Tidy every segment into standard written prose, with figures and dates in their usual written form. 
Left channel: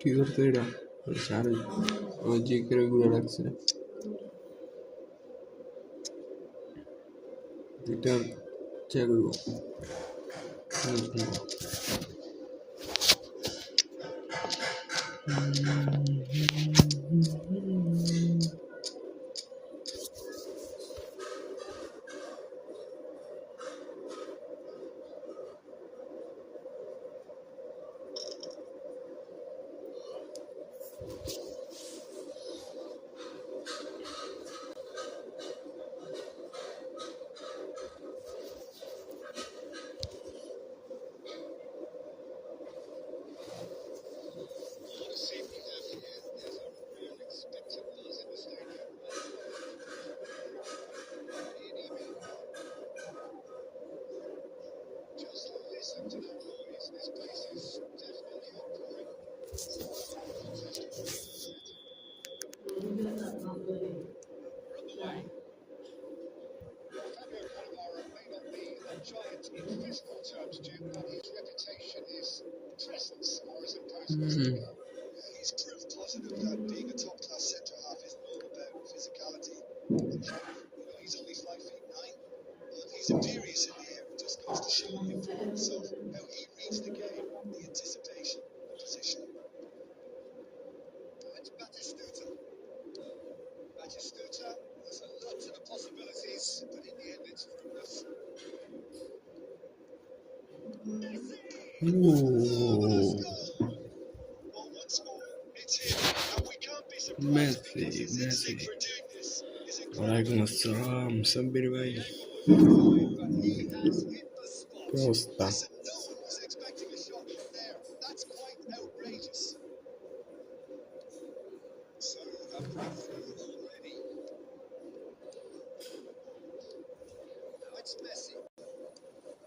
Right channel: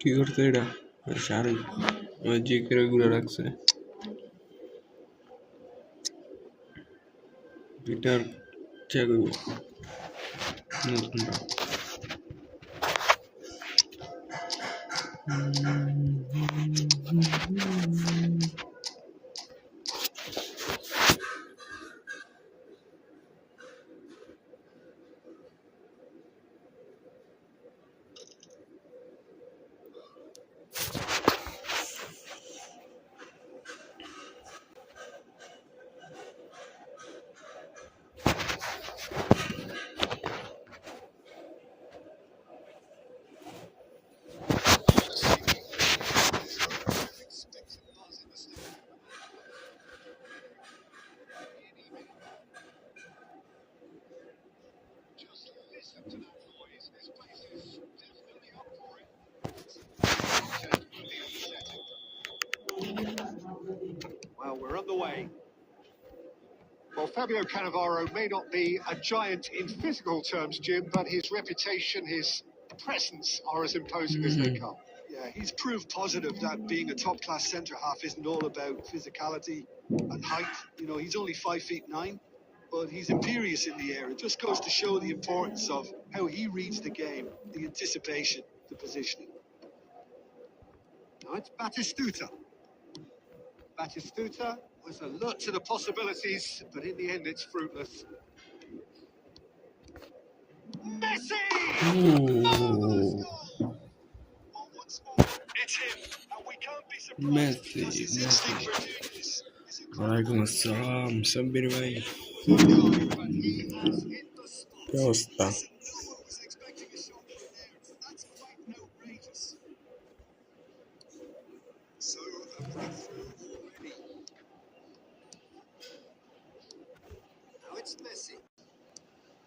কি করতে এটা শাহরুখ যে করে ঘুরে রাখছে এটার চেক হইব Well, we're on the way. Well, Fabio Cannavaro may not be a giant in physical terms, Jim, but his reputation, his presence are as imposing as they come. Yeah, he's proof positive that being a top-class centre-half isn't all about physicality and height. You know, he's only 5'9", but he's imperious in the air. It just goes to show the importance of how he reads the game, the anticipation, the positioning. Now it's Batistuta. Batistuta was alert to the possibilities, but in the end it's fruitless. Messi! Marvelous goal! Well, once more, it's him, and we can't be surprised because his instinct for doing this is incredible. Walaikum assalam, Sabir bhai. But he has hit the spot. क्या अवस्था? Listen, no one was expecting a shot from there. That's quite outrageous. So, a breakthrough already. Now it's Messi.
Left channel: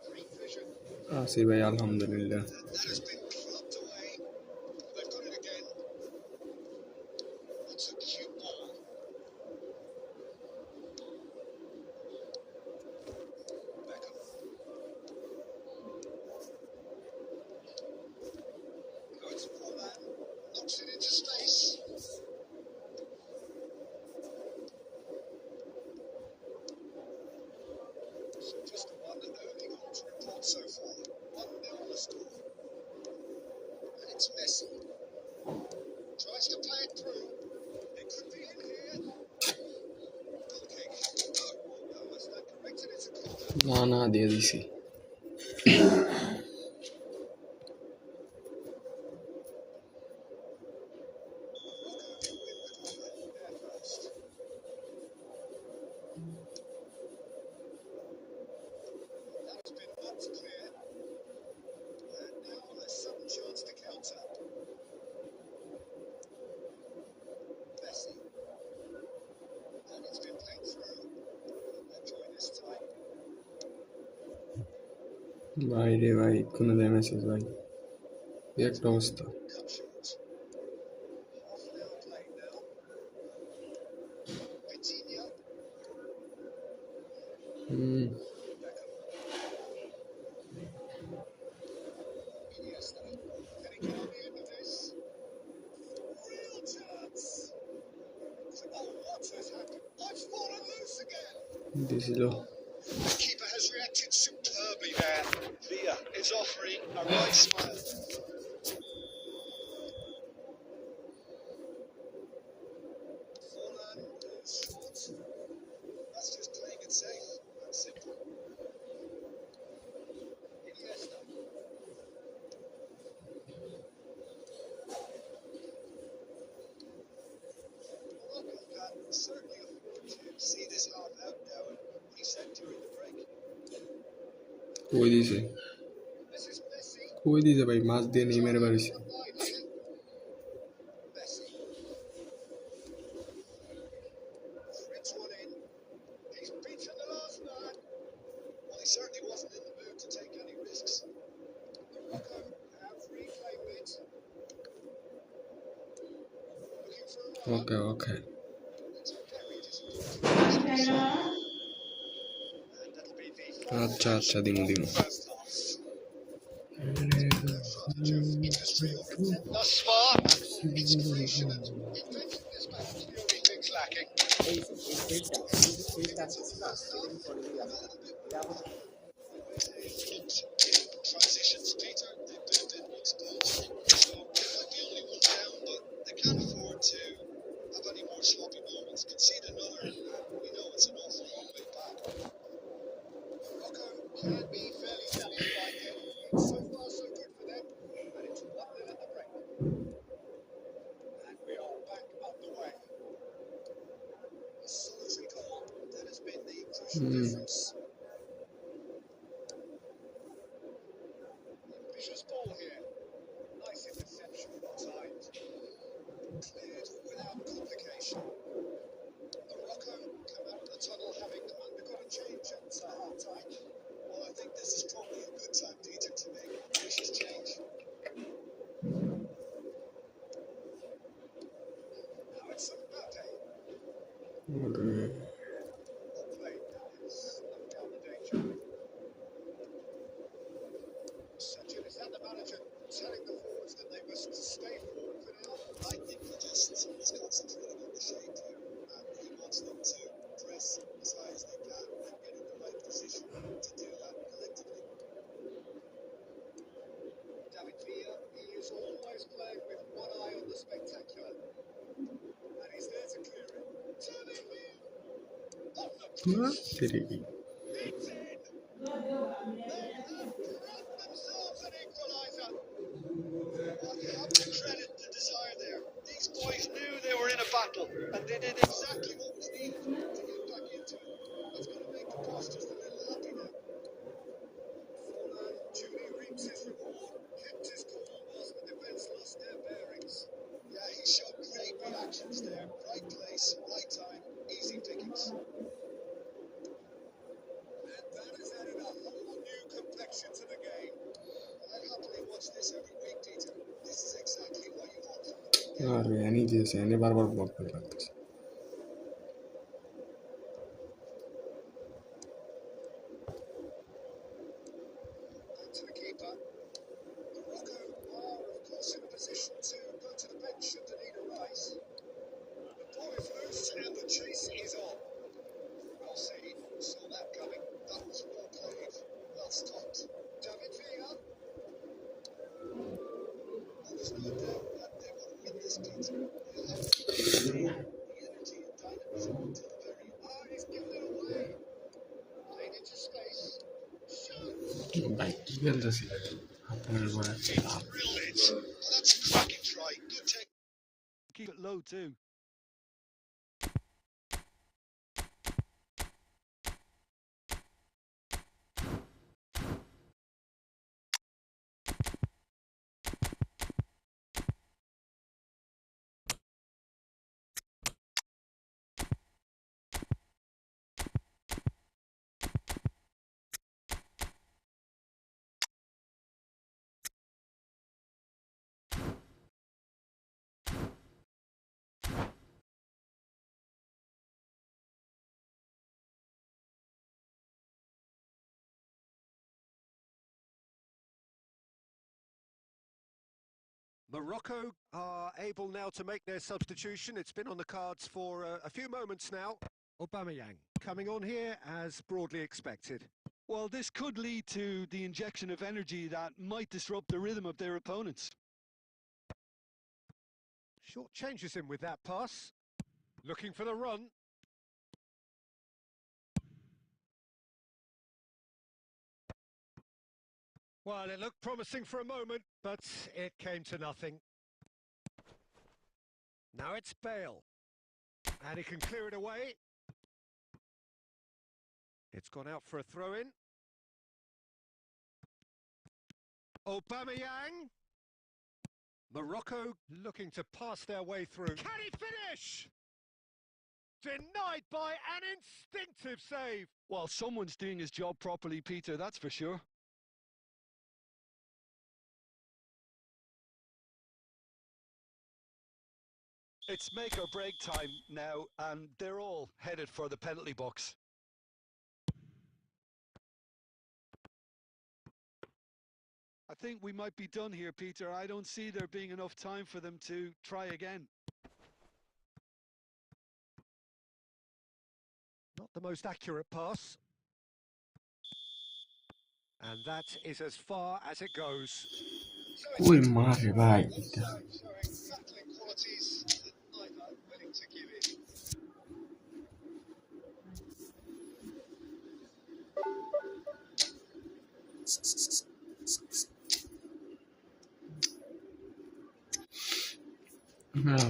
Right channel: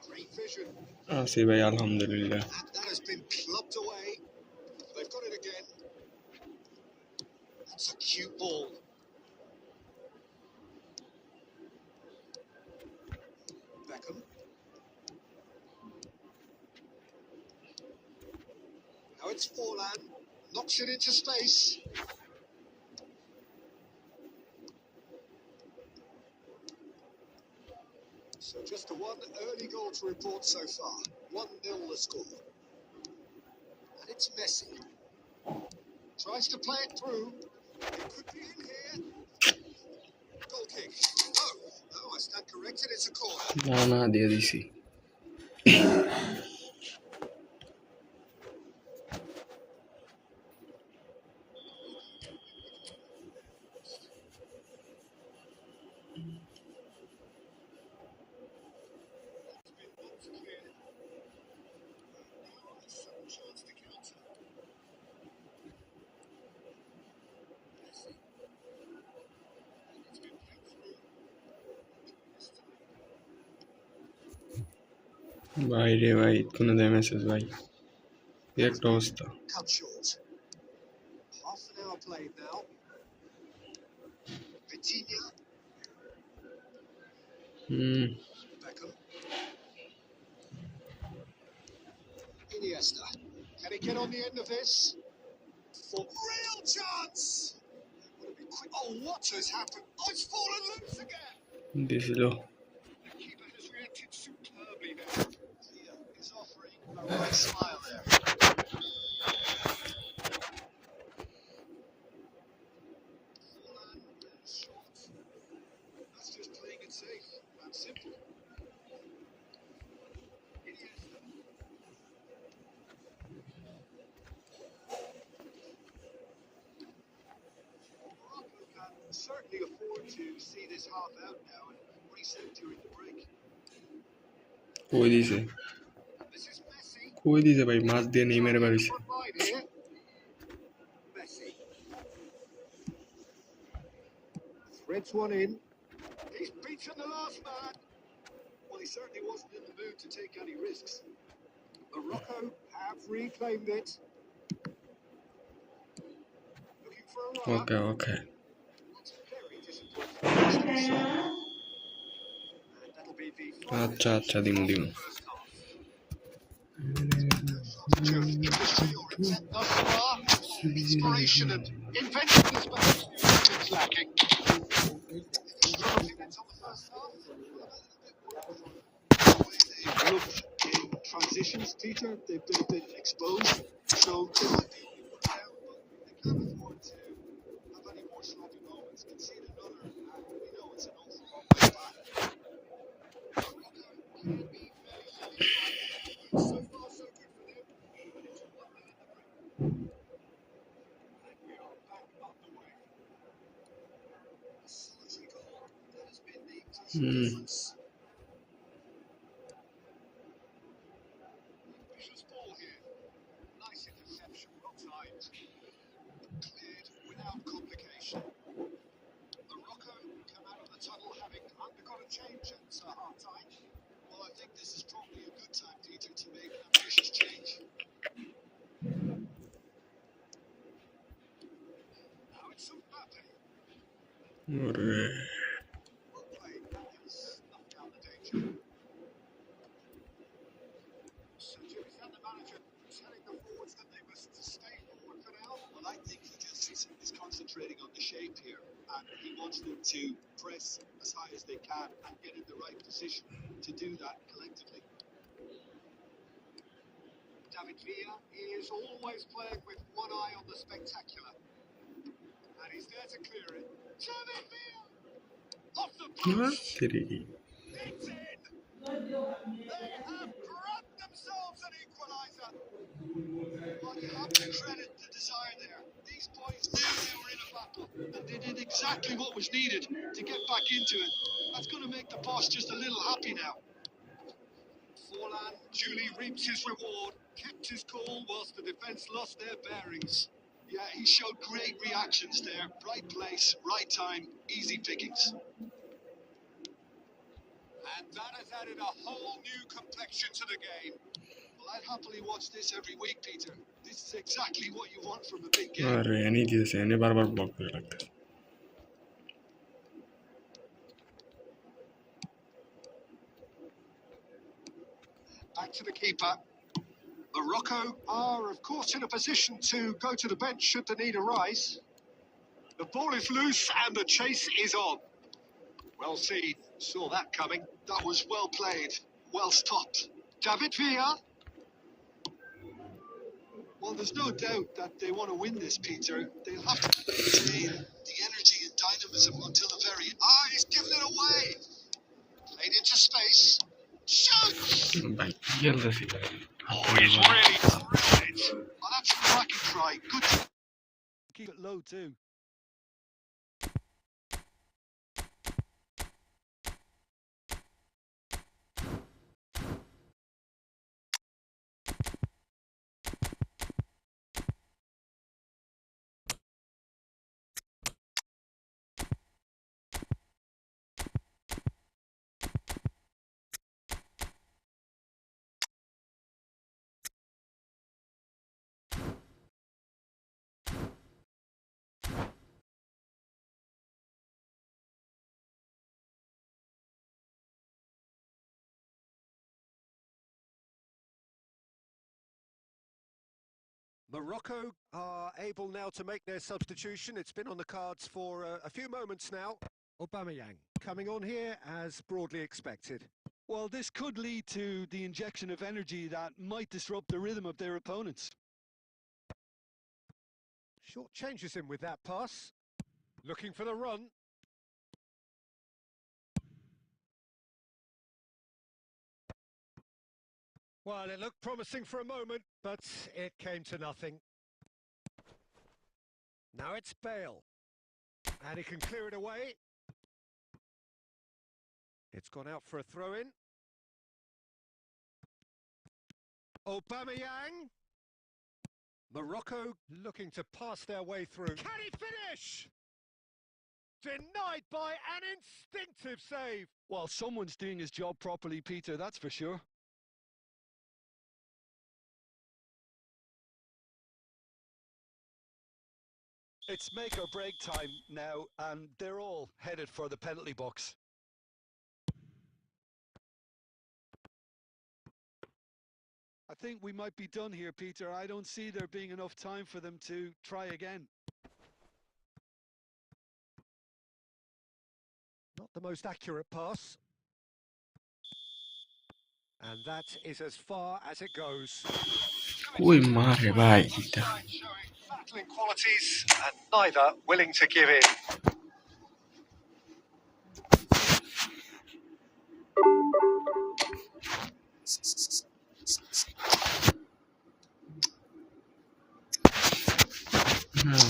Great vision. Asif भाई अल्हम्दुलिल्लाह. That has been clubbed away. They've got it again. That's a cute ball. Beckham. Now it's Forlan. Knocks it into space. So just one early goal to report so far. 1-0 the score. And it's Messi. Tries to play it through. It could be in here. Goal kick. No, I stand corrected. It's a corner. ना दे दी सी. That's been knocked clear. And now a sudden chance to counter. Messi. And it's been played through. They'll join this time. भाई रे भाई इतना दे message भाई. ये एक toss था. Cut short. Half an hour played now. Vitinha. Beckham. Iniesta. Can he get on the end of this? For real chance! Oh, what has happened? Oh, it's fallen loose again! This low. The keeper has reacted superbly there. Villa is offering a right smile there. Forlan is short. That's just playing it safe and simple. Iniesta. Morocco can certainly afford to see this half out now and reset during the break. कोई दी से. This is Messi. कोई दी से भाई मास दे नहीं मेरे बारे से. Front line here. Messi. Threads one in. He's beaten the last man. Well, he certainly wasn't in the mood to take any risks. Morocco have reclaimed it. Looking for a runner. Okay. That's very disappointing. And that'll be the final अच्छा दिमू दिमू. first half. Industry or intent thus far. Inspiration and inventiveness perhaps the only things lacking. It's on the first half. I'm a little bit worried the way they've looked in transitions, Peter. They've been a bit exposed. So they might be only one down, but they can't afford to have any more sloppy moments. Concede another, and we know it's an awful long way back. Morocco can be fairly satisfied. So far, so good for them. And it's 1-0 at the break. And we are back underway. A solitary goal. That has been the crucial difference. Ambitious ball here. Nice interception, well timed. Cleared without complication. Morocco come out of the tunnel having undergone a change at half time. Well, I think this is probably a good time, Peter, to make ওরে Well played. That has snuffed out the danger. So, Jim, is that the manager telling the forwards that they must stay forward for now? Well, I think he just is concentrating on the shape here, and he wants them to press as high as they can and get in the right position to do that collectively. David Villa, he is always playing with one eye on the spectacular. And he's there to clear it. David Villa! Off the post! Teri It's in! They have grabbed themselves an equaliser. Well, you have to credit the desire there. These boys knew they were in a battle, and they did exactly what was needed to get back into it. That's going to make the boss just a little happy now. Forlan duly reaps his reward, kept his cool whilst the defence lost their bearings. Yeah, he showed great reactions there. Right place, right time, easy pickings. And that has added a whole new complexion to the game. Well, I'd happily watch this every week, Peter. This is exactly what you want from a big game. আরে any দিয়েছে এনে বারবার block করে লাগতেছে Back to the keeper. Morocco are, of course, in a position to go to the bench should the need arise. The ball is loose and the chase is on. Well seen, saw that coming. That was well played, well stopped. David Villa. Well, there's no doubt that they want to win this, Peter. They'll have to maintain the energy and dynamism until the very end. Ah, he's given it away. Played into space. Shoot! ভাই কি খেলতেছি He's really drilled it. Oh, that's a cracking try. Good to Keep it low too. Morocco are able now to make their substitution. It's been on the cards for a few moments now. Aubameyang coming on here as broadly expected. Well, this could lead to the injection of energy that might disrupt the rhythm of their opponents. Short changes him with that pass. Looking for the run. Well, it looked promising for a moment, but it came to nothing. Now it's Bale. And he can clear it away. It's gone out for a throw-in. Aubameyang. Morocco looking to pass their way through. Can he finish? Denied by an instinctive save. Well, someone's doing his job properly, Peter, that's for sure. It's make or break time now, and they're all headed for the penalty box. I think we might be done here, Peter. I don't see there being enough time for them to try again. Not the most accurate pass. And that is as far as it goes. ওই মারে ভাই এটা Showing battling qualities and neither willing to give in.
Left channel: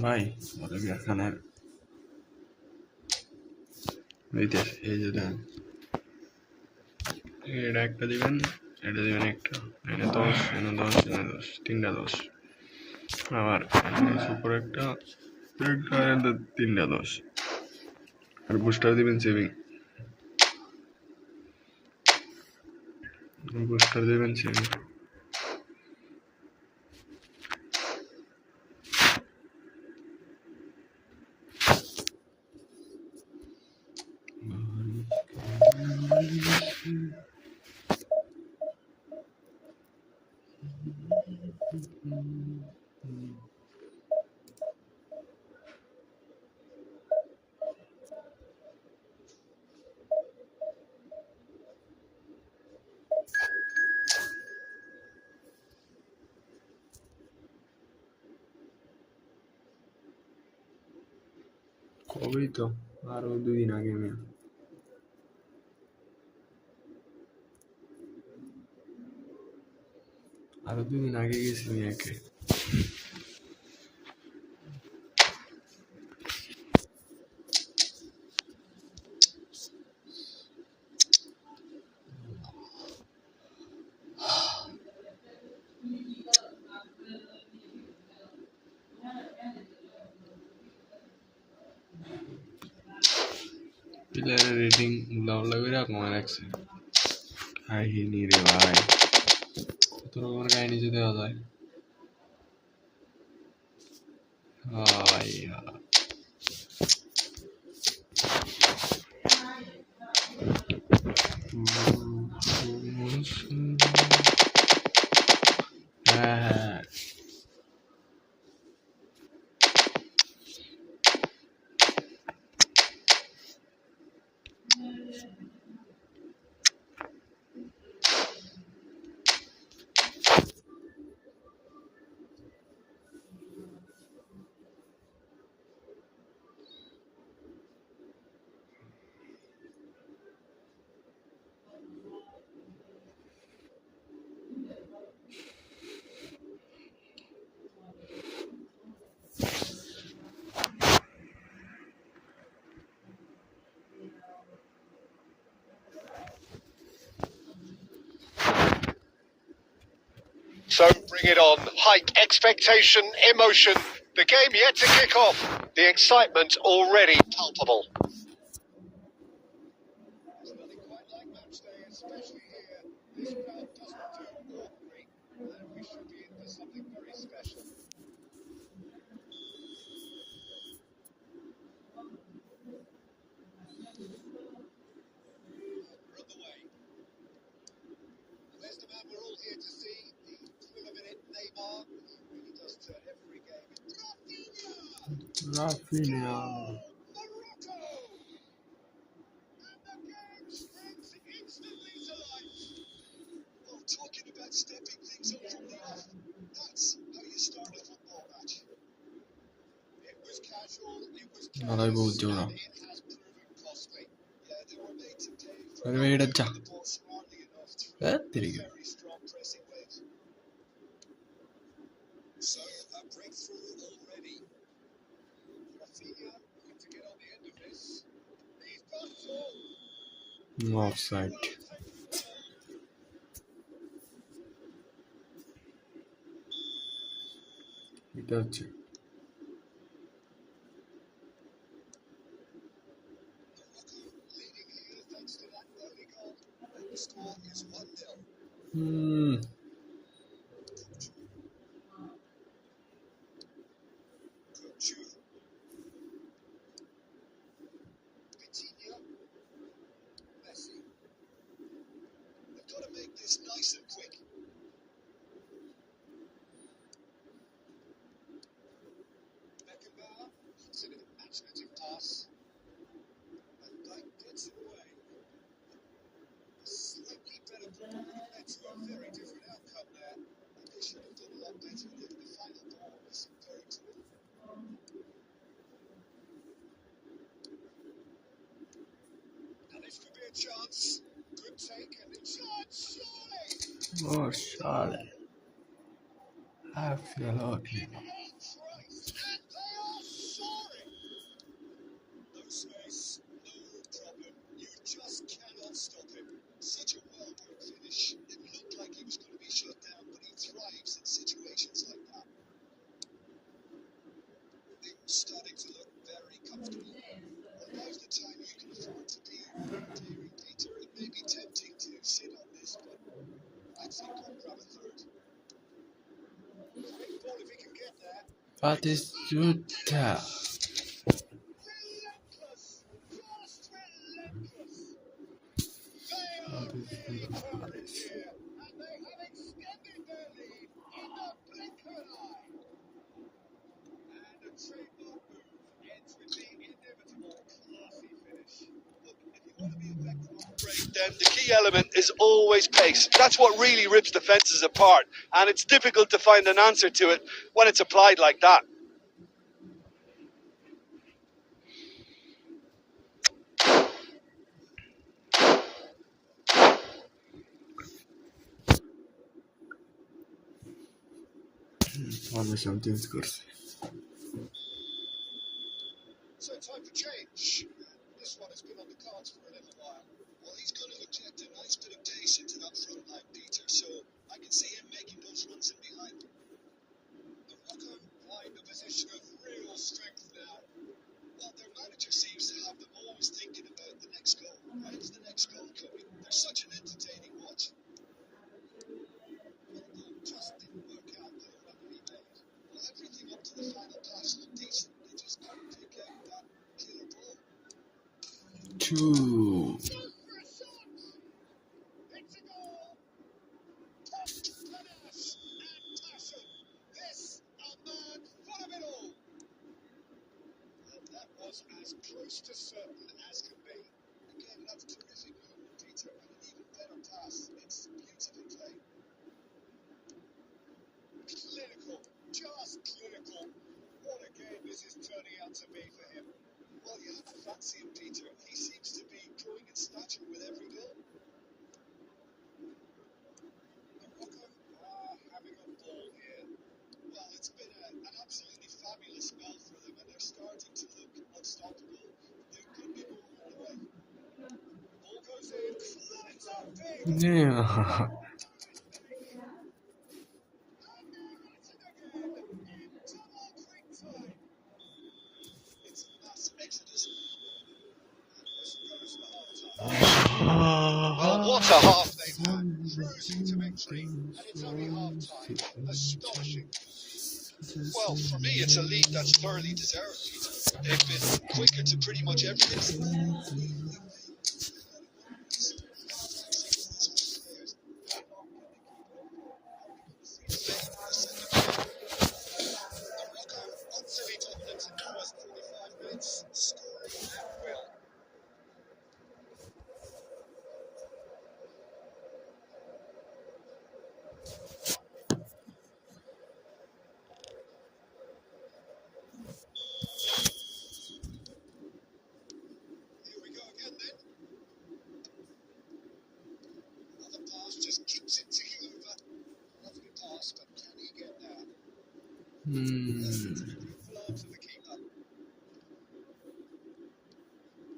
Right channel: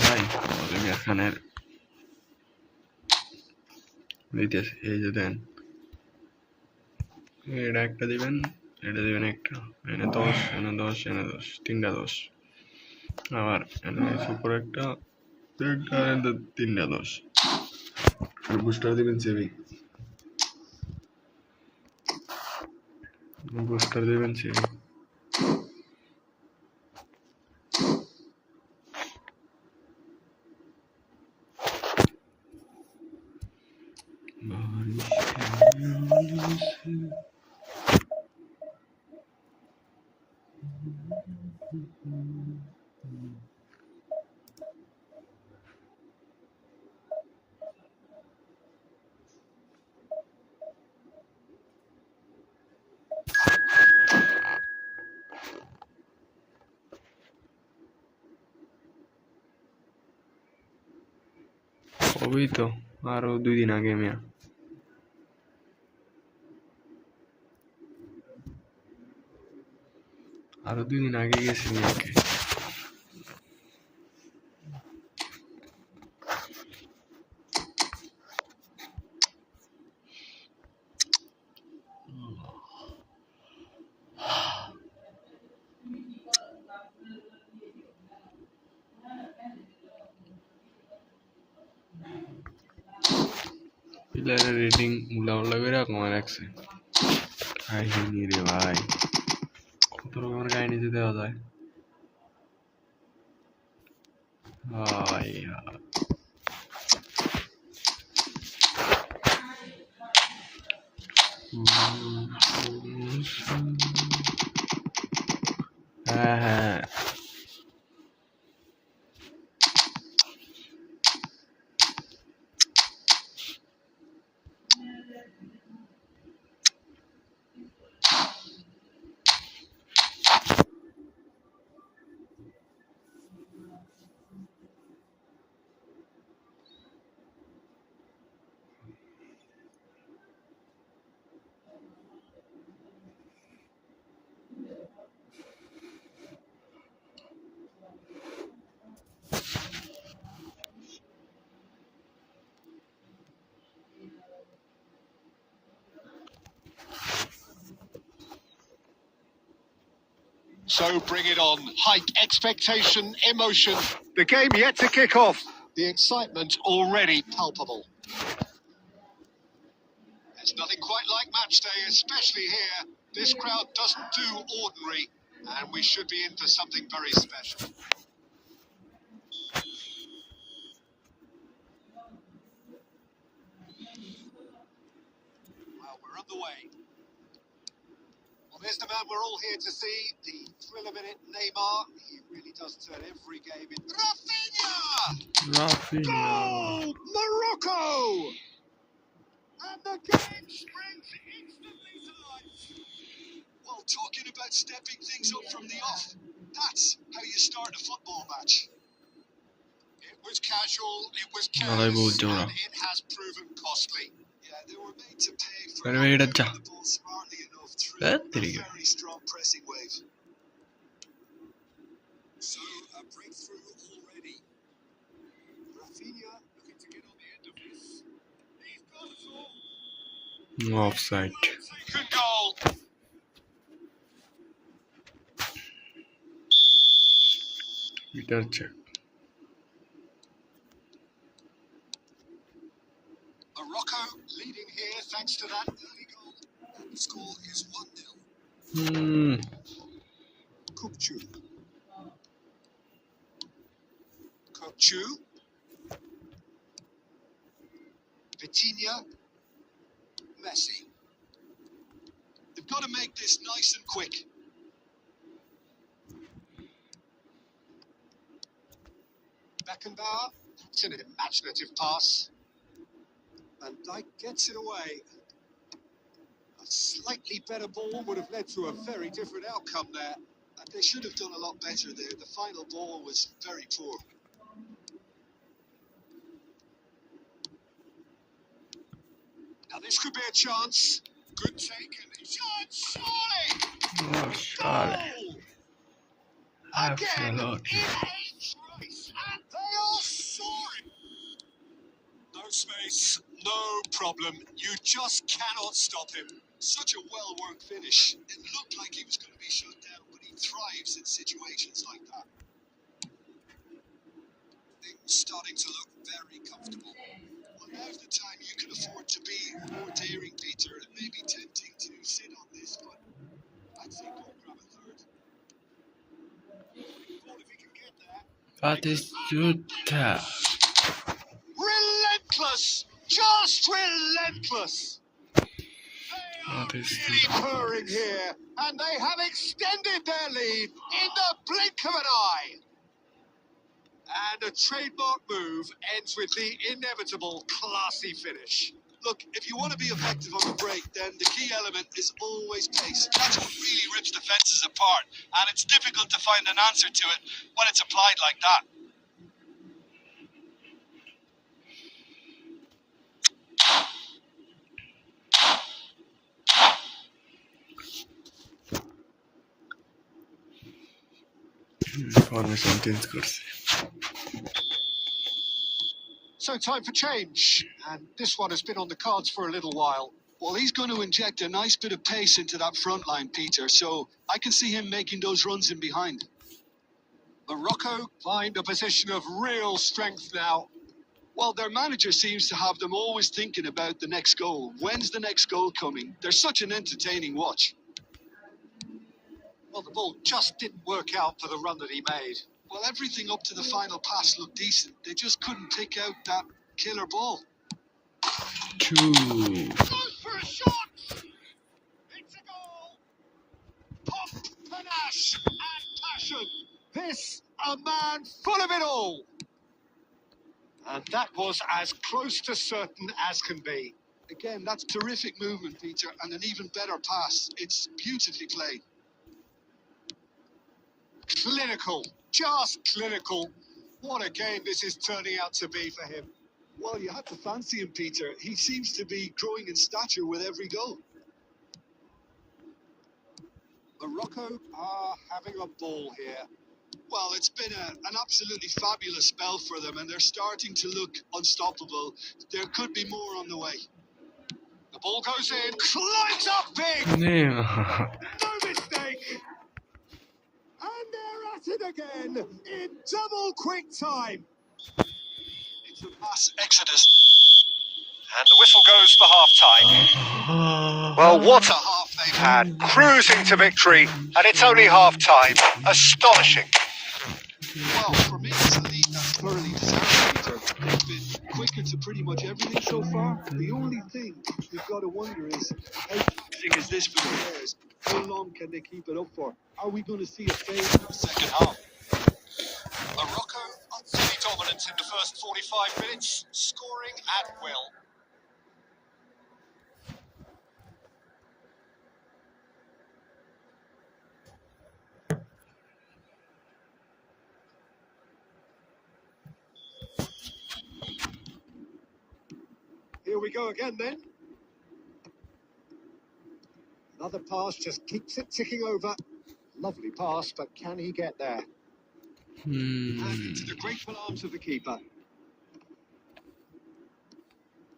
ভাই Olivia খানের ইতিহাস এই যে দেন এটা একটা দিবেন এটা দিবেন একটা এনে 10 এনে 10 এনে 10 তিনটা 10 আবার এনে সুপার একটা তিনটা 10 আর বুস্টার দিবেন সেভিং বুস্টার দিবেন সেভিং হবেই তো, আরো 2 দিন আগে মিয়া। আরো 2 দিন আগে গেছি মিয়াকে। প্লেয়ারের রেটিং উল্লা করে কমে রাখছে। কাহিনী রে ভাই, কত রকমের কাহিনী যে দেওয়া যায়। হ্যাঁ So bring it on. Hike, expectation, emotion. The game yet to kick off. The excitement already palpable. There's nothing quite like match day, especially here. This crowd doesn't do ordinary, and we should be in for something very special. Well, we're underway. Well, there's the man we're all here to see, the thrill-a-minute Neymar. He really does turn every game in. Rafinha! Goal! Morocco! And the game springs instantly to life. Well, talking about stepping things up from the off, that's how you start a football match. It was casual, it was Alay bu careless, jora. and it has proven costly. Yeah, they were made to pay for Very, not very moving good. the ball smartly enough through That a pretty good. very strong pressing wave. So, a breakthrough already. Rafinha looking to get on the end of this. He's got it all. Offside. Taken goal. Meter check. Morocco leading here thanks to that early goal. And the score is 1-0. Kupchu. Kupchu. Vitinha. Messi. They've got to make this nice and quick. Beckenbauer. That's an imaginative pass. Van Dijk gets it away. A slightly better ball would have led to a very different outcome there. And they should have done a lot better there. The final ball was very poor. Now this could be a chance. Good take and shot, surely! Oh, Charlie. Again, Absolutely. in edge race, and they are soaring. No space, no problem. You just cannot stop him. Such a well-worked finish. It looked like he was going to be shut down, but he thrives in situations like that. Things starting to look very comfortable. Well, now's the time you can afford to be more daring, Peter. It may be tempting to sit on this, but I'd say go and grab a third. Quick ball if he can get there. That is Jutta. Relentless! Just relentless! They are That is really purring here, and they have extended their lead in the blink of an eye. And a trademark move ends with the inevitable classy finish. Look, if you want to be effective on the break, then the key element is always pace. That's what really rips defences apart, and it's difficult to find an answer to it when it's applied like that. Formation change করছে। So time for change, and this one has been on the cards for a little while. Well, he's going to inject a nice bit of pace into that front line, Peter, so I can see him making those runs in behind. Morocco find a position of real strength now. Well, their manager seems to have them always thinking about the next goal. When's the next goal coming? They're such an entertaining watch. Well, the ball just didn't work out for the run that he made. Well, everything up to the final pass looked decent. They just couldn't pick out that killer ball. Goes for a shot! It's a goal! Pop, panache and passion. This, a man full of it all. And that was as close to certain as can be. Again, that's terrific movement, Peter, and an even better pass. It's beautifully played. Clinical, just clinical. What a game this is turning out to be for him. Well, you have to fancy him, Peter. He seems to be growing in stature with every goal. Morocco are having a ball here. Well, it's been an absolutely fabulous spell for them, and they're starting to look unstoppable. There could be more on the way. The ball goes in, climbs up big, no mistake. And they're at it again in double quick time. It's a mass exodus. And the whistle goes for half-time. Well, what a half they've had. Cruising to victory, and it's only half-time. Astonishing. Well, for me, it's a lead that's thoroughly deserved, Peter. They've been quicker to pretty much everything so far. The only thing we've got to wonder is, how taxing is this for the players? How long can they keep it up for? Are we going to see a fade in the second half? Morocco utterly dominant in the first 45 minutes, scoring at will. Here we go again then. Another pass just keeps it ticking over. Lovely pass, but can he get there? And into the grateful arms of the keeper.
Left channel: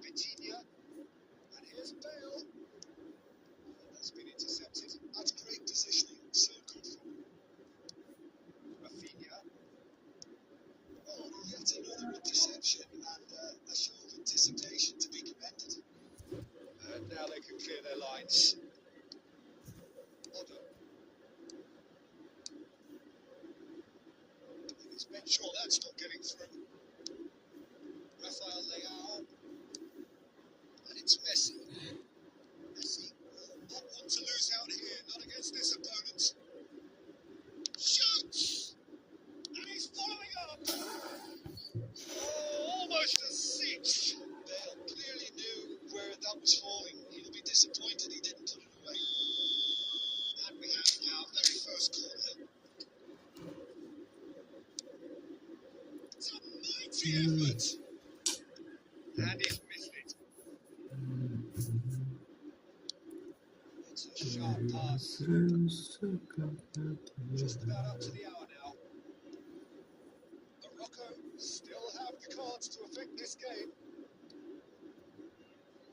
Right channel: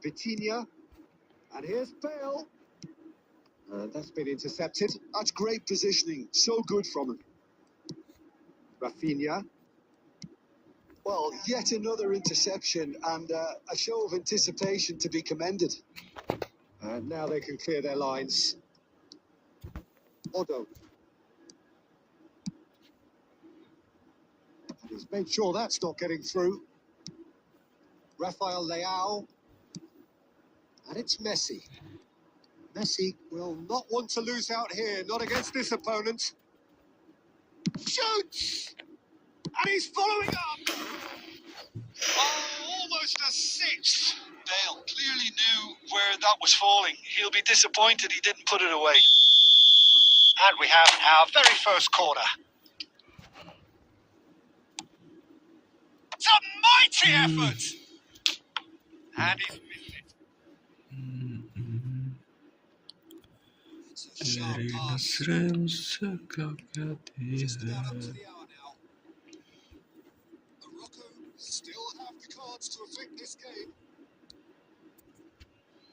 Vitinha. And here's Bale. That's been intercepted. That's great positioning. So good from him. Rafinha. Well, yet another interception and a show of anticipation to be commended. And now they can clear their lines. Odo. And he's made sure that's not getting through. Rafael Leao. And it's Messi. Messi will not want to lose out here, not against this opponent. Shoots! And he's following up. Oh, almost a sixth. Bale clearly knew where that was falling. He'll be disappointed he didn't put it away. And we have our very first corner. It's a mighty effort! And he's missed it. It's a sharp pass. Just about up to the hour now. Morocco still have the cards to affect this game.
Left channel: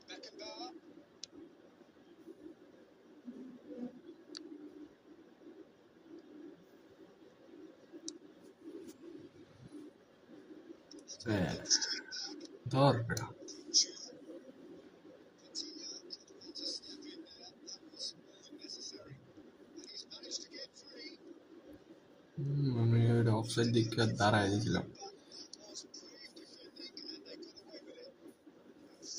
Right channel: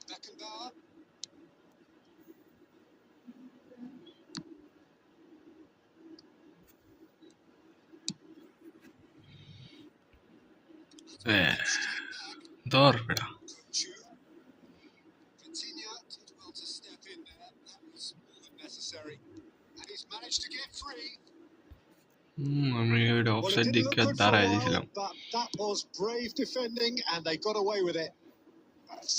Beckenbauer. Dor beda. Vitinha did well to step in there. That was more than necessary. And he's managed to get free. আমি ওইটা offside দিকে দাঁড়ায় দিয়েছিলাম। But that was brave defending and they got away with it.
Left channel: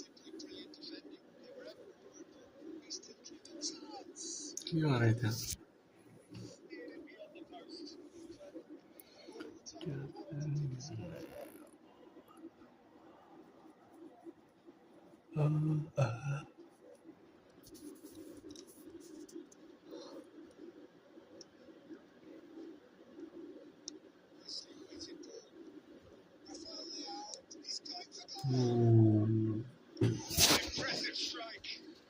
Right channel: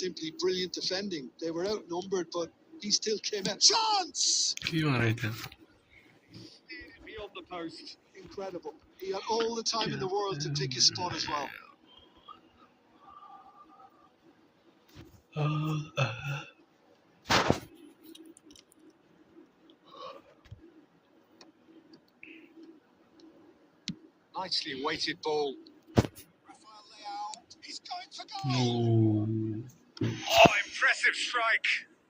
Simply brilliant defending. They were outnumbered, but he still came out. Chance! কি মারা এটা? Steered it beyond the post. Incredible. He had all the time in the world to pick his spot as well. Nicely weighted ball. Rafael Leao. He's going for goal. Oh, impressive strike.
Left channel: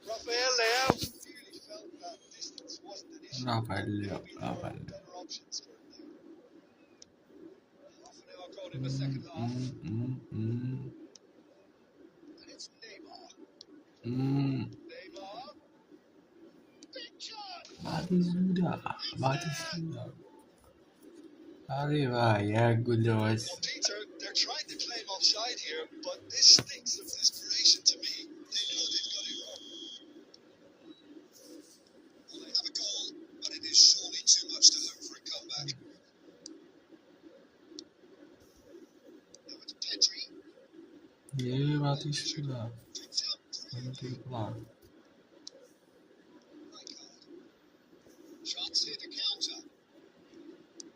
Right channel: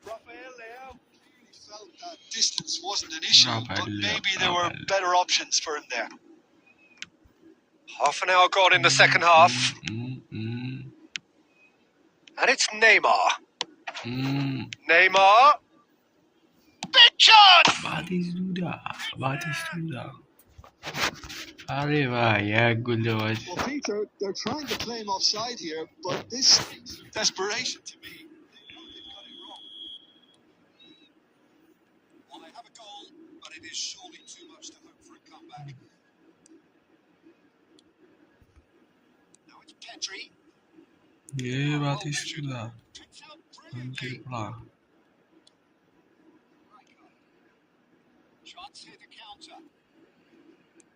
Rafael Leao clearly felt that distance wasn't an issue, but maybe there were better options for him there. Half an hour gone in the second half. And it's Neymar. Neymar. Big chance! अरे भाई यार गुल्ले Well, Peter, they're trying to claim offside here, but this stinks of desperation to me. They know they've got it wrong. Well, they have a goal, but it is surely too much to hope for a comeback. Now it's Pedri. ये बात इसका Picked out अंकित brilliantly. पड़ा Rijkaard. Chance here to counter.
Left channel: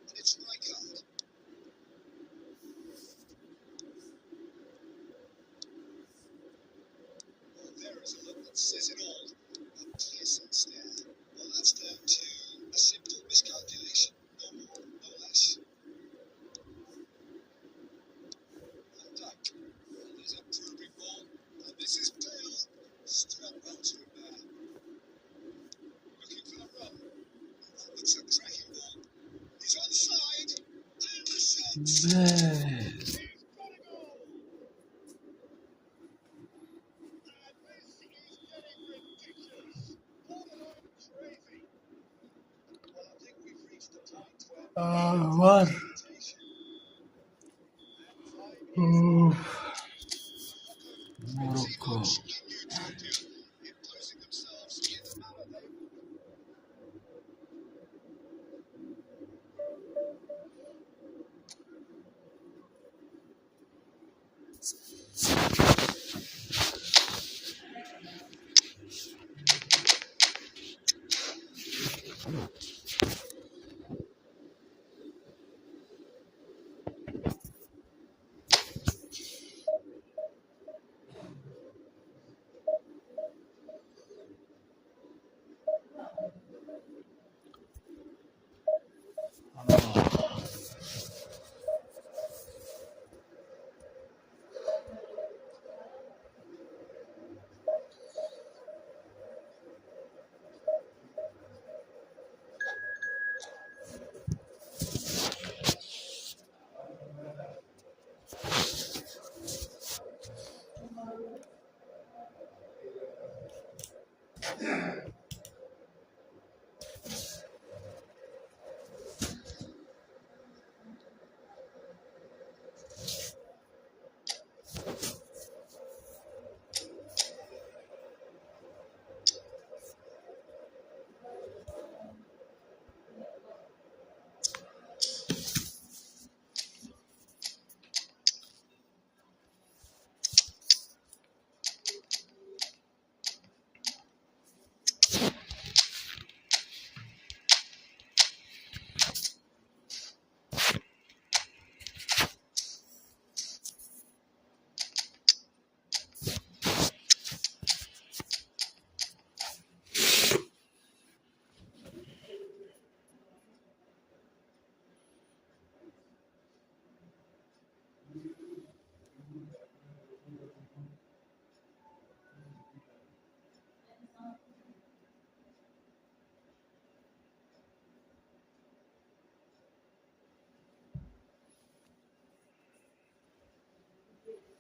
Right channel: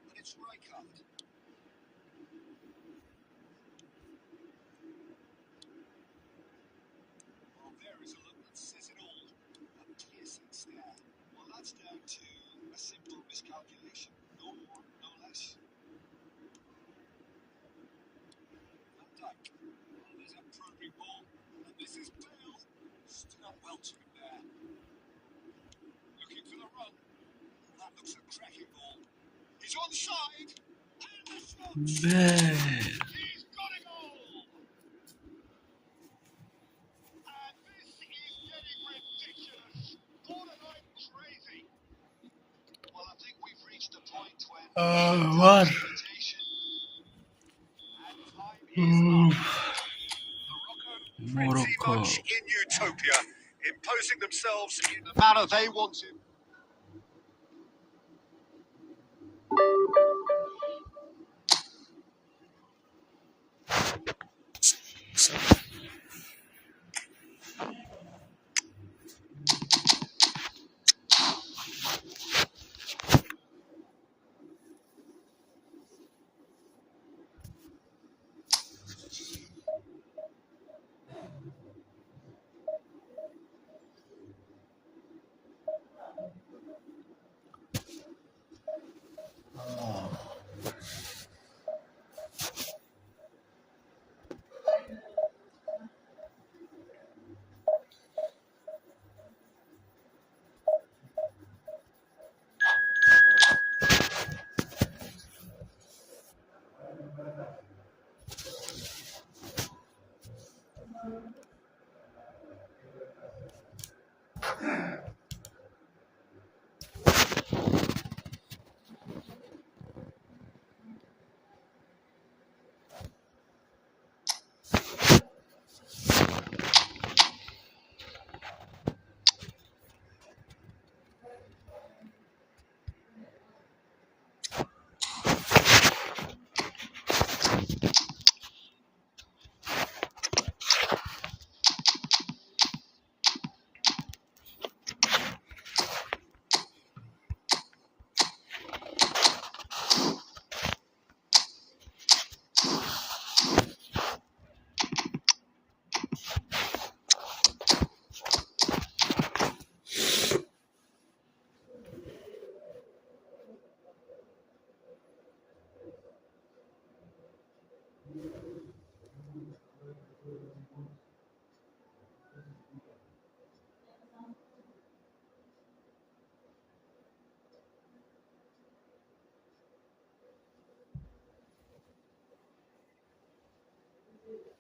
And it's Rijkaard. Well, there is a look that says it all. A piercing stare. Well, that's down to a simple miscalculation. No more, no less. Van Dijk. Well, there's a probing ball. And this is Bale. Stood up well to him there. Looking for the run. Well, that looks a cracking ball. He's onside. And the shot. बस He's got a goal. And this is getting ridiculous. Borderline crazy. Well, I think we've reached a point when war rotation and time is up. Morocco pretty Morocco much in utopia, imposing themselves in the manner they wanted.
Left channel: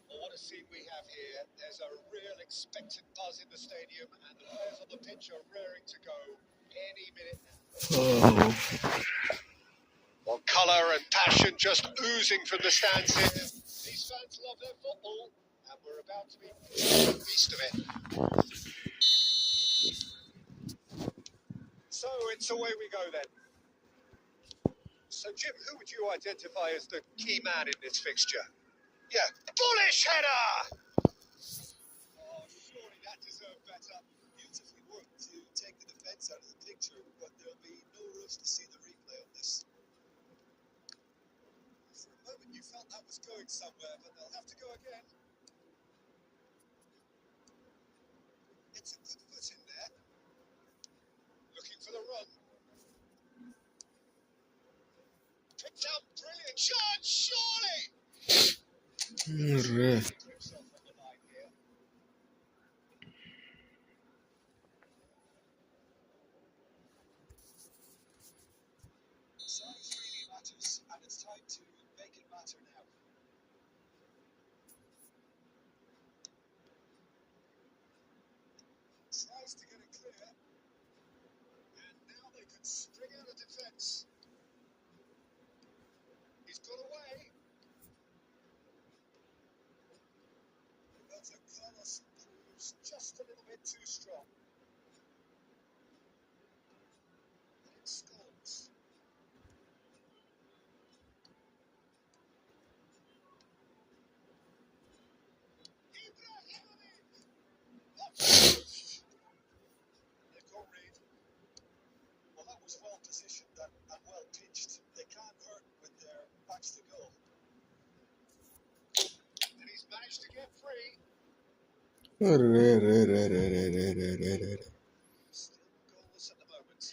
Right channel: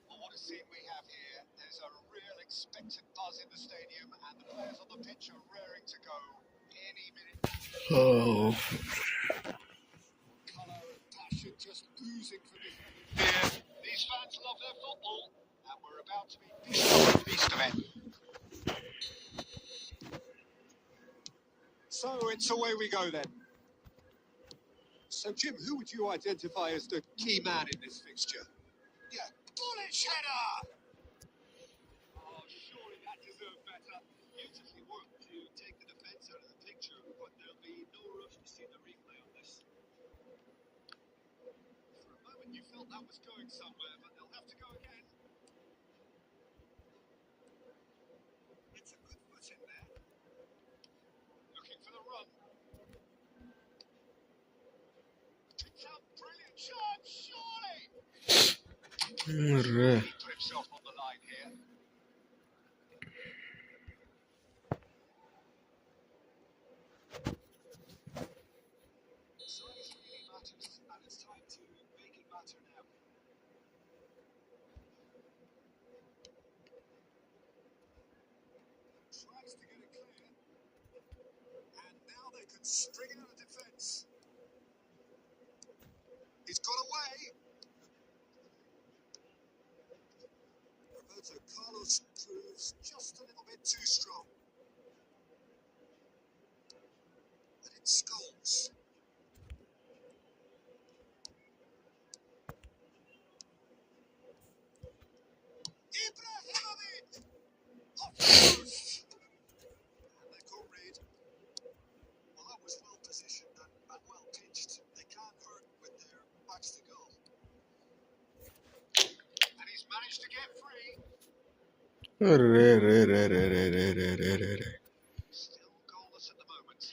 What a scene we have here. There's a real expectant buzz in the stadium, and the players on the pitch are raring to go any minute. oh Well, colour and passion just oozing from the stands here. These fans love their football, and we're about to be a feast of it. So it's away we go then. So, Jim, who would you identify as the key man in this fixture? Yeah, bullish header! Oh, surely that deserved better. Beautifully worked to take the defence out of the picture, but there'll be no rush to see the replay on this. For a moment you felt that was going somewhere, but they'll have to go again. It's a good foot in there. Looking for the run. Picked out, brilliant chance, surely! अरे Put himself on the line here. Size really matters, and it's time to make it matter. string out a defence. He's got away. Roberto Carlos proves just a little bit too strong. And it scores. Ibrahimovic! Off the post! And they've got rid. Well, that was well positioned and well pitched. They can't hurt with their backs to goal. And he's managed to get free. Still goalless at the moment.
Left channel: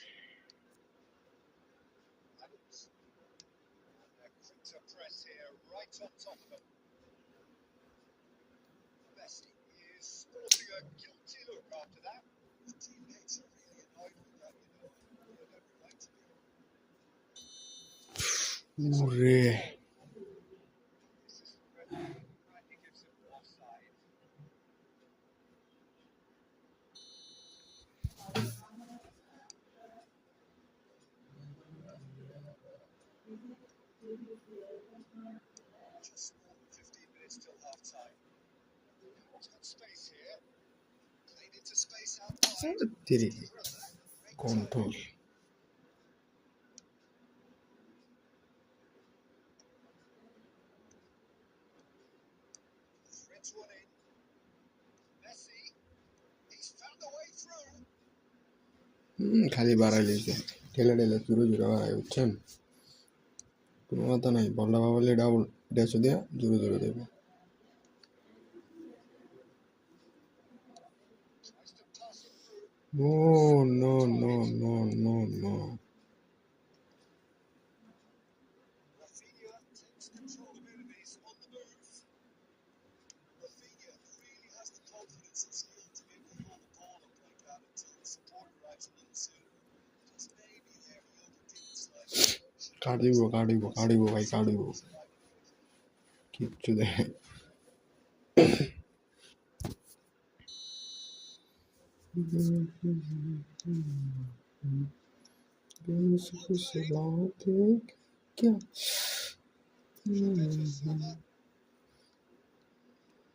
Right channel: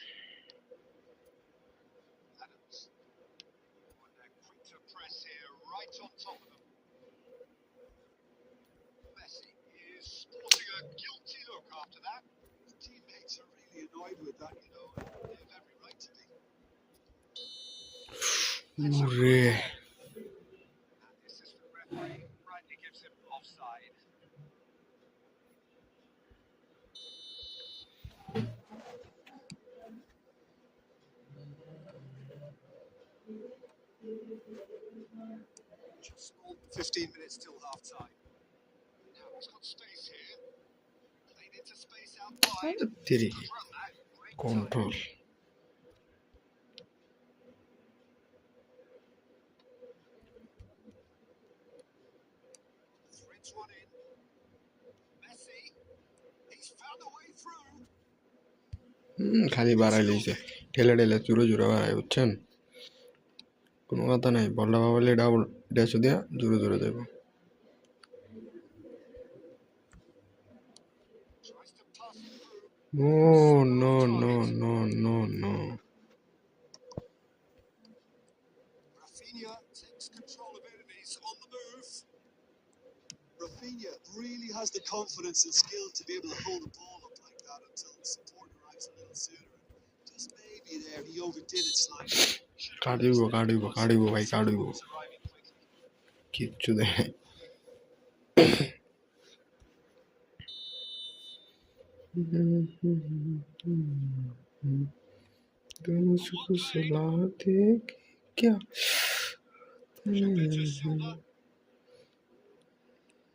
Adams. And they're quick to press here, right on top of them. Messi is sporting a guilty look after that. His teammates are really annoyed with that, you know, and they have every right to be. And the assistant referee rightly gives him offside. Just more than 15 minutes till half time. Now he's got space here. Played into space out wide. Tiri Run that. Great control. time. Threads one in. Messi. He's found a way through. খালি বাড়াই লইছে ঠেলে ঠেলে জোরে জোরে বাড়াই বুঝছেন কোনো কথা নাই বলটা ভাবলে ডাবল ড্যাশ দিয়া জোরে জোরে দেব Tries to pass it through. No no no no no no Rafinha takes control of it and he's on the move. Rafinha really has the confidence and skill to be able to hold the ball up like that until the support arrives a little sooner. Just maybe there he overdid it slightly. কাটিব ভাই কাটিব কিচ্ছু দেয় मुझको सुला दे क्या Pedro Silva.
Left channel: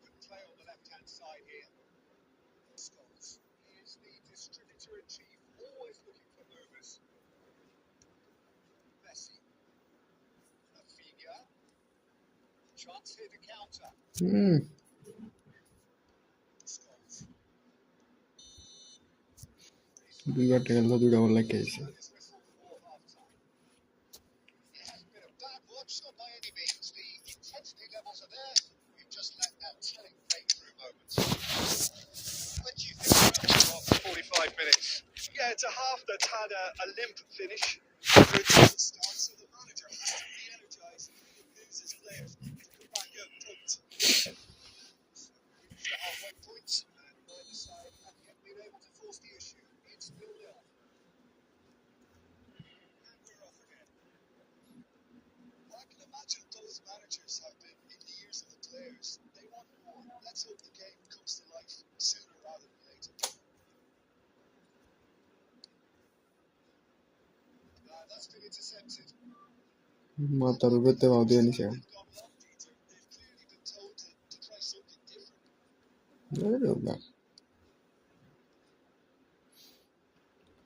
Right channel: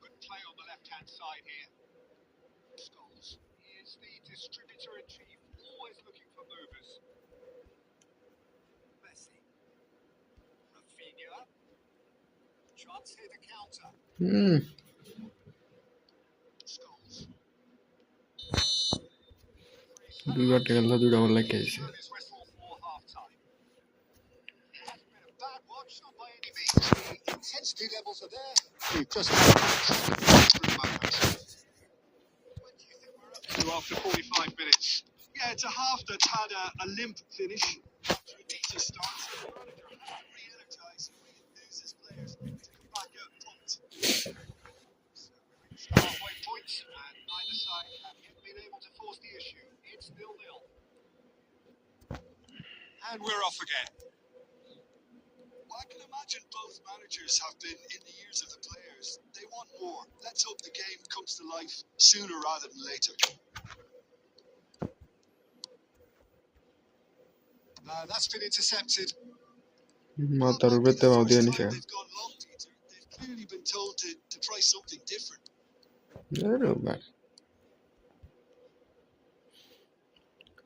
Good play on the left-hand side here. Scholes is the distributor in chief, always looking for movers. Messi. Rafinha. Chance here to counter. Scholes. দুইবার টেকালটা দুইটা বল লাগে His whistle for half-time. Hasn't been a bad watch, not by any means. The intensity levels are there. We've just through moments. When do you think we're up to after 45 minutes? Yeah, it's a half that's had a limp finish after a decent start, so the manager has to re-energise and re-enthuse his players to come back out pumped. So we're reached the halfway point, and neither side have yet been able to force the issue. It's 0-0. And we're off again. Well, I can imagine both managers have been in the ears of the players. They want more. Let's hope the game comes to life sooner rather than later. That's been intercepted. মাথার উপরে তে বাউ দিয়ে নিছে They've gone long, Peter. They've clearly been told to try something different. আরে বাবা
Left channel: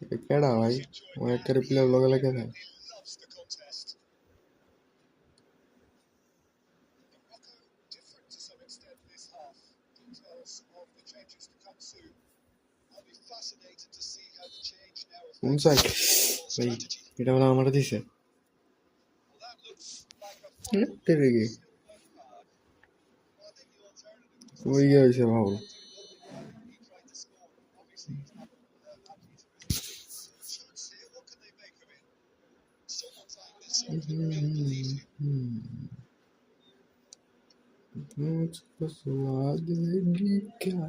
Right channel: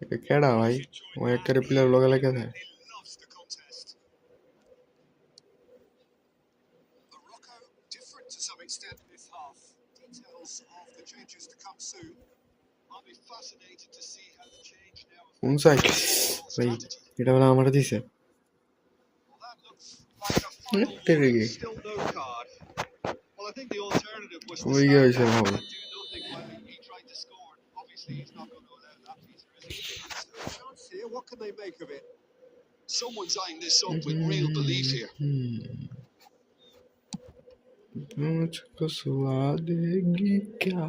এটা কেডা ভাই ও একটা প্লেয়ার লগে লাগে না He loves the contest. Morocco different to some extent this half. Details of the changes to come soon. I'll be fascinated to see how the change now কোন সাইড affects ভাই strategy. এটা বলে আমার দিছে Well, that looks like a final তেরে warning. Gay Still no card. Well, I think the alternative was to কই গেছে stand ভাব back and do nothing while he tried to score. Obviously, he's not going to allow that, Peter, is he? No chance here. What can they make of it? Someone's eyeing this up with real belief here. मुझको सुला देगी क्या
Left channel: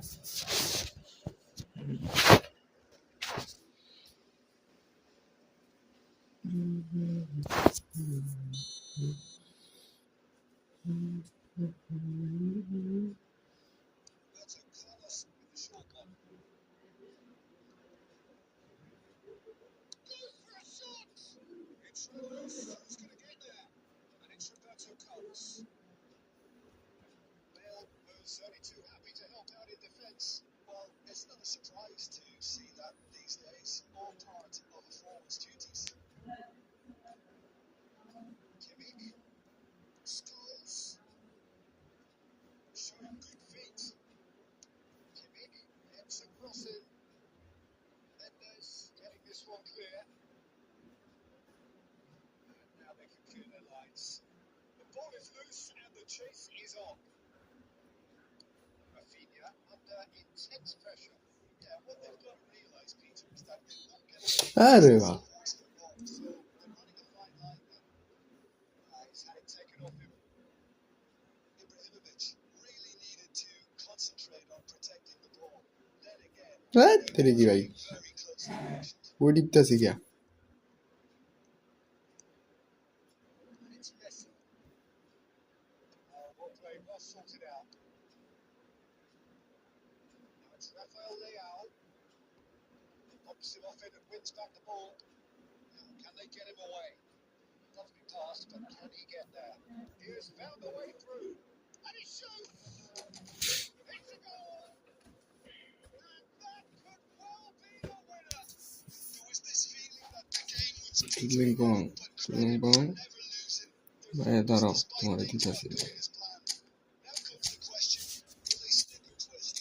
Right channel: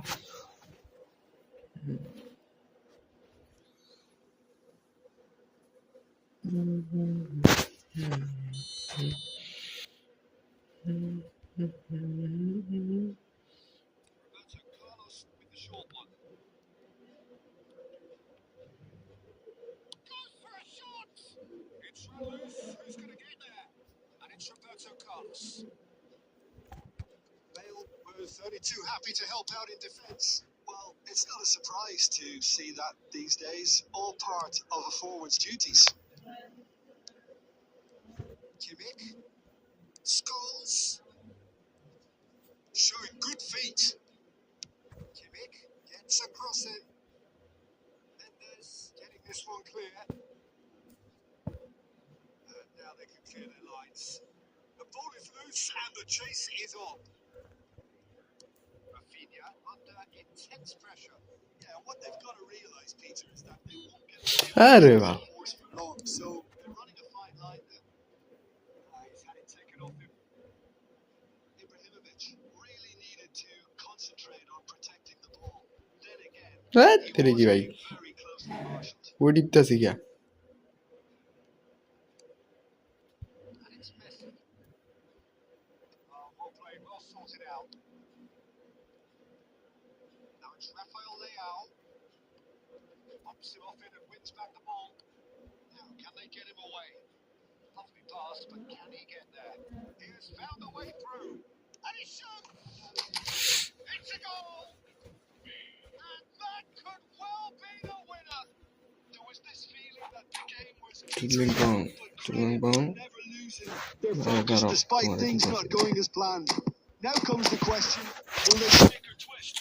Roberto Carlos with the short one. Goes for a It's run loose. Who's going to get there? And it's Roberto Carlos. Bale was only too happy to help out in defence. Well, it's not a surprise to see that these days. All part of a forward's duties. Kimmich. Scholes. Showing good feet. Kimmich gets across it. Mendes getting this one clear. And now they can clear their lines. The ball is loose and the chase is on. Rafinha under intense pressure. Yeah, what they've got to realise, Peter, is that they won't get আরে the বাহ horse for long. So they're running a fine line there. He's had it taken off him. Ibrahimovic really needed to concentrate on protecting the ball. Then again, হ্যাঁ he তেরে was কি ভাই very closely marshaled. ও টিপতাছি গিয়া And it's Messi. Oh, well played, well sorted out. Now it's Rafael Leao. Bumps him off in and wins back the ball. Now, can they get him away? Lovely pass, but can he get there? He has found a way through. And he shoots! It's a goal! And that could well be the winner. There was this feeling that the game was Tulang bang, tulang bang. never losing their focus দাঁড়াও despite তোমার things ঠিক not আছে going as planned. Now comes the question, will they sneak or twist?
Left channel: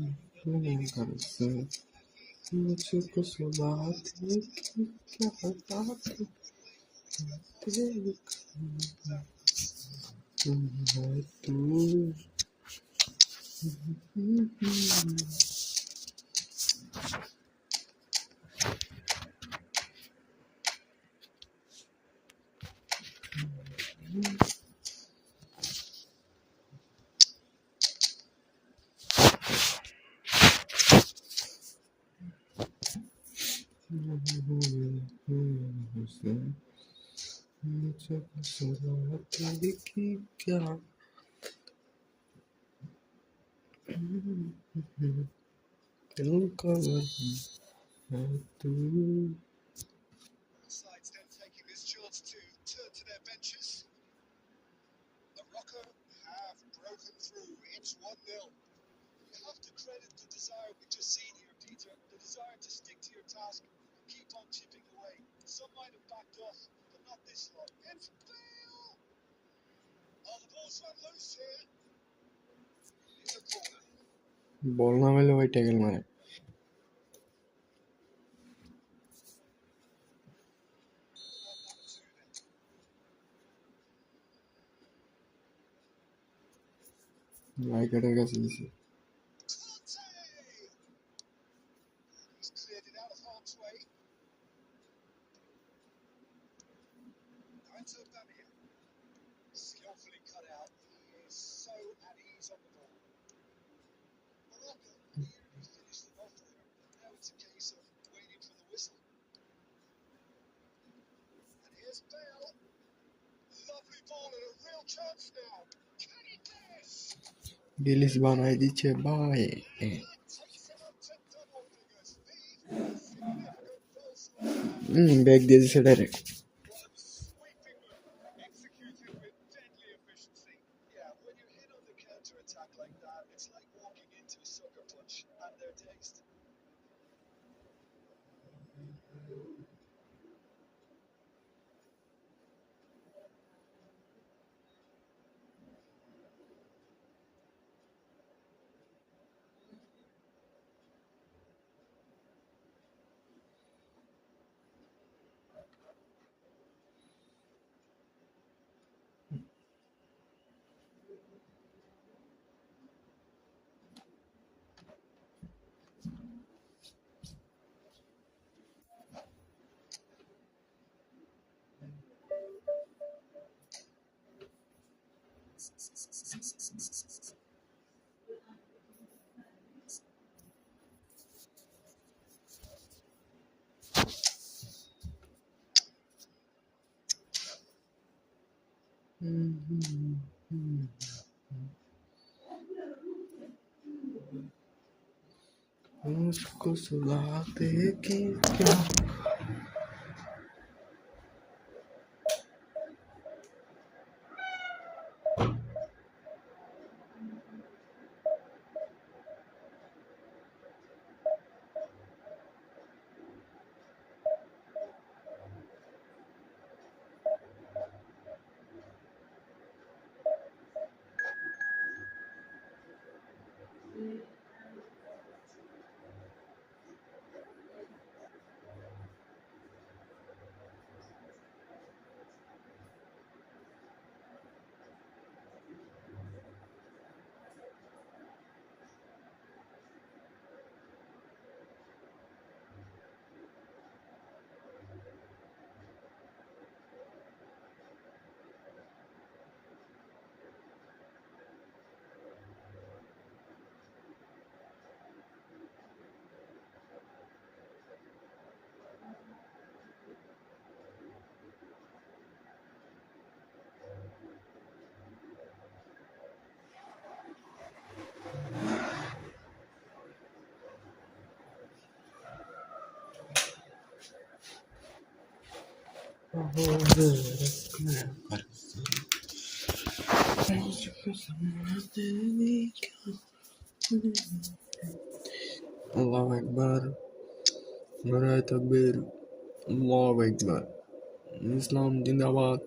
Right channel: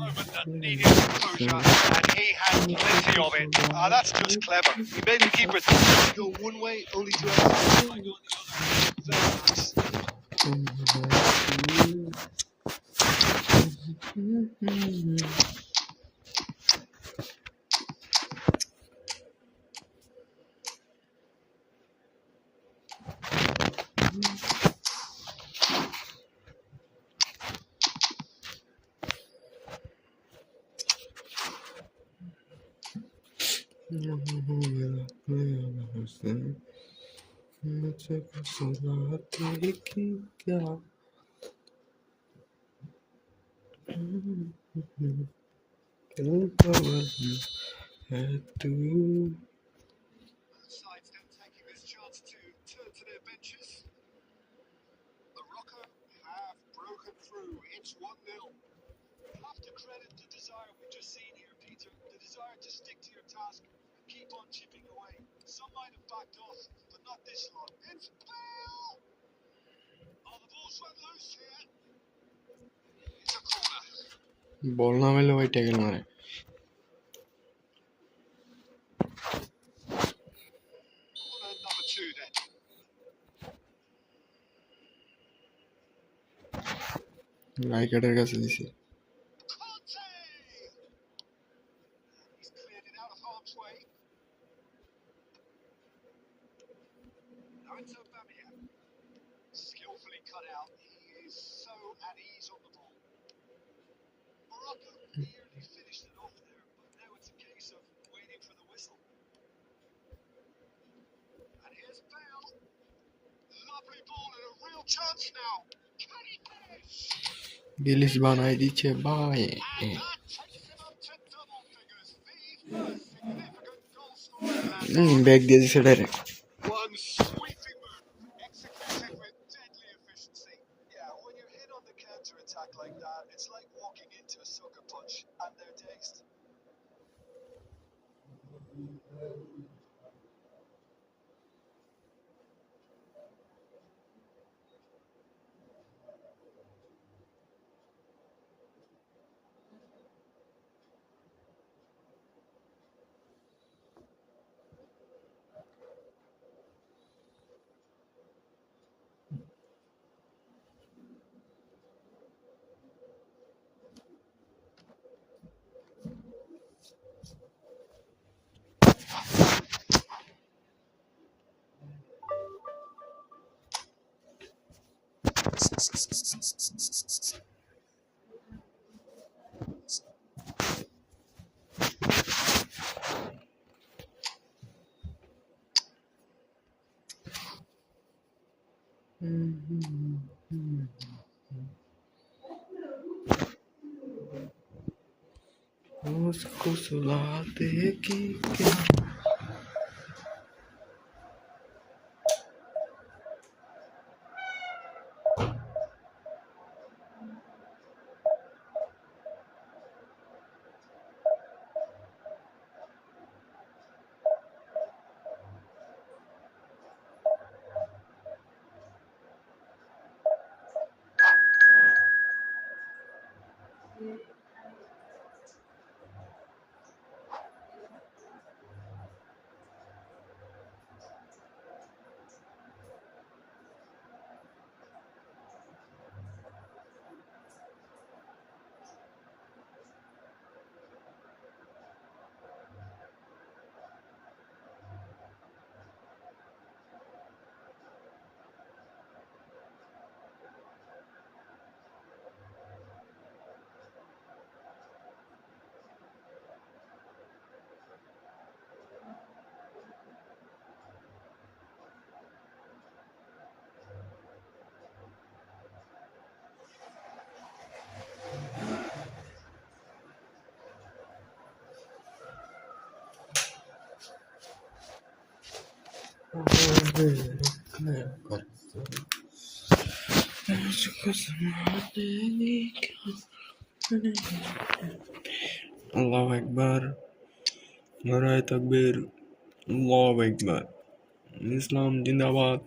Moment that needed composure, and he had plenty of it. That's just clever. He made the keeper think to go one way, only to have to go the other. Very nice. Sides then taking this chance to turn to their benches. Morocco have broken through. It's 1-0. You have to credit the desire we've just seen here, Peter. The desire to stick to your task and keep on chipping away. Some might have backed off, but not this lot. It's Bale! Oh, the ball's run loose here. It's a corner. বল না মেলে ভাই tackle মারে Corner number 2 then. রাইকার্ডের কাছে দিছি Conte! He's cleared it out of harm's way. Now it's Aubameyang. Skillfully cut out. He is so at ease on the ball. Morocco nearly finished it off there, but now it's a case of waiting for the whistle. And here's Bale. Lovely ball and a real chance now. Can he finish? বিলিশ বানাই দিচ্ছে ভাই And that takes him up to double figures. The first significant goal scorer. Bag দিয়ে দিছে direct One sweeping move, executed with deadly efficiency. Yeah, when you're hit on the counter-attack like that, it's like walking into a sucker punch, and they're dazed. उसको सुलाते कि क्या Allahu Akbar, Naray Takbir, Allahu Akbar. Islam Jindabad,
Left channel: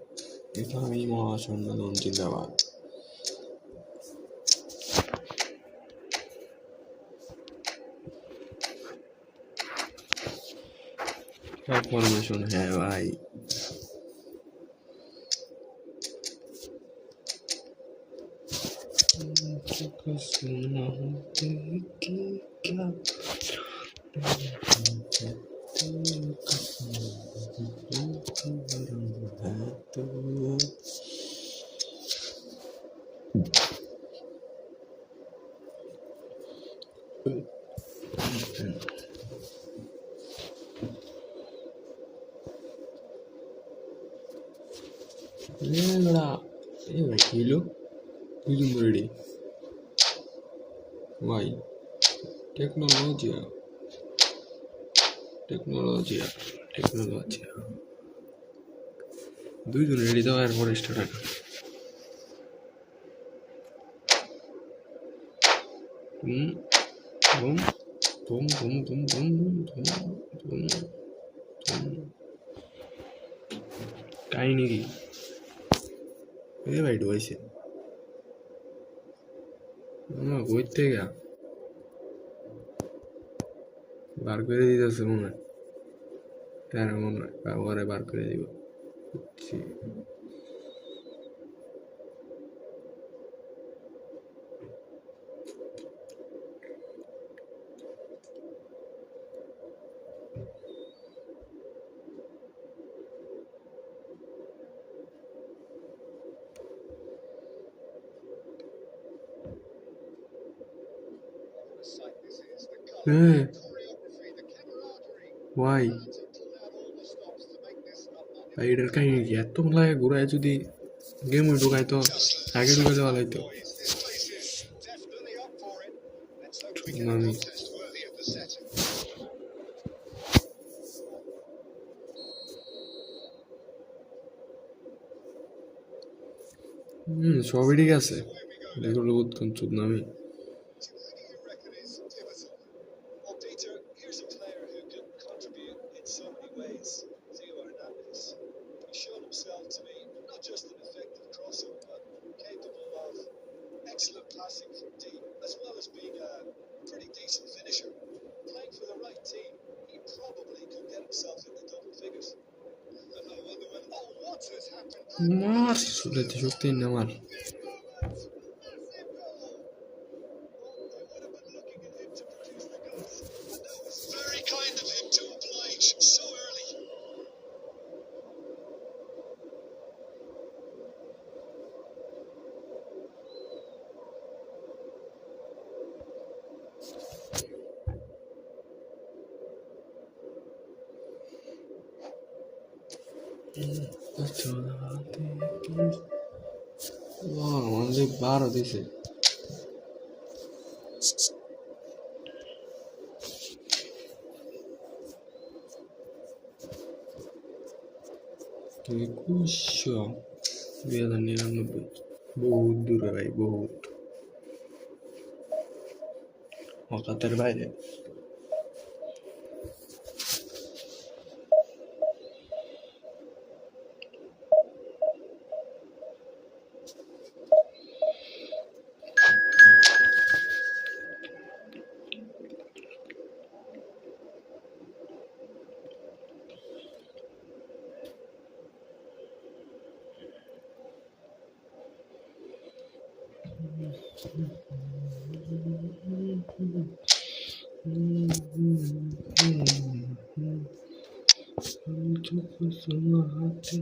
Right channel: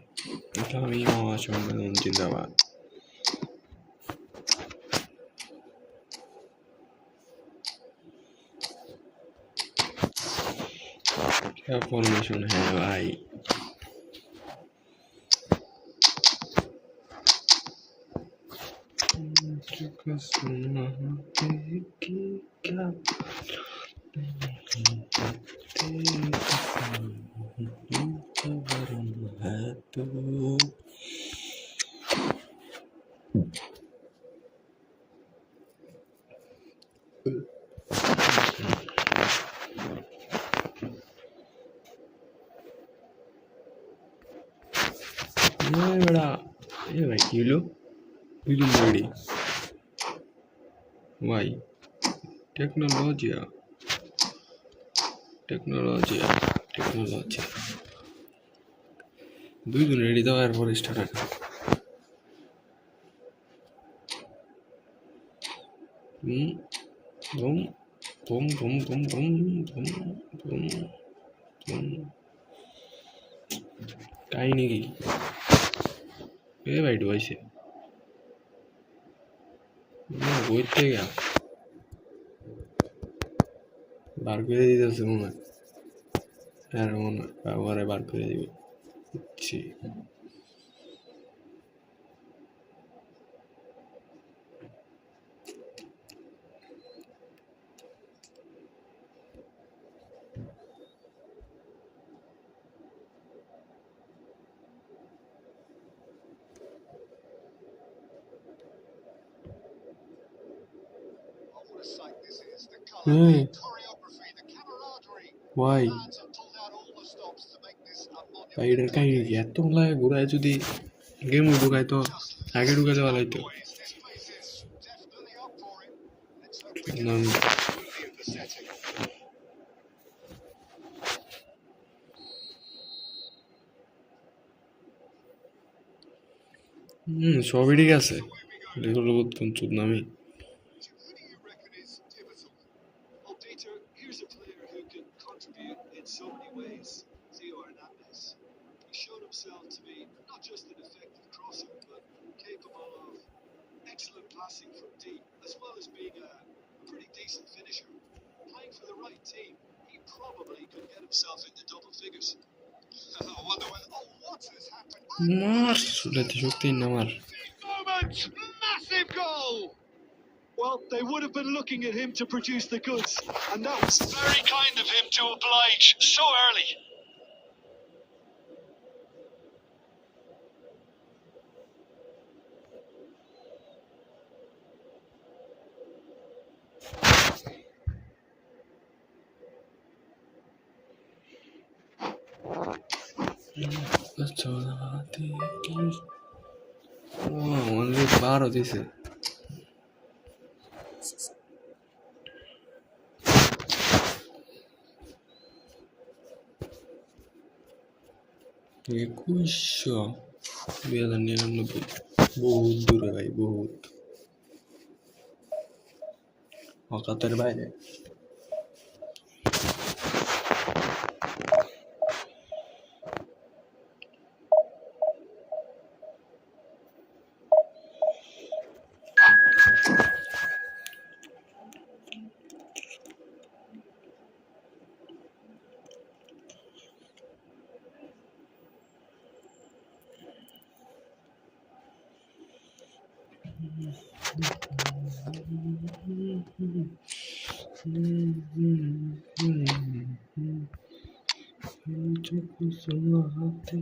Islami Mahashangadon Jindabad. क्या formation है भाई ये बड़ा ये भाई किलो किलो रेडी भाई टेक्नोलॉजिया टेक्नोलॉजिया टेक्नोलॉजिया দুইজন রেডি দাও এরপর start boom boom boom boom boom boom boom boom কাহিনী কি এ ভাই ডুবাইছে না বই থেকে বার করে দিতেছে মনে হয় আর মনে হয় বাবারে বার করে দিব বুঝছি Oh, what a sight this is. The colour, Hey. the choreography, the camaraderie. Why? Fans have pulled out all the stops to make this a ভাই এটার monumental কাহিনী কি এত লাগে ঘুরায় যদি গেম ঢুকাই তো Just আগে ঢুকাতে listen to ভালো that হইতো noise. This place is definitely up for it. Let's hope we No. can it's worthy of the setting. সবই ঠিক আছে So away we go. এগুলো বুঝতাম চুদ নামি Who do you reckon is pivotal? Well, Peter, here's a player who can contribute in so many ways. Theo Hernandez. He's shown himself to be not just an effective crosser, but capable of excellent passing from deep, as well as being a pretty decent finisher. Playing for the right team, he probably could get himself into double figures. I wonder whether. Oh, what has happened? মার সুলাইতে শক্তি না মার Big moment! Massive goal! Well, they would have been looking at him to produce the goods, and that was Very kind of him to oblige so early. Only 12 দিছে একুশশো 2099 বহুত দূরে ভাই বহুত অকাতের বাইরে तुझको सुनाते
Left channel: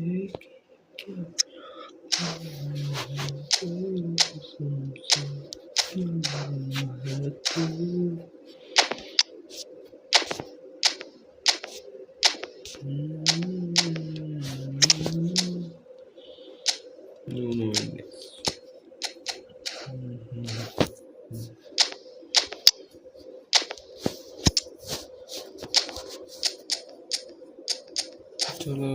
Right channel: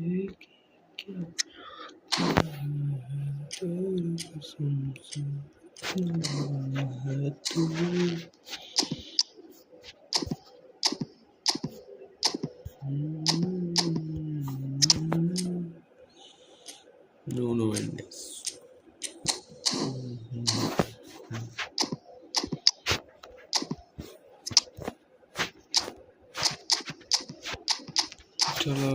क्या तेरी कसम से है तू No Mendes चलो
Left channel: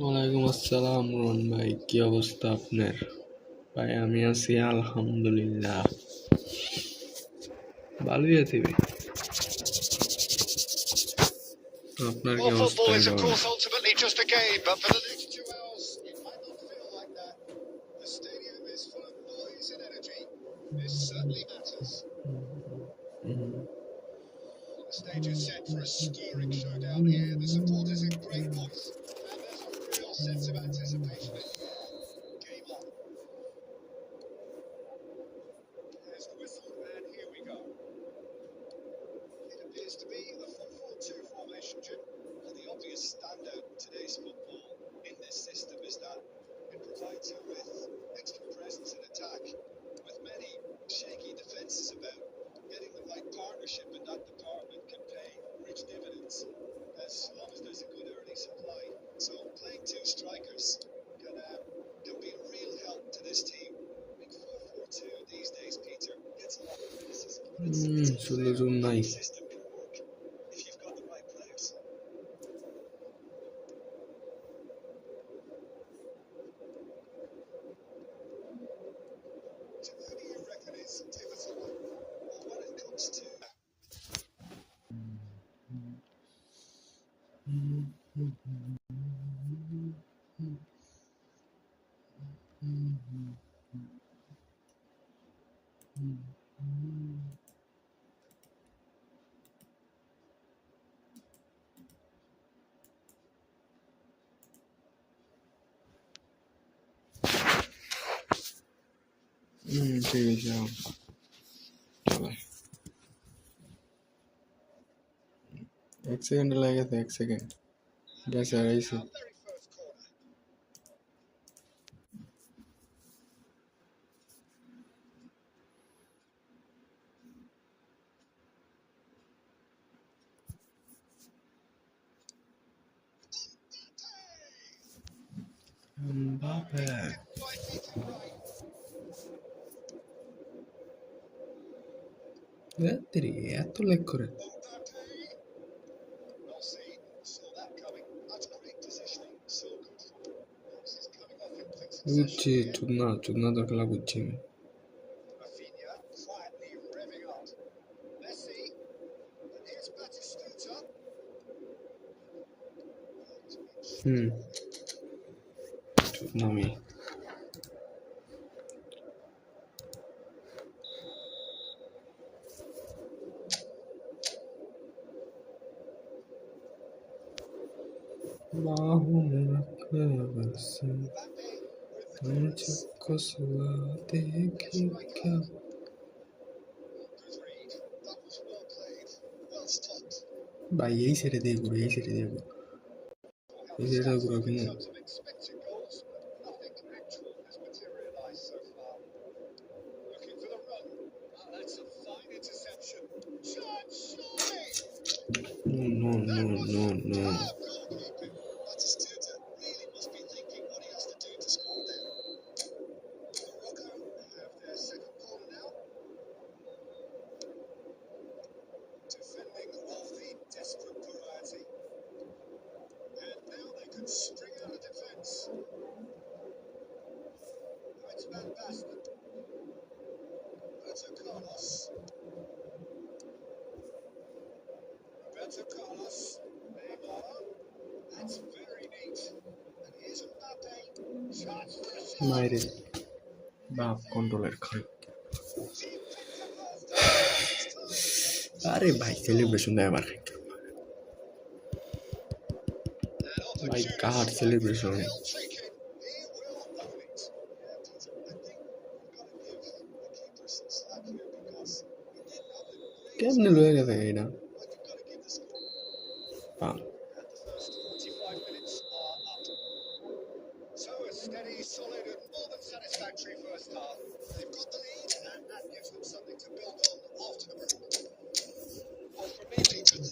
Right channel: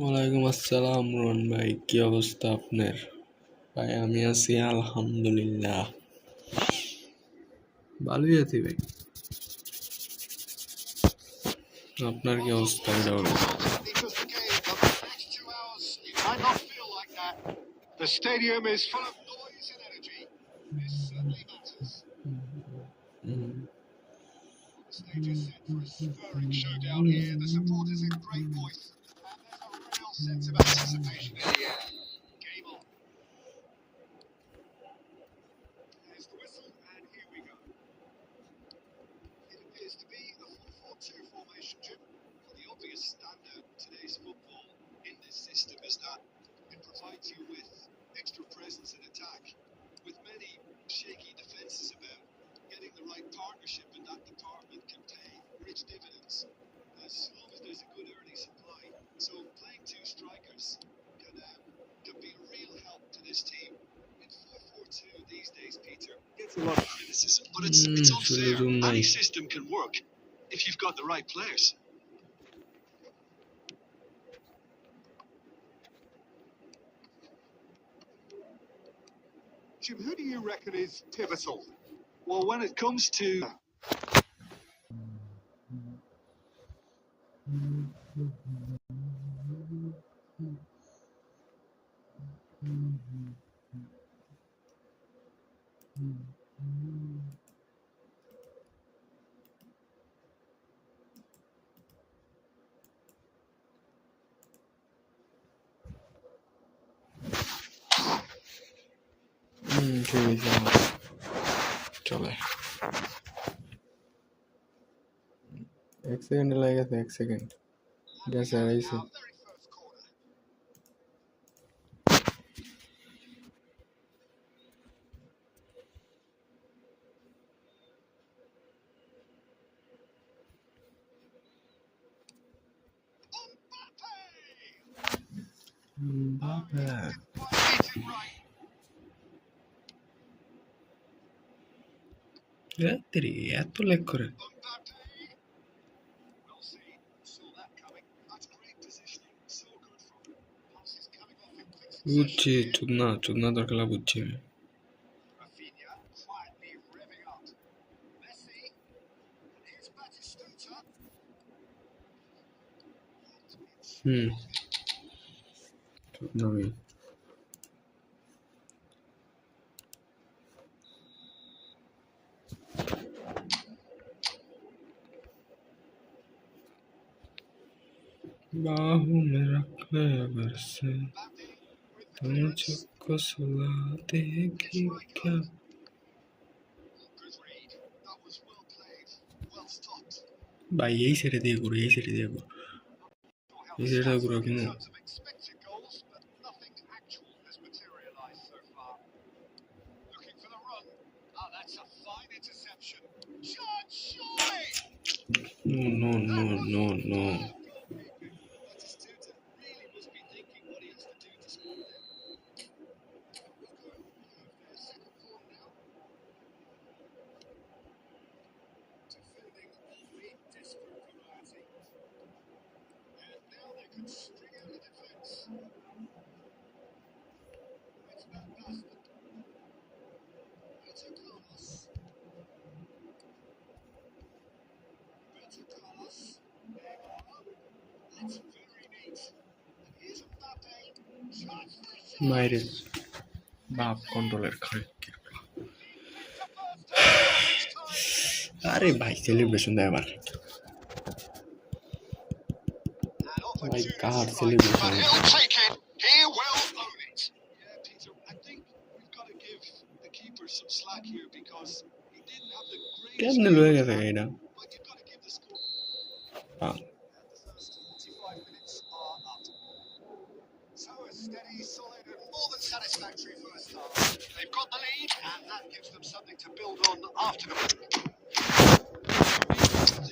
ওয়ালাইকুম আসসালাম রন ভাই, কি অবস্থা আপনার? ভাই আমি আছি আলহামদুলিল্লাহ, ভালোই আছি ভাই। আপনার কি Well, অবস্থা football is, এটা of বলেন? course, ultimately just a game, but for the next 2 hours, it might not feel like that. The stadium is full of noise and energy. This certainly matters. The stage is set for a stirring showdown here. The supporters in great voice, and there's a real sense of anticipation in the air. Game on. There's the whistle, and here we go. It appears to be a 4-4-2 formation, Jim. Well, the obvious standout in today's football in this system is that it provides you with extra presence in attack. With many shaky defences about, getting the right partnership in that department can pay rich dividends as long as there's a good early supply. So playing two strikers can be a real help to this team. I mean, 4-4-2 these days, Peter, gets a lot of criticism, but it's unfair. সুযোগ নাই। Any system can work if you've got the right players. Jim, who do you reckon is pivotal? Well, when it comes to ঠিক আছে, চলে। 1 second লেগে গেছে, 1 second গেছে আর আইছে। Our very first corner. Mbappe Didn't quite hit it right. রাত্রি এত leg করে? Mbappe. Well seen, saw that coming. That's great positioning. So good from him. Pass is coming off in quick বুঝছি, succession here. চুদনা তোর খেলা বুঝছি আমি। Rafinha quietly revving up. Messi. And here's Batistuta. চুদনা আমি। बाहों में रख ले बरसे Mbappe with the clearance. मुझको सुलाते कि क्या। Good read. That was well played. Well stopped. भाई यही सेरे दे गुरु, यही सेरे दे गुरु, Or how यही the सेरे stats गुरु look in क्यों? terms of expected goals, but nothing actual has materialised so far. Looking for the run. Ah, that's a fine interception. Shot, surely! No, That was no. superb goalkeeping. Batistuta really must be thinking what he has to do to score there. Morocco have their second corner now. Defending of the desperate variety. And now they can string out a defence. It's Van Basten. Roberto Carlos. Neymar. That's very neat. And here's Mbappe. Shots for a shot. मायरे बाप controller खड़े Deep into first half. It's time. अरे भाई celebration दे मार An भाई opportunist God, strike, celebration. but he'll take it. He will own it. Yeah, Peter, I think we've got to give the keeper some slack here because he didn't have the greatest केमने game, लोगे थे कहीं ना but you've got to give the score. हाँ And the first 45 minutes are up. So a steady, solid, and more than satisfactory first half. They've got the lead, and that gives them something to build on after the break.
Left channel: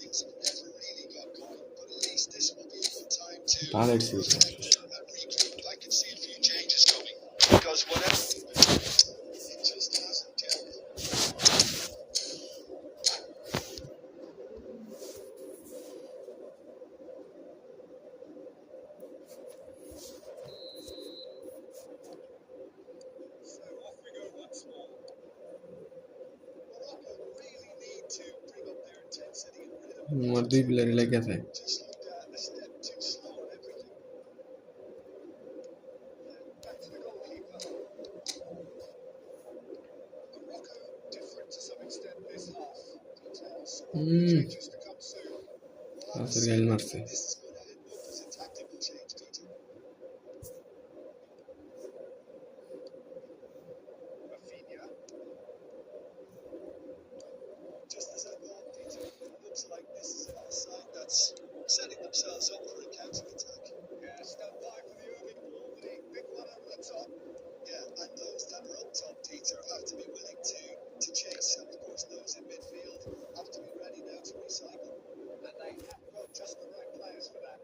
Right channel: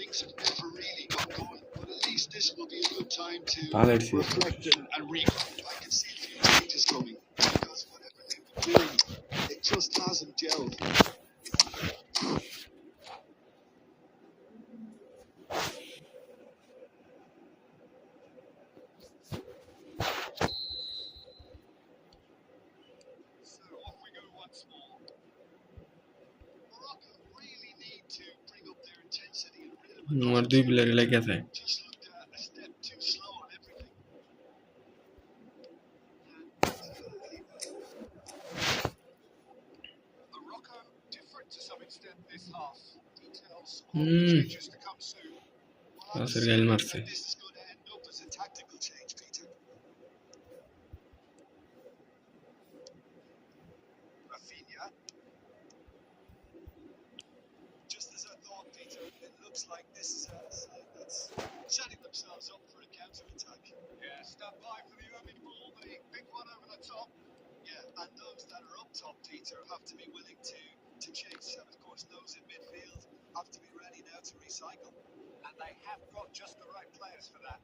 Things have never really got going, but at least this will be a good time to Ballard season. reflect and regroup. I can see a few changes coming because whatever we've been doing, it just hasn't gelled. আমার দুই প্লেয়ারই লাগিয়ে থাকে just looked a step too slow on everything. And the goalkeeper. Morocco different to some extent this half. Details on the changes to come soon. Well, I'm পাশের গাইল assuming মারছে that this is going to end up as a tactical change, Peter. Rafinha. Just as I thought, Peter, it looks like this is a side that's setting themselves up for a counter-attack. Yeah, stand by for the early ball, the big one over the top. Yeah, and those that are up top, Peter, have to be willing to chase, and of course those in midfield have to be ready now to recycle. And they have got just the right players for that.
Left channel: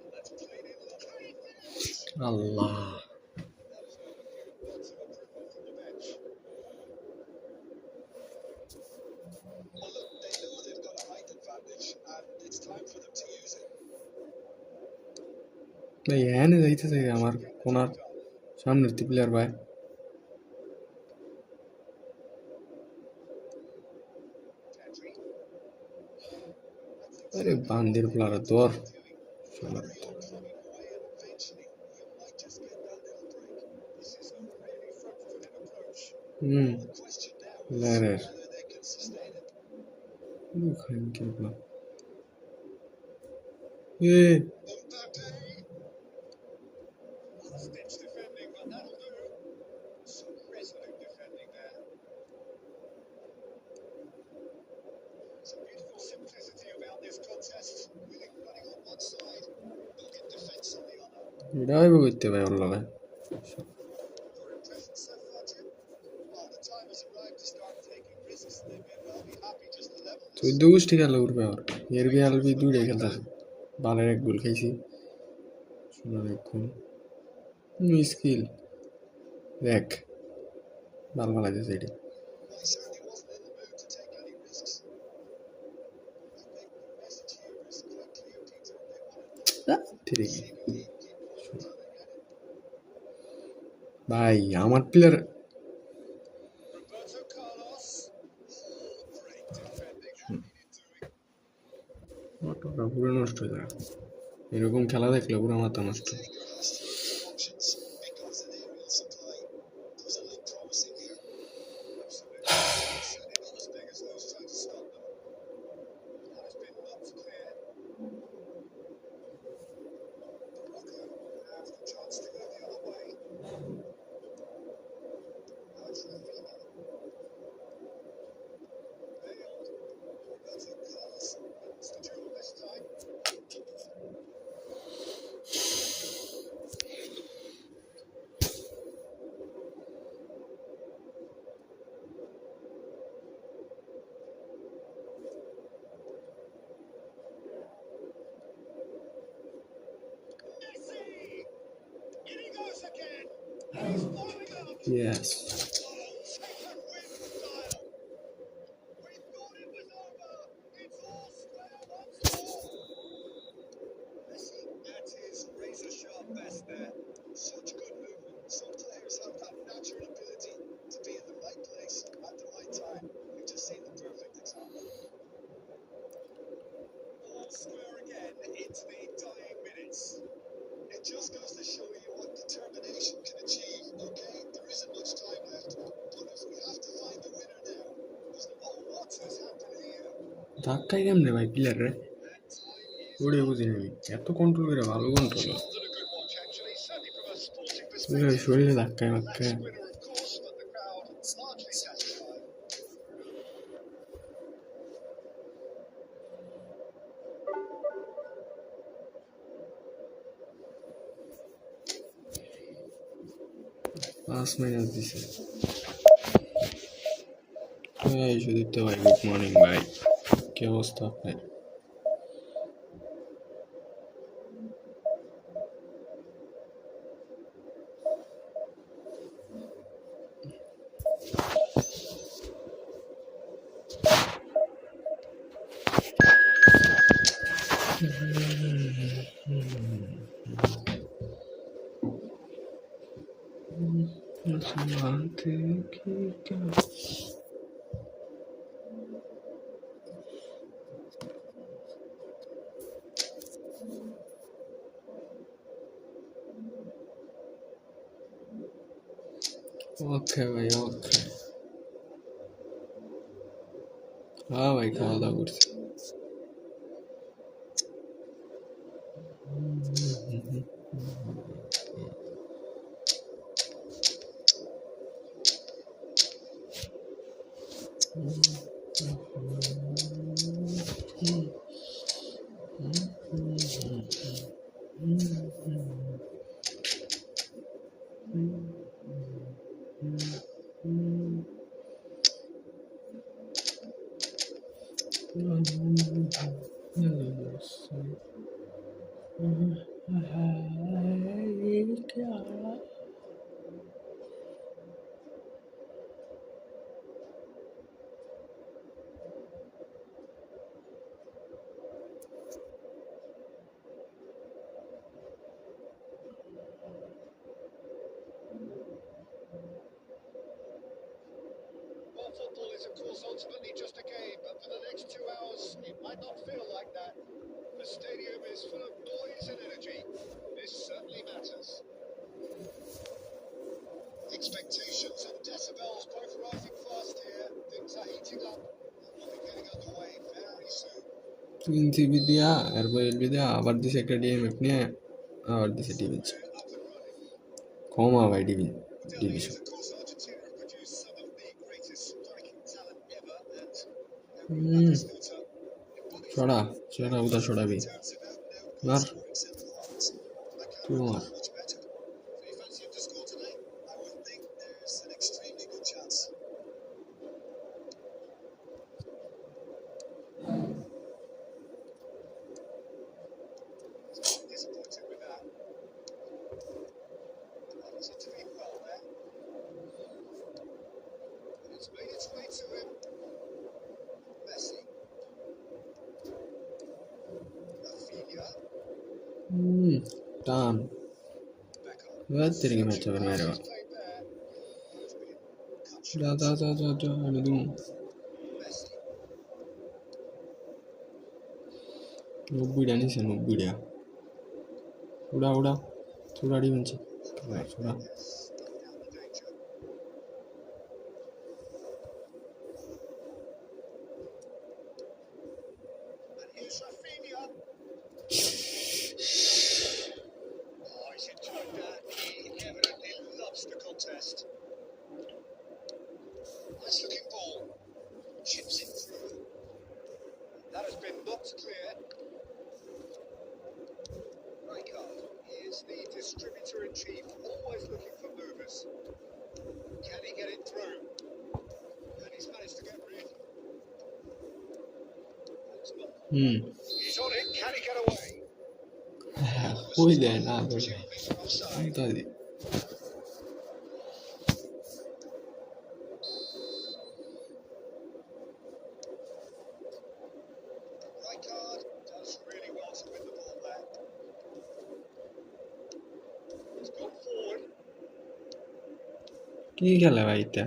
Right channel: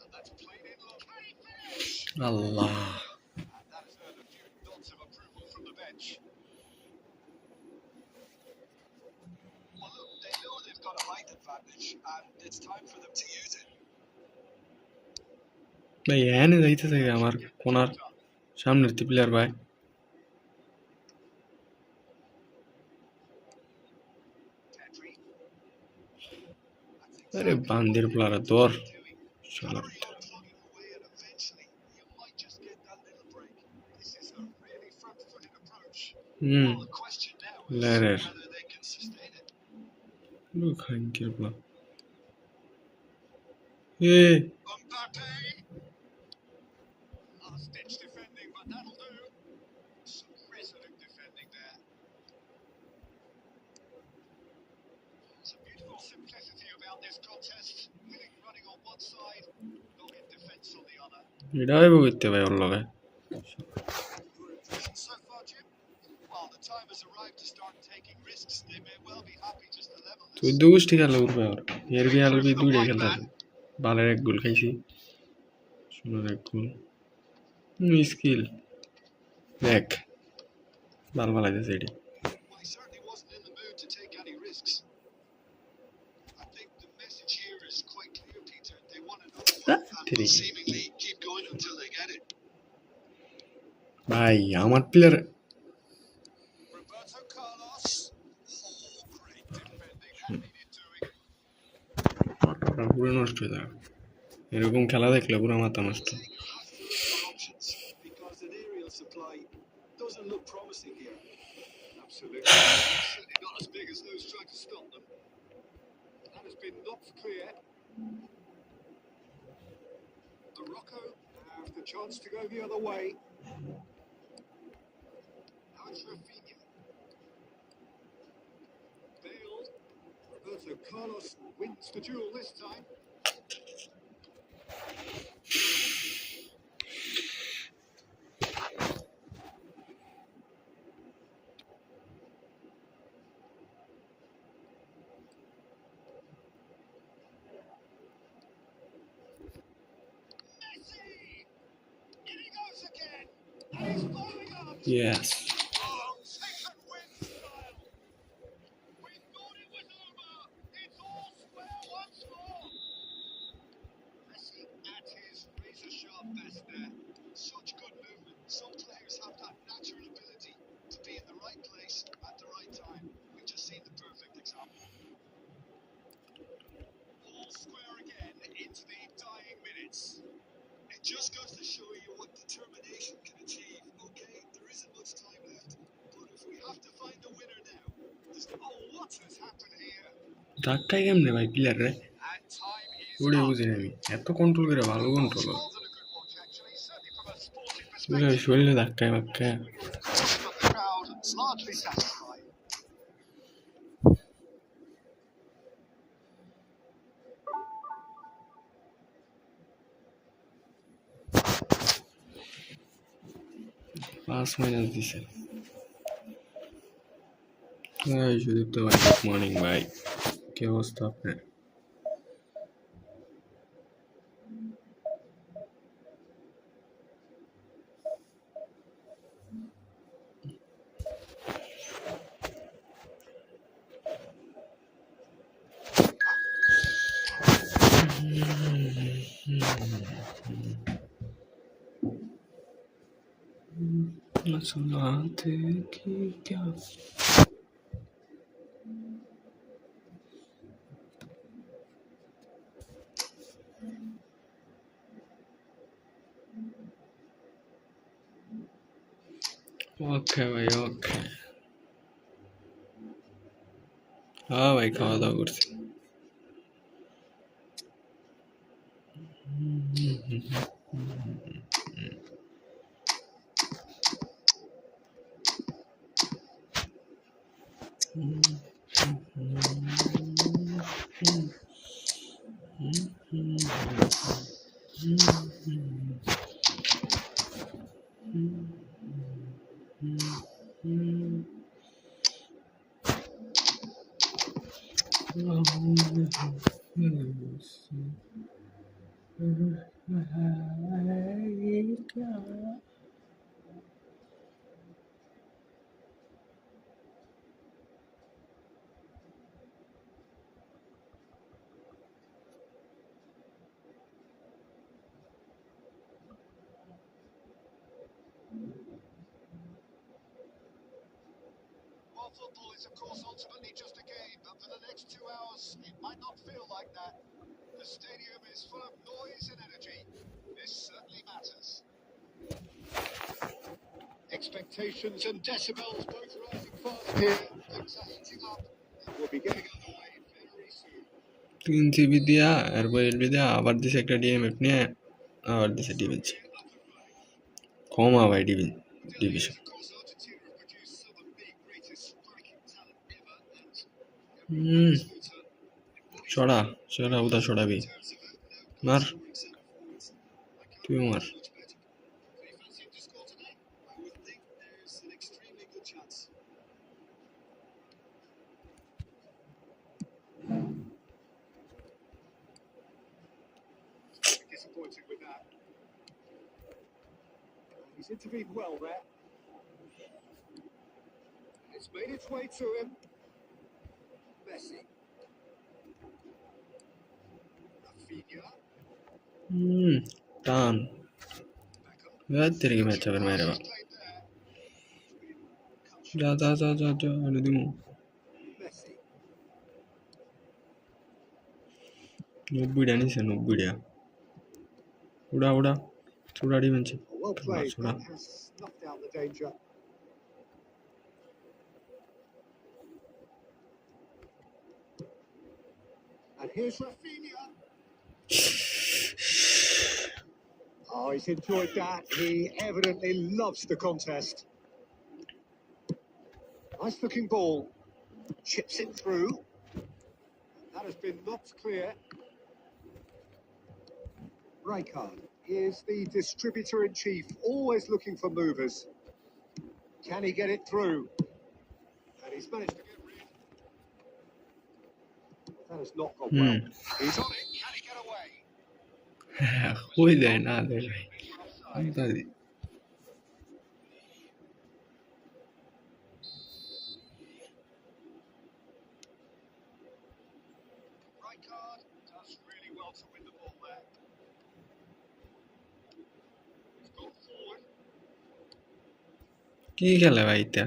And that's played in low. Can he finish? Allah And that has earned a few nods of approval from the bench. Well, look, they know they've got a height advantage, and it's time for them to use it. ভাই এনে যাইতেছে আমার কোনার সামনের তি player ভাই Pedri. আরে বান্দির প্লেয়ার দর চলো Carry on plugging away, and eventually you might just get that little break. This is a really front-footed approach. Well, the question now is Lerer. whether they can sustain it. খানকির player Mbappe. Last-ditch defending, but that'll do. Some resolute defending there. There's a beautiful simplicity about this contest. Winning running on one side, dogged defence on the other. এটা হইব করতে ভাই ওর লগে Your impression so far, Jim? Well, the time has arrived to start taking risks. They may well be happy just to level this. তুই দু গোষ্ঠী খেলা উঠবে ওর এর বি আলবি দুইটাই খেলতেছে বালের এক গোল খাইছি সোনার এক গোল স্কিল দেখ বাল বালাইতেছে এটি Well, he certainly wasn't in the mood to take any risks. I think the message here is quite clear, Peter. They want to know And will seemingly keep going until they get it. ভাই আমার player Roberto Carlos. Oh, great defending. That needed doing. অটোটা পুরো নষ্ট হয়ে যাবে এরকম খেলা দেখলে পুরো মাথা নষ্ট Taker has to look for options because an aerial supply doesn't look promising here. Absolutely. Certainly not as big as those trying to stop them. That has been knocked clear. Morocco have the chance to go the other way. Now it's Rafinha. Bale. Roberto Carlos wins the duel this time. Messi! In he goes again! And he's following up! Yes Oh, second win style! We thought it was over! It's all square once more! Messi at his razor-sharp best there. Such good movement. Some players have that natural ability to be in the right place at the right time. We've just seen the perfect example. All square again into the dying minutes. It just goes to show you what determination can achieve. Okay, there isn't much time left, but if we have to find a winner now, there's Oh, what has happened here? ধাক্কাই কেমনে ভাই player রে And time is ওরে up. বুঝি না আমি এত control করে ভালো control More than a good watch, actually, certainly from a sporting বুঝলি perspective. শরীরে ধাক্কায় That's মাক্কায় winner, of course, but the crowd largely satisfied. পাঁচ মাইনাস দিছে এই সুদীপ্ত ভাই গুড মর্নিং ভাই কি অবস্থা আপনার सुनाते कि क्या ওকে ভাই ওকে। হ্যাঁ ভাই খাওয়া দাওয়া করছি। Well, football is, of course, ultimately just a game, but for the next 2 hours, it might not feel like that. The stadium is full of noise and energy. This certainly matters. Expectations and decibels both rising fast here. Things are heating up and we'll be getting underway very soon. 3 GB দিয়া এরপর LB দিয়া আবার দিছে একটা DMF নিয়ে আবার দিছে division. কমা ভাই ডিভিশন। ছড়া ছড়া উদা ছড়াবি মার তুই মার। Disappointed with that. He's intervened well there. And it's made its way to him. Messi. Rafinha. টান তিরিగి ম্যাচ হবে মেরে Played there. যা যা যা যা যা আমি দিমু Messi. 90টা নিছে 90টা উড়া উড়া ছোড়া ডিমেছে Well played. ছোড়া Has snuffed out the danger. And here's Rafinha. Oh, he's enjoyed that. He evidently loves the contest. Nice looking ball. Chips it through. That has been knocked clear. Rijkaard is the distributor-in-chief, always looking for movers. Can he get it through? And he's managed to get rid. That has not gone well. He's on it. Can he get away? কই দেয় না দেয় ভাই These are offside. আন্তাজি Rijkaard does really well to win the ball there. He's gone forward. কি খেলে ভাই এটা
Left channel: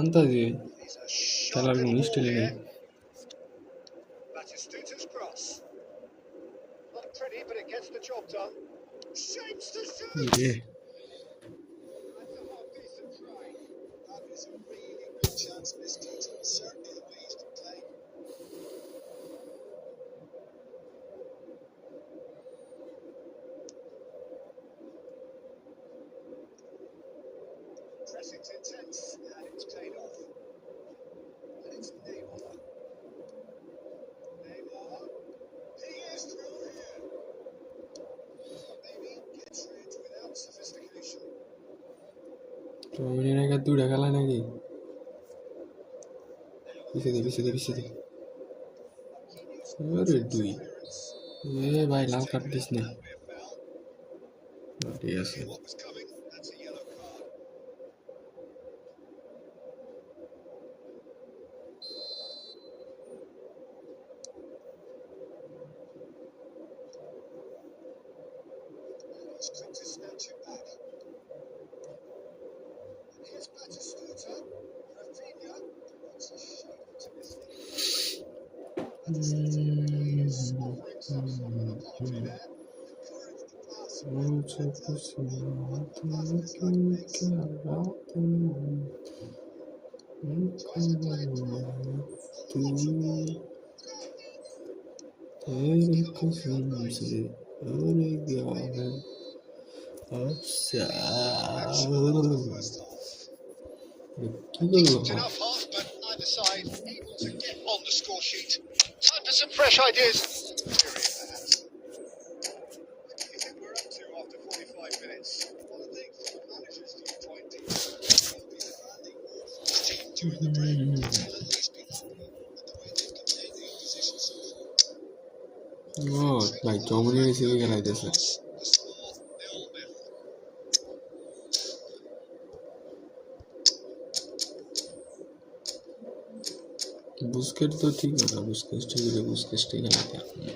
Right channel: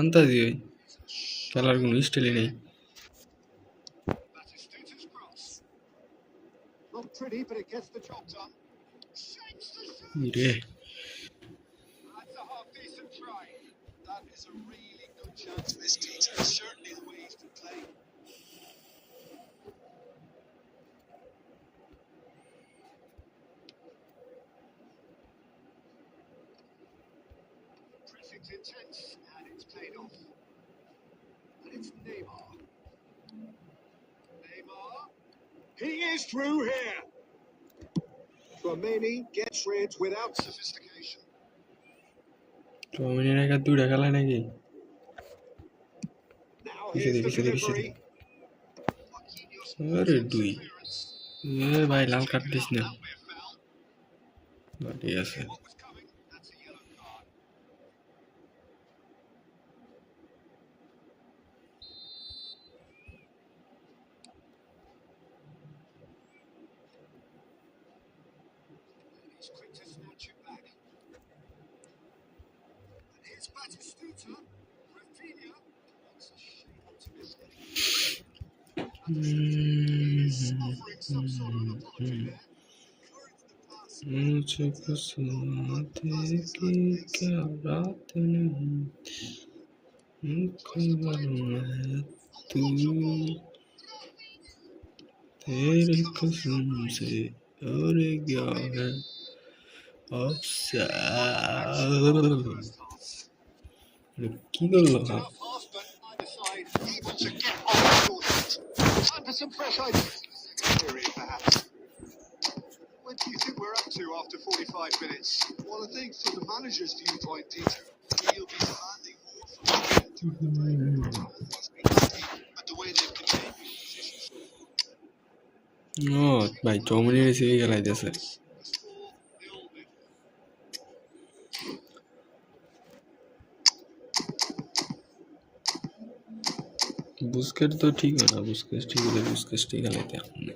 আন্তাজি ওই He's a sharp খেলার কোনো little স্টাইলই ball নেই। here. Batistuta's cross. Not pretty, but it gets the job done. Shapes to shoot. রে That's a half decent try. That is a really good chance missed, Peter. Certainly the way he's been playing. Pressing's intense, and it's paid off. And it's Neymar. Neymar. He is through here. Tchouaméni gets rid without sophistication. চৌমিনের একা দুইটা খেলা নাকি Now পিছে দে here's the পিছে দে পিছে দে delivery. Marquinhos আরে takes দুই some clearance. এ ভাই লাল কার্ড Taken দিস out, না that'll be a foul. ঠিক আছে Knew what was coming. That's a yellow card. And he's quick to snatch it back. And here's Batistuta. Rafinha. That's a shade optimistic. Batistuta is offering some sort of an apology there. Encouraged the pass. मुझको सुनाते कि क्या रात नहीं खबर मैं तू तेरे कसम से और क्या है কি করলো Enough half, but neither side able to get on the score sheet. Time for some fresh ideas. Period, perhaps. What do you think we're up to after 45 minutes? Well, I think from the manager's viewpoint, Peter, he'll be demanding more from his team during the break, but he'll at least be happy with the way they've contained the opposition so far. ও ভাই চৌমনি recipe খেলাইতেছে The score 0-0. Busquets तो ठीक है ना Busquets ठीक है बुस्केट ठीक है लेते हैं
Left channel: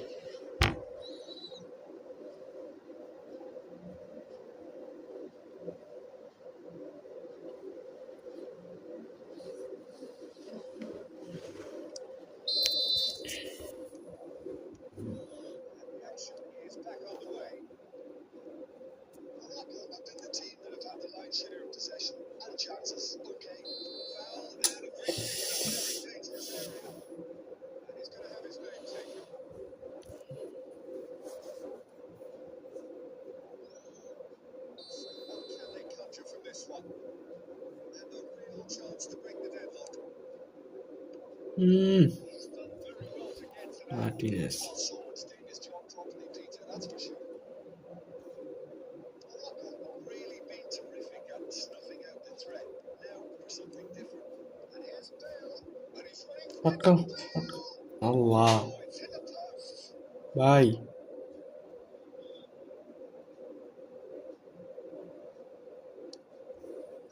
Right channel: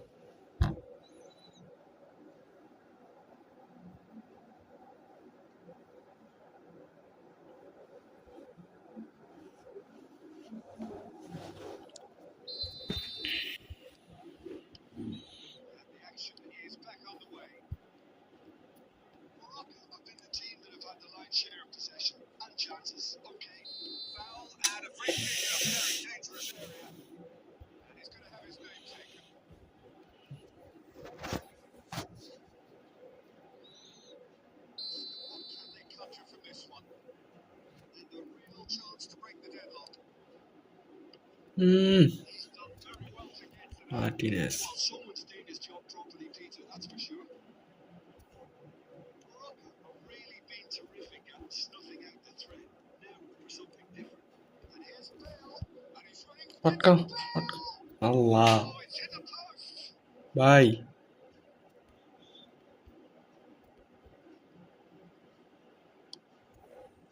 The action is back on the way. Morocco have been the team that have had the lion's share of possession and chances. Okay, foul and a free kick in a very dangerous area. And he's going to have his name taken. So what can they conjure from this one? And a real chance to break the deadlock. He's done very well to get to that. Martinez Well, someone's doing his job properly, Peter, that's for sure. Morocco have really been terrific at snuffing out the threat. Now for something different. And here's Bale, and he's running for पटका अल्लाह Oh, it's in the post. भाई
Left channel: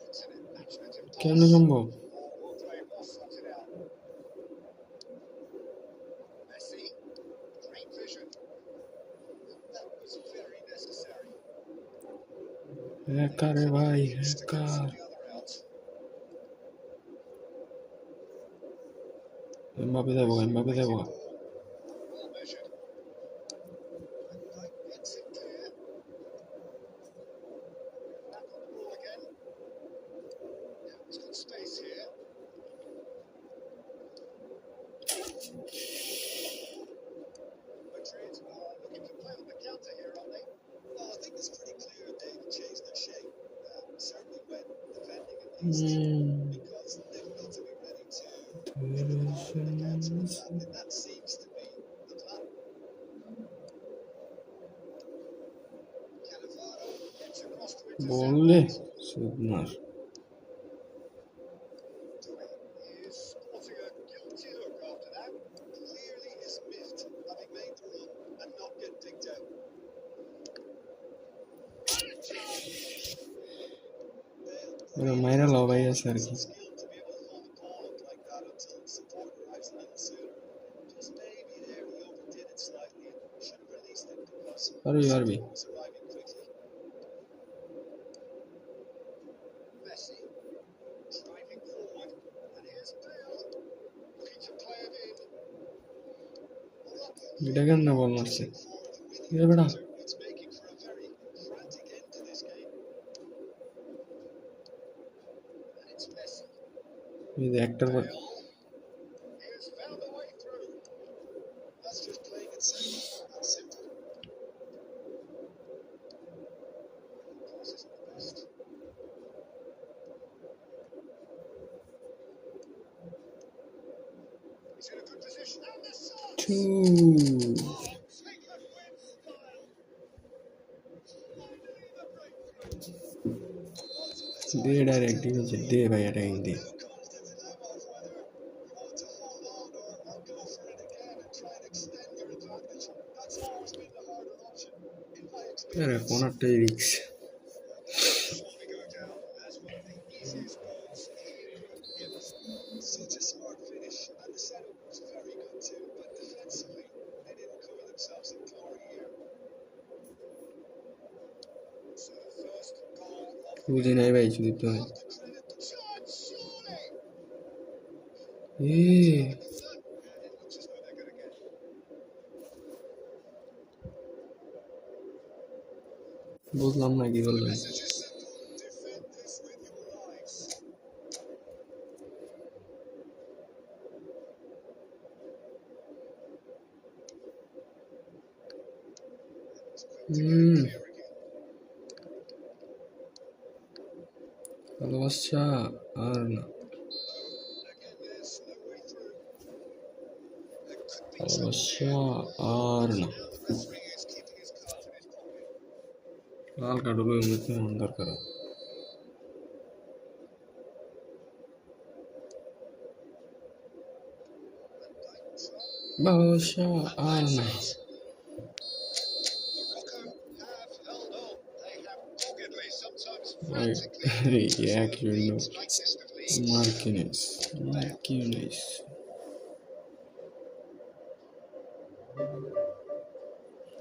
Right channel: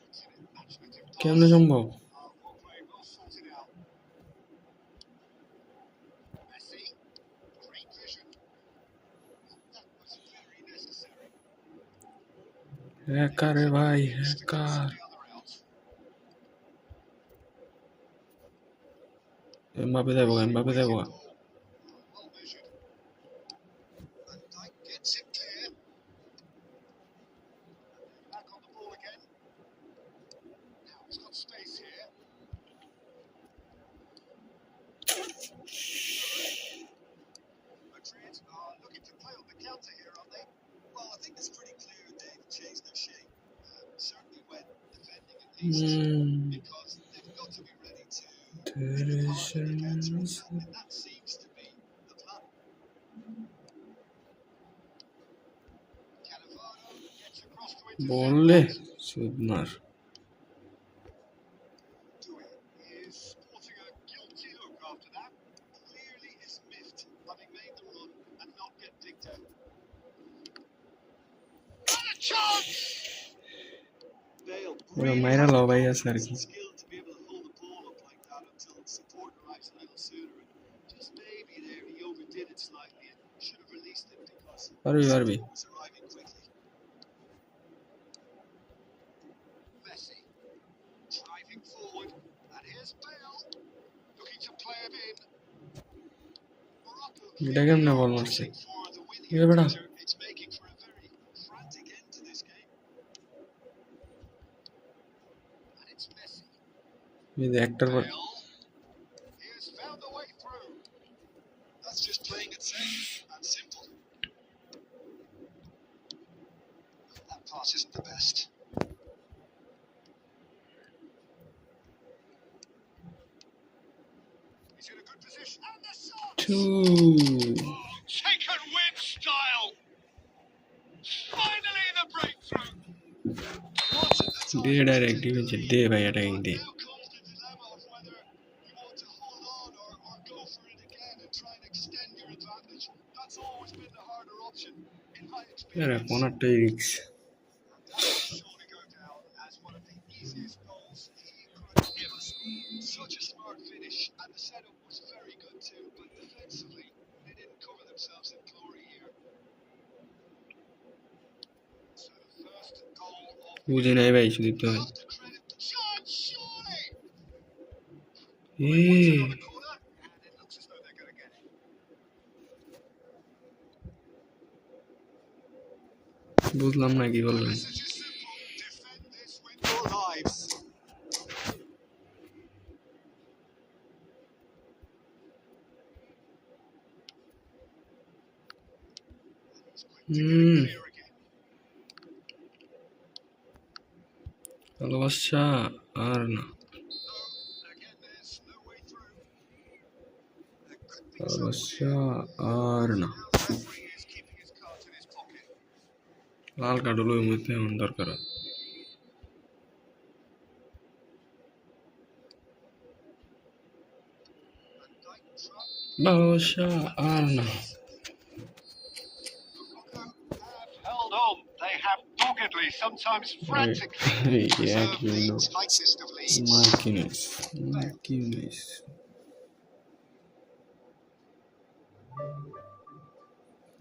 It's an imaginative pass. কেমনে সম্ভব Well played, well sorted out. Messi, great vision. That was very necessary. Hacker है भाई Needs to cancel hacker the other out. Mbappe देबोगा Wicked ball. Well measured. Van Dijk gets it clear. And they're back on the ball again. Now he's got space here. Madrid are looking to play on the counter here, aren't they? Well, I think it's pretty clear they've changed their shape, certainly when defending at least, because they've got to be ready to तेरे take the counter शर्म attack, से and that seems to be the plan. Cannavaro gets across to बोल intercept ले that. सुधमार Dewey is sporting a guilty look after that. Clearly is miffed, having made the run and not get picked out. And a chance! Bale मेरा really मायरा has लो the भाई confidence सर and की skill to be able to hold the ball up like that until support arrives a little sooner. And just maybe there he overdid it slightly and should have released it because अरे यार भी support was arriving quickly. Messi driving forward, and here's Bale looking to play it in. Morocco এটা কেমনে বল মারছে pushing for the win ये here, बड़ा Peter. It's making for a very frantic end to this game. And it's Messi. ये actor पर Bale. He has found a way through. That's just playing it safe and simple. That pass isn't the best. He's in a good position. And the shot! two Oh, taken with style. Finally the breakthrough. What a time they to direct take the defence lead. दे भाई attacking But they now comes the dilemma of whether you want to hold on or go for it again and try and extend your advantage. That's always been the harder option, in my यार experience. कोनाटाई रिक्स That will surely go down as one of the easiest goals he could ever score. Such a smart finish, and the setup was very good too, but defensively, they didn't cover themselves in glory here. So the first goal of the বুঝে নাই ভাই শুধু তো Have to credit the chance, surely. A Wants another corner, and it looks as though they're going to get it. বুঝলাম না কি The বললেন। message is simple. Defend this with your lives. He's quick to get it clear again. ভালোবাসা আর না, No, again, there's no way through. There could be trouble ভালোবাসা here. R So না। now the referee is keeping his cards in his pocket. Lal card হলো এমনিতে এমন দরকার। Van Dijk Trump. ভালোবাসা আর That's না। it. Morocco have held on. They have doggedly, sometimes frantically, এক preserved the জন্য tightest of leads. মার্কিনেস, মার্কিনেস।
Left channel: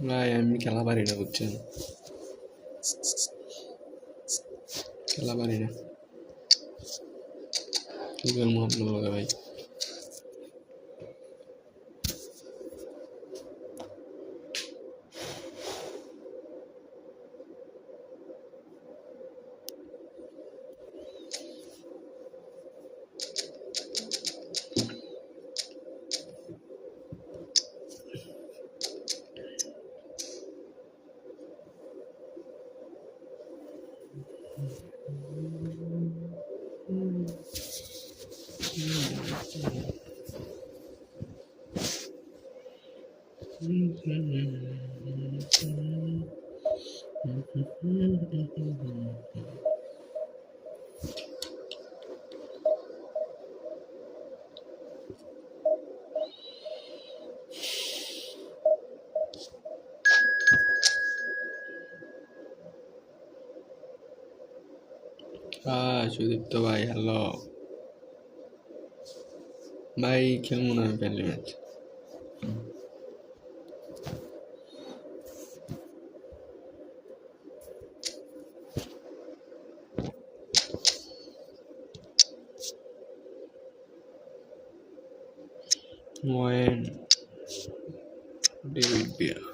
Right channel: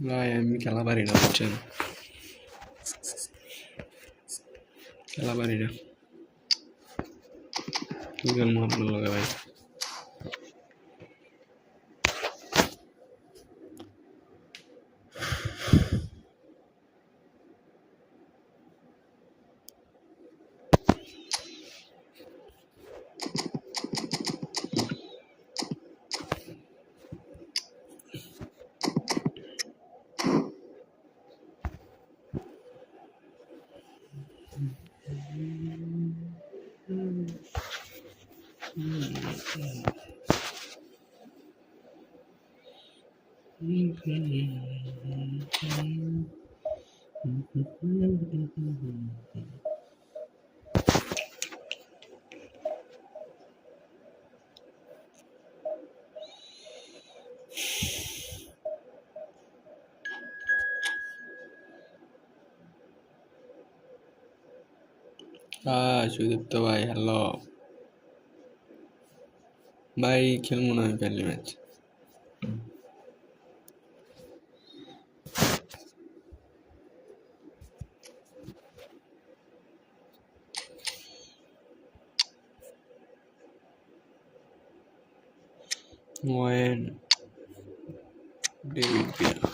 ভাই আমি খেলা পারি না, বুঝছেন, খেলা পারি না। কি খেলবো আপনার লগে ভাই? সুদীপ্ত ভাই হ্যালো ভাই, খেলবো না আমি friendly match. When David Villa,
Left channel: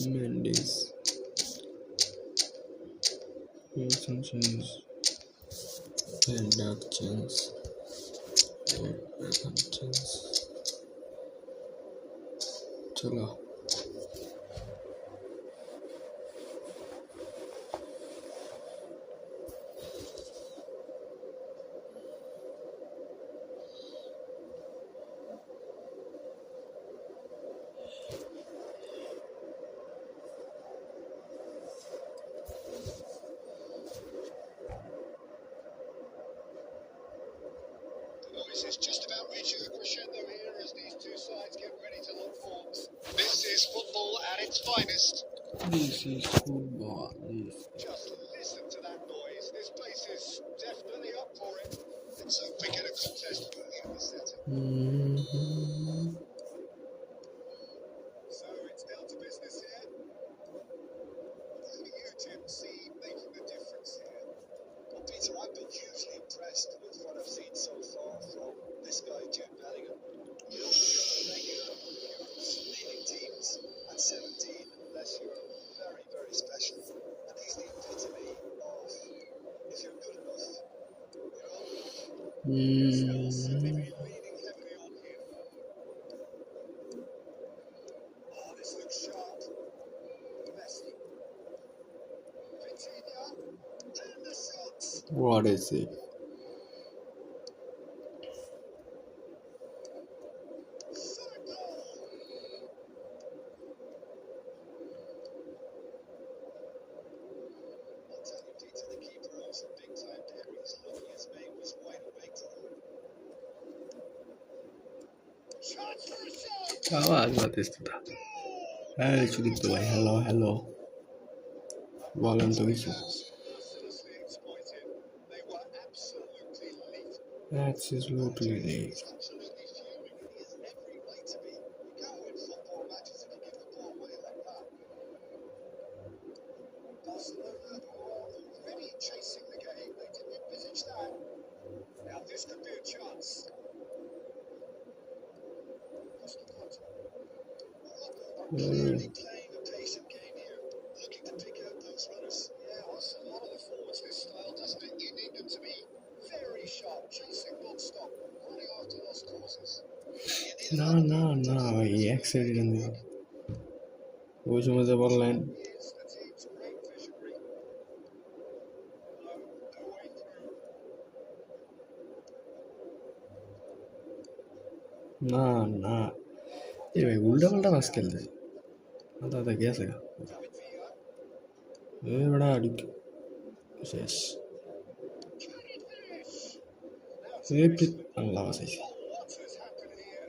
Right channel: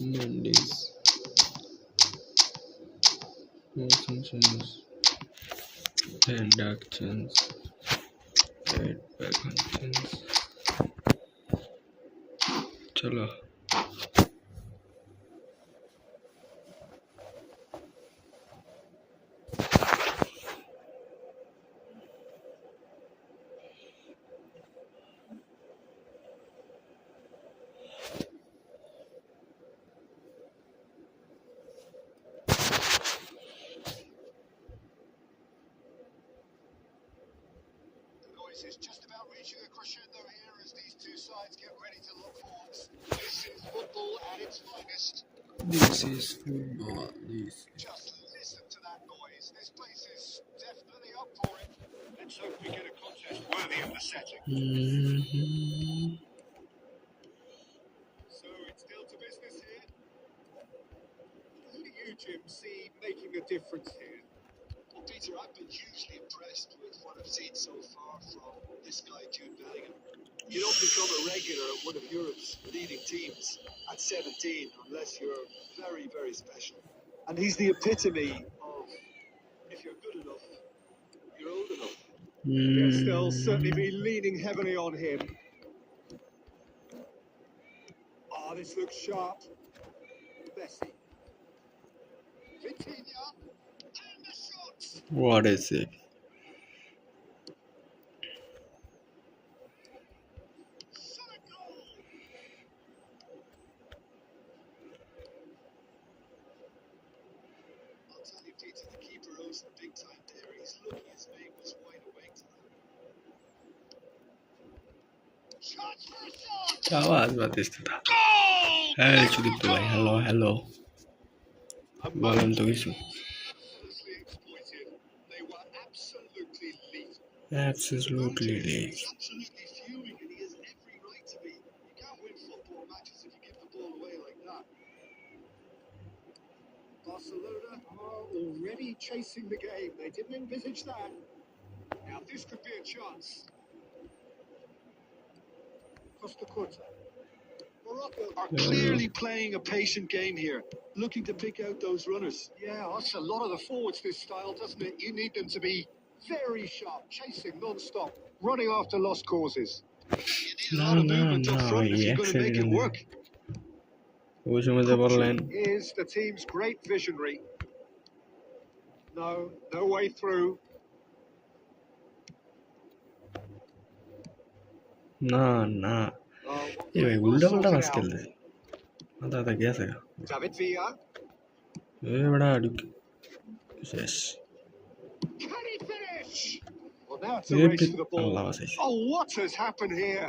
Mendes, Sanchez, and Dark Chance, and Bacon Chance. चलो Noise is just about reaching a crescendo here as these two sides get ready to lock horns. This is football at its finest. this is football. This Just listen to that noise. This place is definitely up for it. Let's hope we get a contest worthy of the setting. So it's down to business here. Who do you, Jim, see making a difference here? Well, Peter, I've been hugely impressed with what I've seen so far from this guy, Jude Bellingham. You don't become a regular at one of Europe's leading teams at 17 unless you're very, very special. And he's the epitome of, if you're good enough, you're old enough. Yes, they'll certainly be leaning heavily on him. Oh, this looks sharp. Messi. Vitinha. And the shots. what is it? Shot a goal. I'll tell you, Peter, the keeper owes some big time there. He's lucky his mate was wide awake to that. Chance for a shot. आवाज बातें था। Hey, Sudipta भाई hello बोलन तो किसु Mercilessly exploited. They were absolutely lethal. absolutely late. He's absolutely fuming, and he has every right to be. You can't win football matches if you give the ball away like that. chasing the game. They didn't envisage that. Now this could be a chance. Costa Curta. Morocco Are clearly playing a patient game here, looking to pick out those runners. Yeah, that's a lot of the forwards, this style, doesn't it? You need them to be very sharp, chasing non-stop, running after lost causes. You need a lot of movement up front if you're going to make it work. ওই সময় যে বললেন Is the team's great visionary. No, no way through. না না এই ভাই উল্টা পাল্টা পাস খেলতে আদা আদা গেছে David Villa. এ বড়া ঢুক শেষ Can he finish? Well, now it's A a race to the Allah ball. বাঁচাইছে Oh, what has happened here?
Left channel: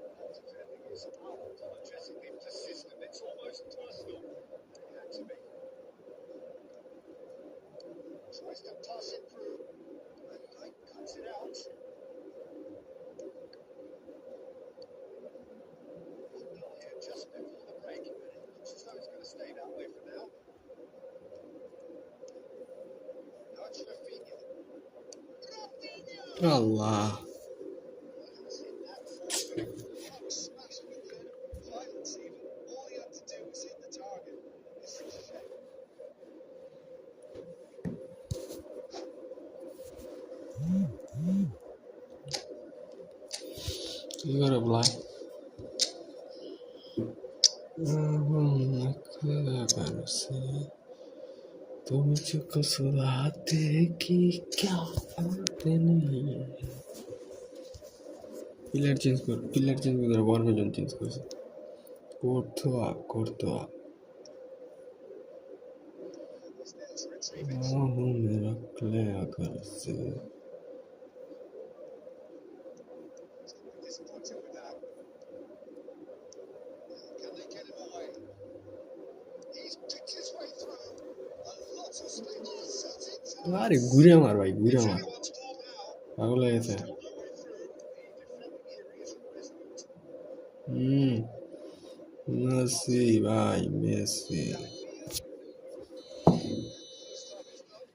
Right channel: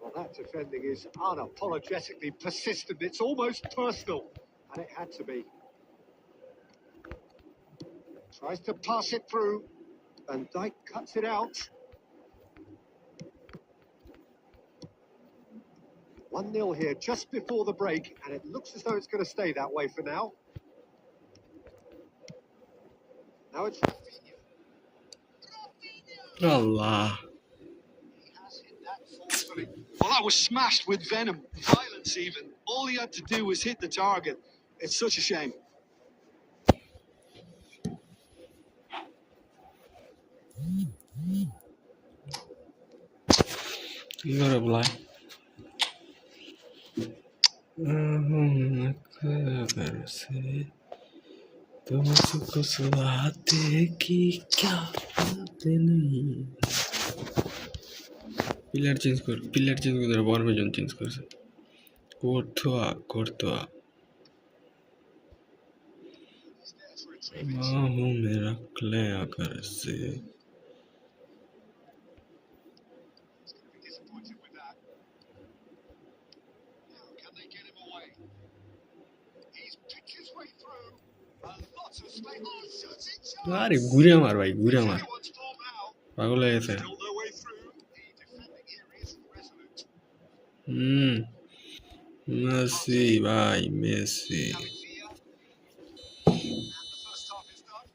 Well, that defending is unapologetically persistent. It's almost personal, and it had to be. Tries to pass it through, and Dijk cuts it out. 1-0 here just before the break, and it looks as though it's going to stay that way for now. Now it's Rafinha. Allah He has hit that forcefully. Well, that was smashed with venom, violence even. All he had to do was hit the target. It's such a shame. কি করে বলাই तुमको सुनाते कि क्या बातें नहीं pillar change कर बॉल में जोन चेंज कर से कोर्टवा हूँ मेरा क्ले आकर से Disappointed with that. Now, can they get him away? He's picked his way through. A lot of space. Oh, shooting chance. अरे घुरे मार भाई घुरे मार Anyone's ball now. पागल है ऐसे Still no way through. The defending here is resolute. Messi भाई Messi David Villa. And the first half is done.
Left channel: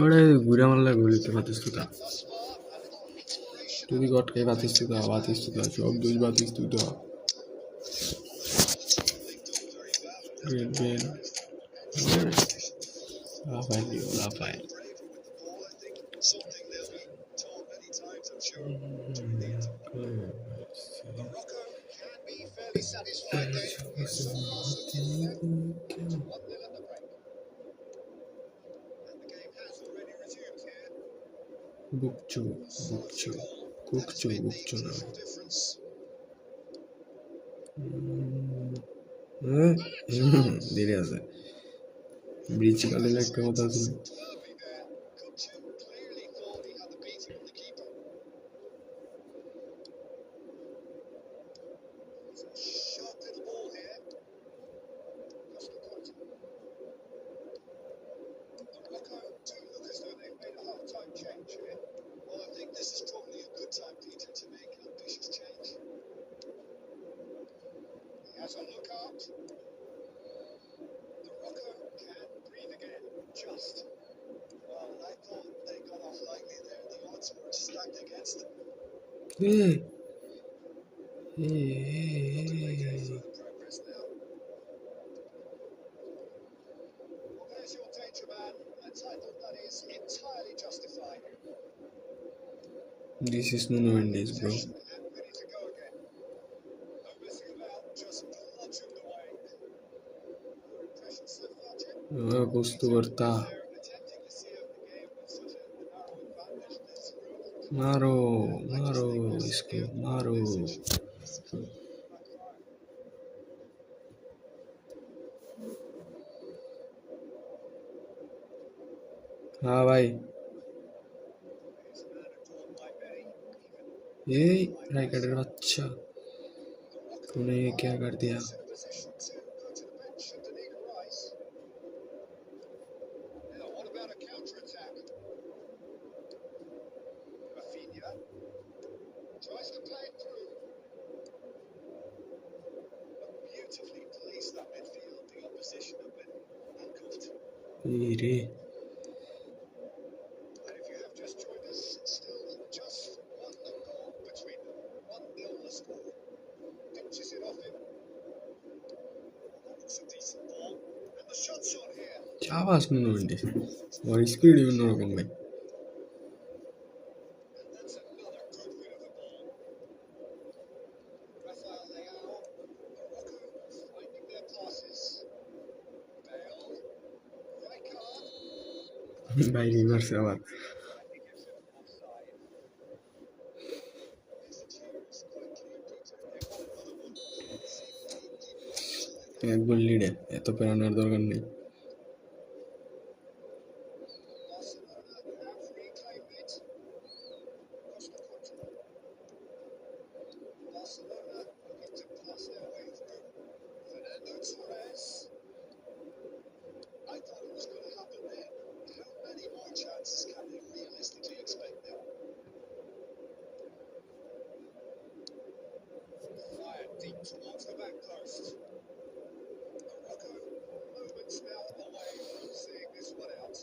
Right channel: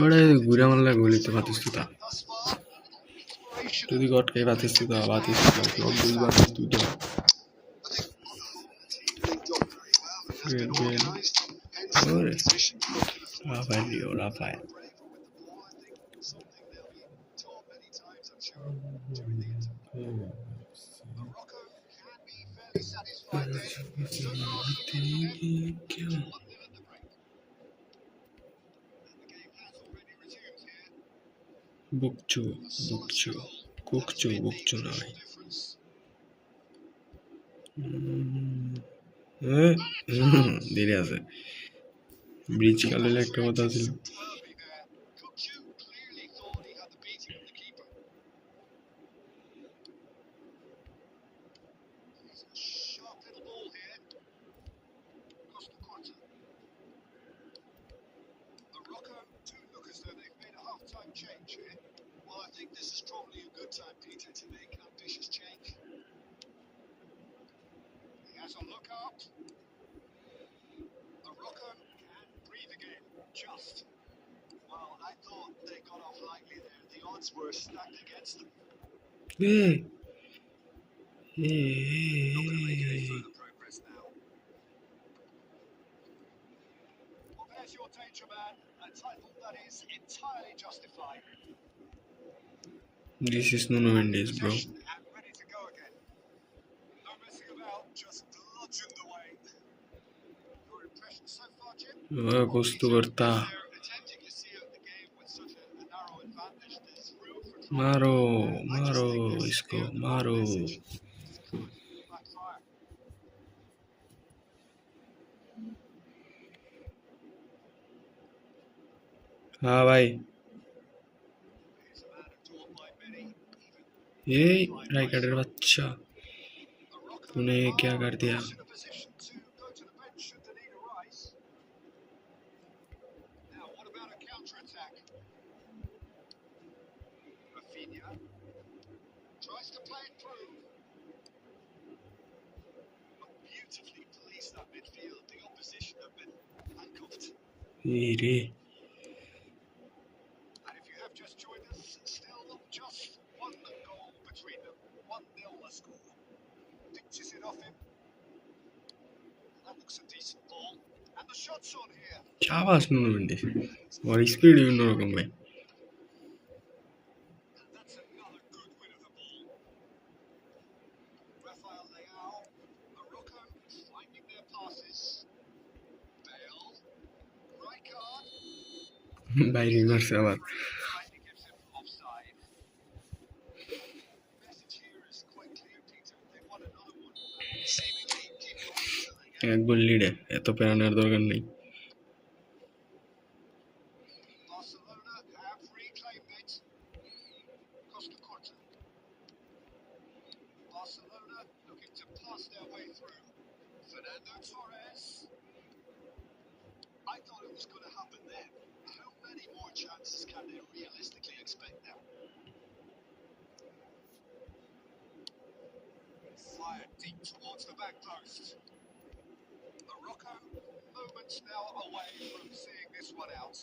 बड़े घुरे मारला गोली तो बातिस्तुता Thus far, a little inspiration. যদি গটকে বাতিস্তুতা ক্লব দুই বাতিস্তুতা Great game. Rafael. Something they'll be taught many times, I'm sure, during the interval. Morocco can be fairly satisfied then. It's so close to 1-0 at the break. And the game has already resumed here. বুকচু না ভাই Difference. দেরি আছে bridge কালে একটা কথা ছিল Derby there. Kukçu clearly thought he had the beating of the keeper. It's a sharp little ball here. Costa Curta. Morocco do look as though they've made a half-time change here. Well, I think this is probably a good time, Peter, to make ambitious change. He has a look up. Morocco can breathe again. Just. Well, I thought they got off lightly there. The odds were stacked against them. Not going to make any further progress now. Well, there's your danger man. A title that is entirely justified. This is Nuno Mendes, bro. Possession and ready to go again. No messing about, just bludgeoned away. Your impression so far, Jim? कुछ तो करता They're attempting to see out the game with such a narrow advantage. There's room for trying. मारो इसको मारो Backfire. हाँ भाई Here's a man adored by many. ये राइकर बच्चा तूने क्या कर दिया In a position to go to the bench should the need arise. Now, what about a counter-attack? Rafinha tries to play it through. But beautifully policed that midfield. The opposition have been handcuffed এই রে And if you have just joined us, still just one goal between them. 1-0 the score. Pitches it off him. That looks a decent ball. And the shot's on here. চাবাস Nuno Mendes ওর speed বিভিন্ন রকম ভাই And that's another good win of the ball. Rafael Leao, Morocco finding their passes. Bale, Rijkaard. ভাই reverse আবার Rightly gives him offside. Message here is quite clear, Peter. They want another one. Seemingly keep going until they get এক গোল লিডে এত প্যারানোর দরকার নেই Barcelona have reclaimed it. Costa Curta. Barcelona looking to pass their way through. Fernando Torres. I thought it was going to happen then. How many more chances can they realistically expect now? Fired deep towards the back post. Morocco, moments now away from seeing this one out.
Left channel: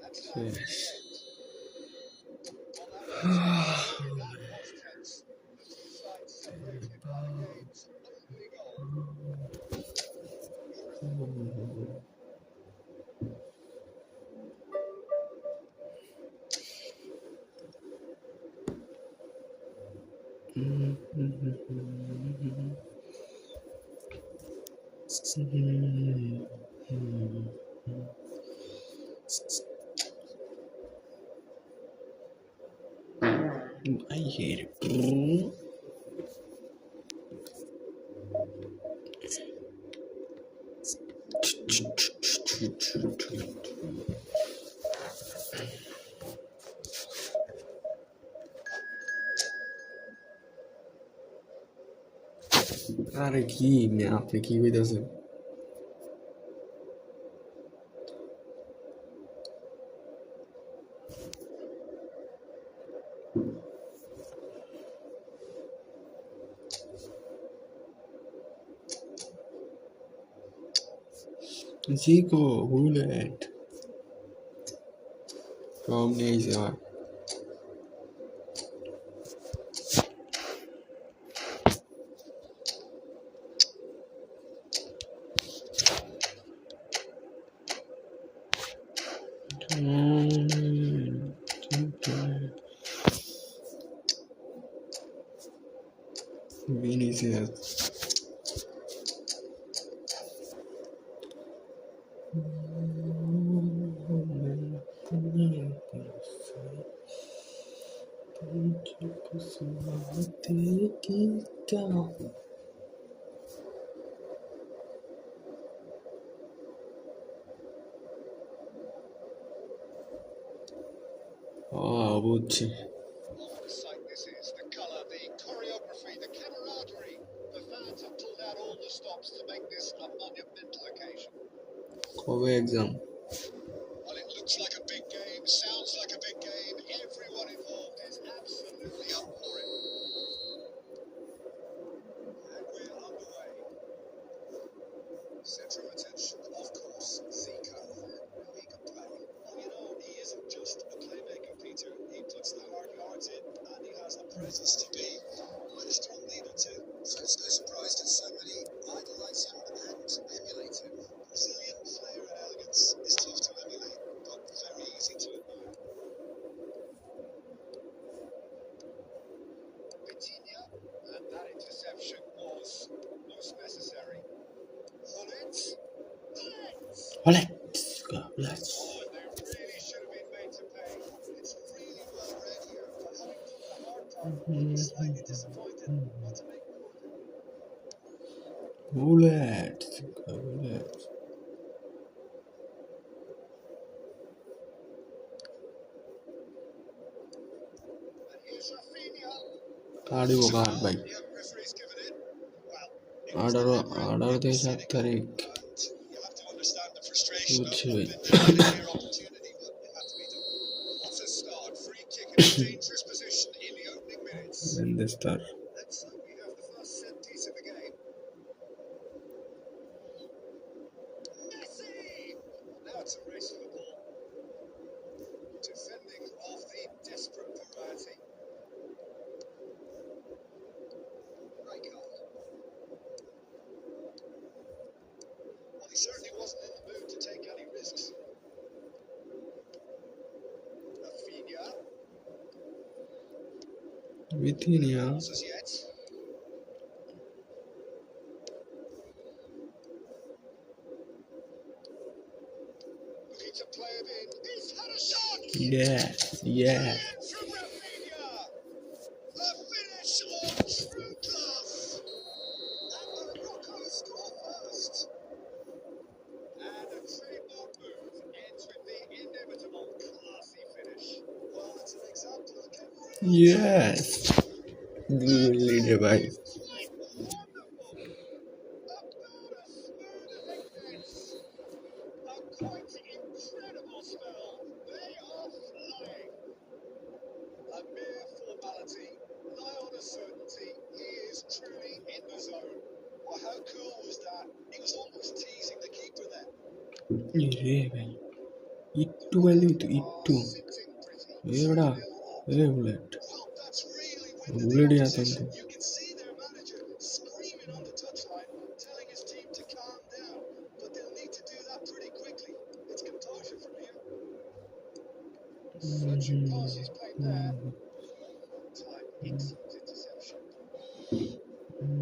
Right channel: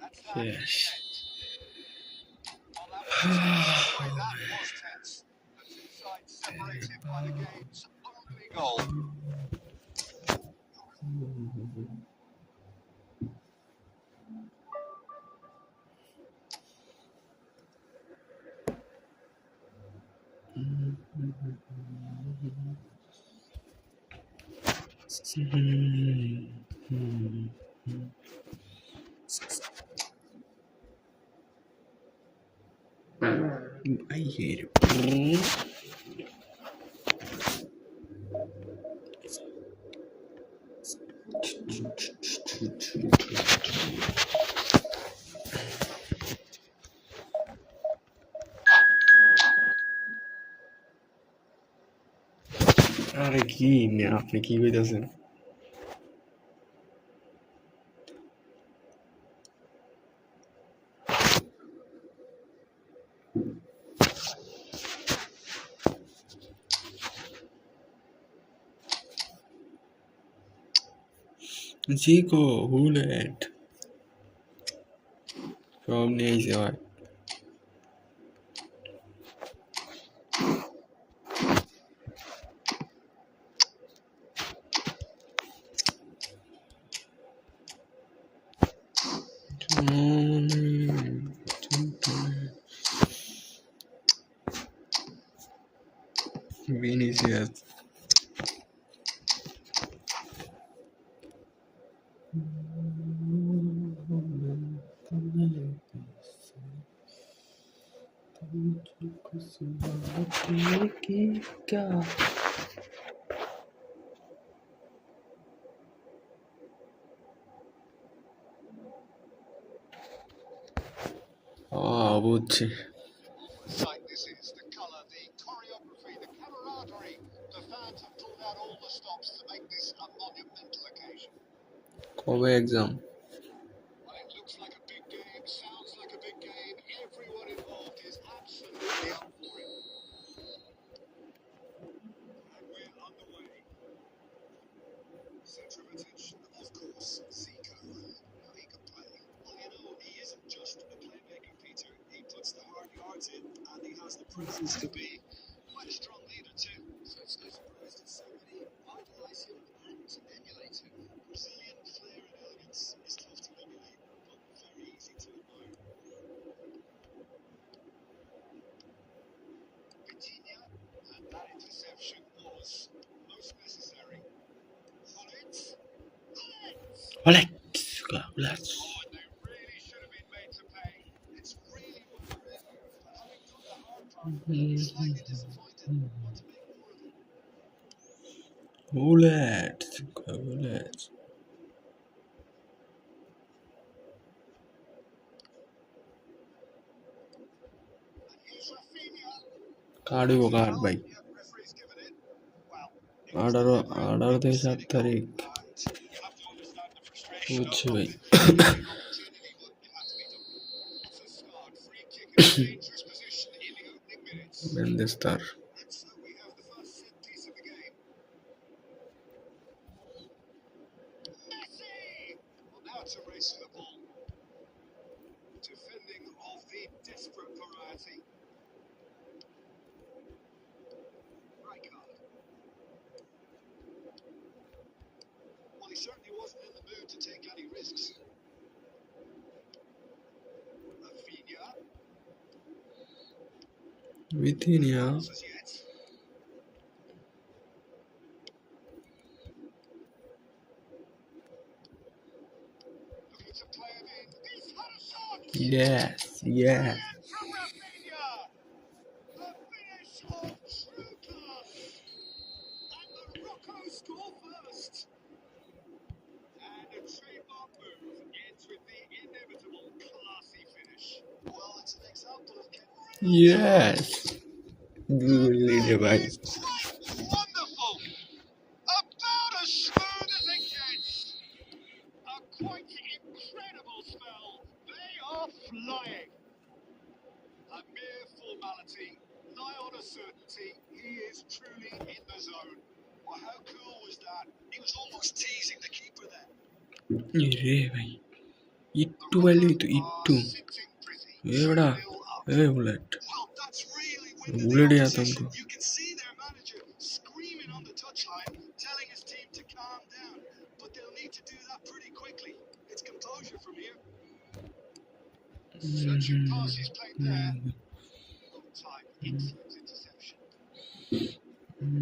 That's that in the Yes. end. Well, that was tense. Boy, that was tense. The two sides separated by the game's only goal. I hate it. আরে কি আপনি কি কইতাছেন Chico, Hullet. সব নিয়ে আইছে ভাই Vinicius. বুঝছি What a sight this is. The colour, the choreography, the camaraderie. The fans have pulled out all the stops to make this a monumental occasion. কবে exam Well, it looks like a big game, sounds like a big game. Everyone involved is absolutely up for it. And we're underway. Centre of attention, of course, Zico. Now he can play. Well, you know, he isn't just a playmaker, Peter. He puts the hard yards in, and he has the presence to be quite a strong leader too. So it's no surprise that so many idolise him and emulate him. Brazilian flair and elegance is tough to emulate, but very easy to admire. Vitinha, and that interception was most necessary. Hullet. Hullet. Oh, and they really should have been made to pay. It's really well read here, but having done the hard part, he's slightly disappointed not to make more of it. Hullet. And here's Rafinha. Card হইব card ভাই Yeah, referee's given it. Well, it was 18 deliberate, it থেকে was 7 cynical, তারিখ and you have to understand the frustration of বুঝছি not ভাই being there to take your opportunity, but it had to be done. What a start. Free kick in a dangerous position in the opening minutes. বেন্দেস্তার And so we have the first set piece of the game. Bithynia. As yet. Looking to play it in. He's had a shot. Yes, yes. Brilliant from Rafinha. A finish of true class. And Morocco score first. And a trademark move ends with the inevitable classy finish. Well, it's an example of Yes. Good leader, bhai. It's quite wonderful. About as smooth as it gets. A quite incredible spell. They are flying. A mere formality, nigh on a certainty. He is truly in the zone. Well, how cool was that? He was almost teasing the keeper there. रे भाई it to वाली तो it to Sitting pretty. ए बड़ा 2-0 up. A bullet Well, that's really winded the bullet या opposition. तुमको You can see their manager screaming on the touchline, telling his team to calm down. But they'll need to do that pretty quickly. It's composure from here. Searching pass is played there. On time, excellent interception.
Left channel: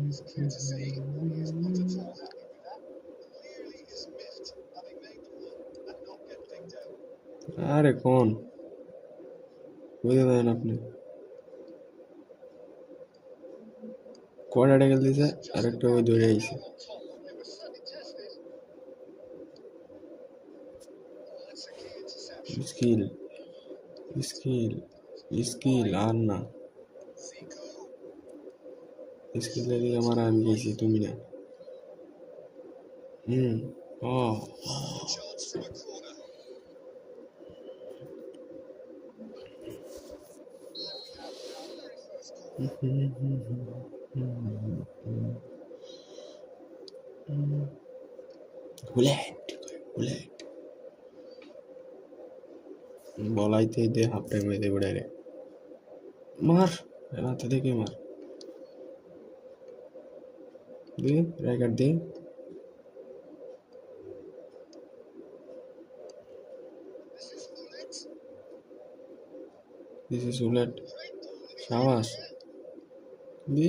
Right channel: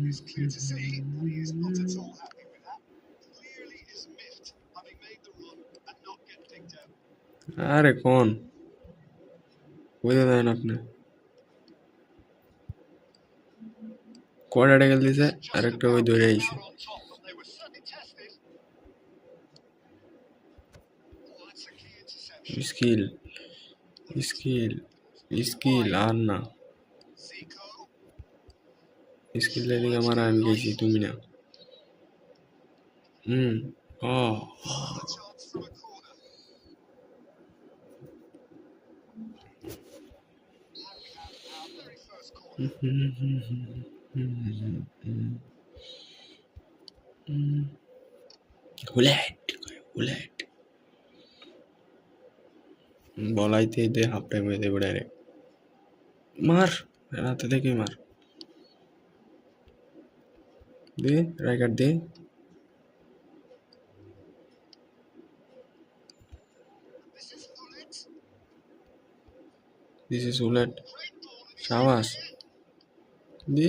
It's clear to see that he is not at all happy with that. Clearly is miffed, having made the run and not get picked out. अरे कौन বুঝে দেন আপনি কোয়াডাটা গেল দিছে আরেকটা ওই দৌড়ে আইছে Out on top, but they were certainly tested. Oh, that's a key interception. Skill skill skill আর না Zico. স্কিল দিকে আমার আমি গেছি তুমি না হুম ও A chance from a corner. And we have our very first corner. Bullet bullet বলাইতে দে হাফ টাইম হয়ে দেবে ডাইরেক্ট মার রাতে দেখে মার দে রাইকার দে This is Gullit. This is bullet Great ball in his সাবাস area. দে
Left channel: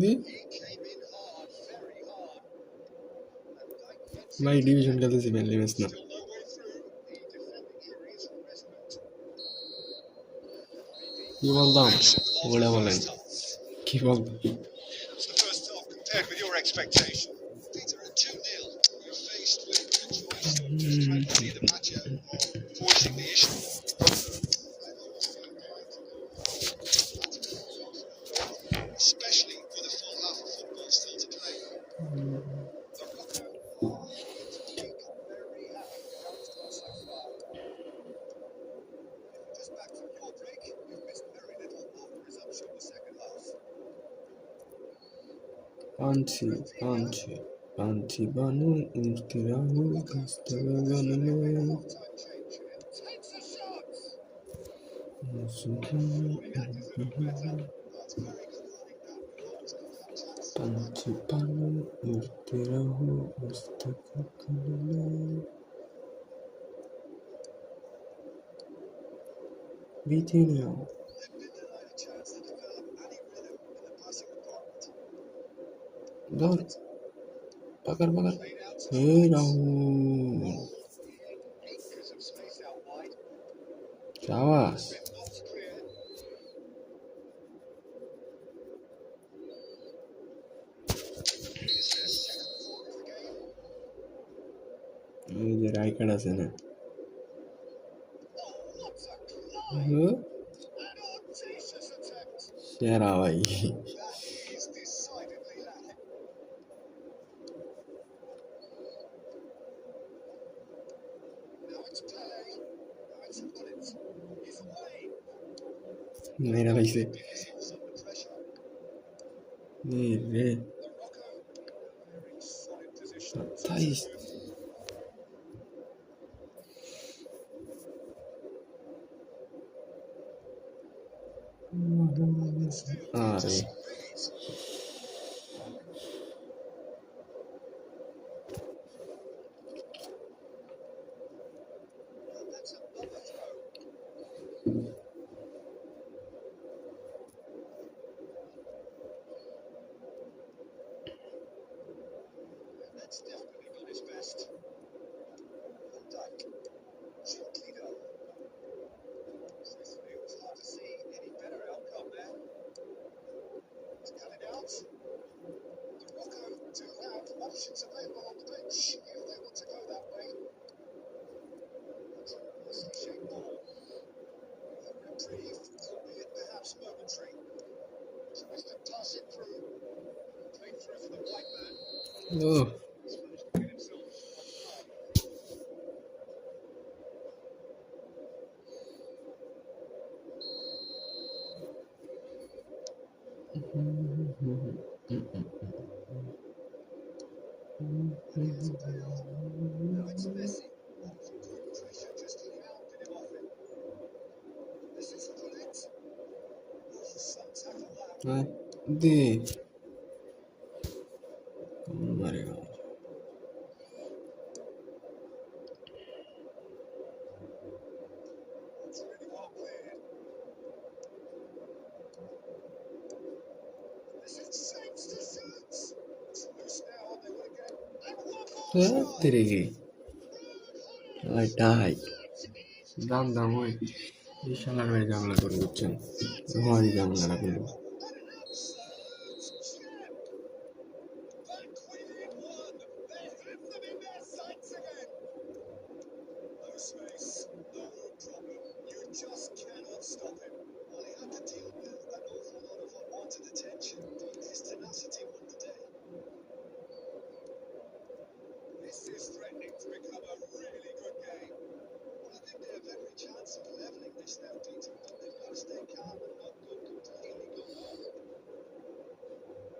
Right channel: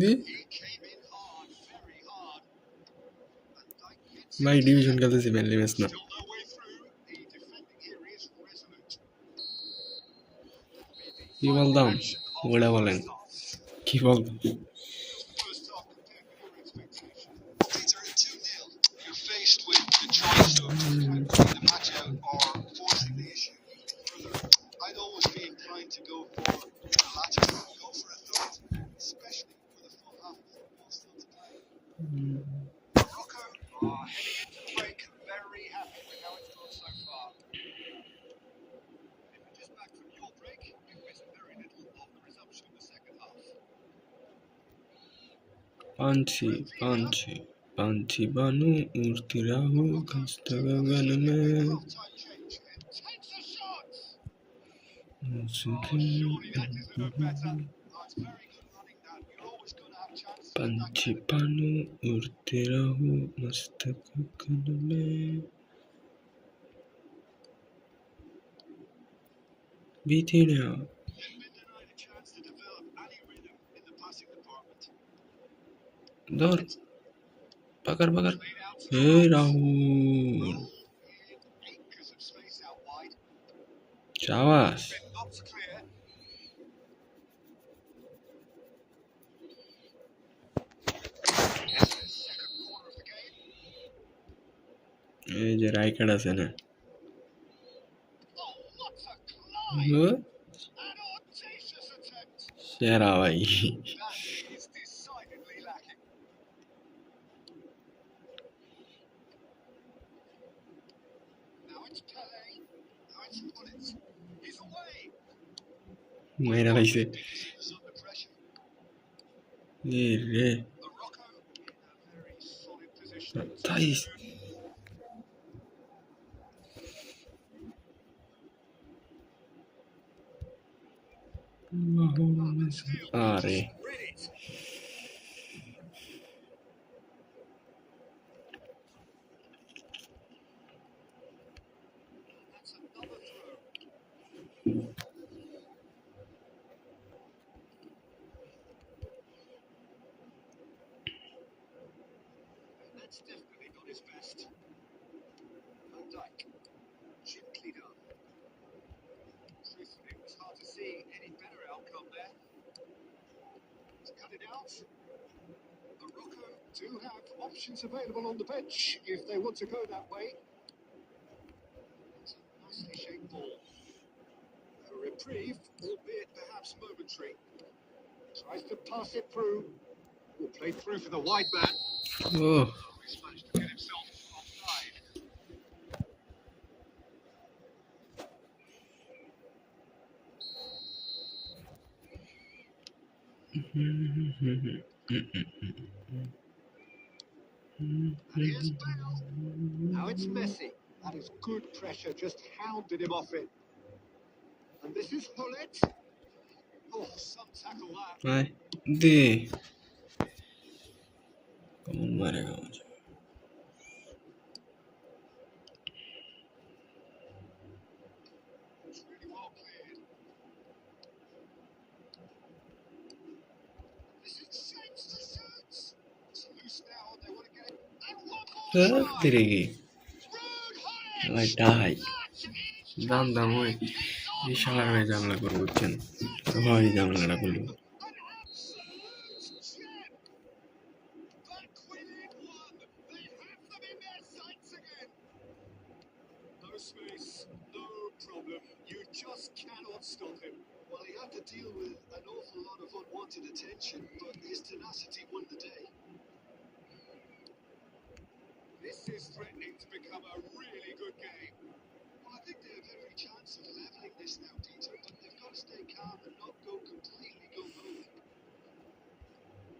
দে He came in hard, very hard. And Dyke gets ভাই it. ডিভিশন খেলতেছি ফ্রেন্ডলি ম্যাচ না Still no way through. The defending here is resolute. কি বলতাম Action of ওটা the বলেন first half. কি বলতাম How's the first half compared with your expectation? Peter, at 2-0, you're faced with the choice of trying to see the match out or forcing the issue. I'd always be inclined to go for the latter, go for a third, especially with a full half of football still to play. Morocco are heading into break very happy with how it's gone so far. If you're just back from your break, you've missed very little of the resumption of the second half. पांछी पांछी पांछी बानू उड़ती राहू खस्ता गगन में Half-time change. Takes a shot. Surely that deserved better. Oh, it's very good running that. You're always going to have chances. पंछी बानू उड़ते राहू मस्त गगन में बीती ना They've been denied a chance to develop any rhythm in the passing department. दौड़ पकड़ पकड़ Played out to hey the right. Rahul Acres of space out wide. शाबाश Been knocked clear. This is second corner of the game. এই যে Rijkaard আছে না Oh, what a climb! O An audacious attempt. সেরা ভাই That is decidedly lacking. Now it's Pele. Now it's Gullit. He's away. মাইরা লাইছে Because he was under pressure. এ রে Morocco in a very solid position. তাইস আরে Read it. And that's another throw. options available on the bench if they want to go that way. It's a nicely shaped ball. A reprieve, albeit perhaps momentary. Tries to pass it through. Played through for the wide man. Oh, He's managed to get himself offside. And here's Bale. Now it's Messi. That is good pressure, just hounded him off it. And this is Hullet. Oh, some tackle that. ay, de. कौन मारेगा मुझे? It's really well played. This is Saints to shoots. It's loose now. They want to get it. And one more try. तेरे की Hullet. भाई die That is জানতাম ওই এই শালার ভাই ঝামেলা করে বুঝছেন হয় ঝামেলাটা করলো an absolute gem. Back within one. They have them in their sights again. No space, no problem. You just cannot stop him. Well, he had to deal with an awful lot of unwanted attention, but his tenacity won the day. This is threatening to become a really good game. Well, I think they have every chance of levelling this now, Peter, but they've got to stay calm and not go completely gung-ho.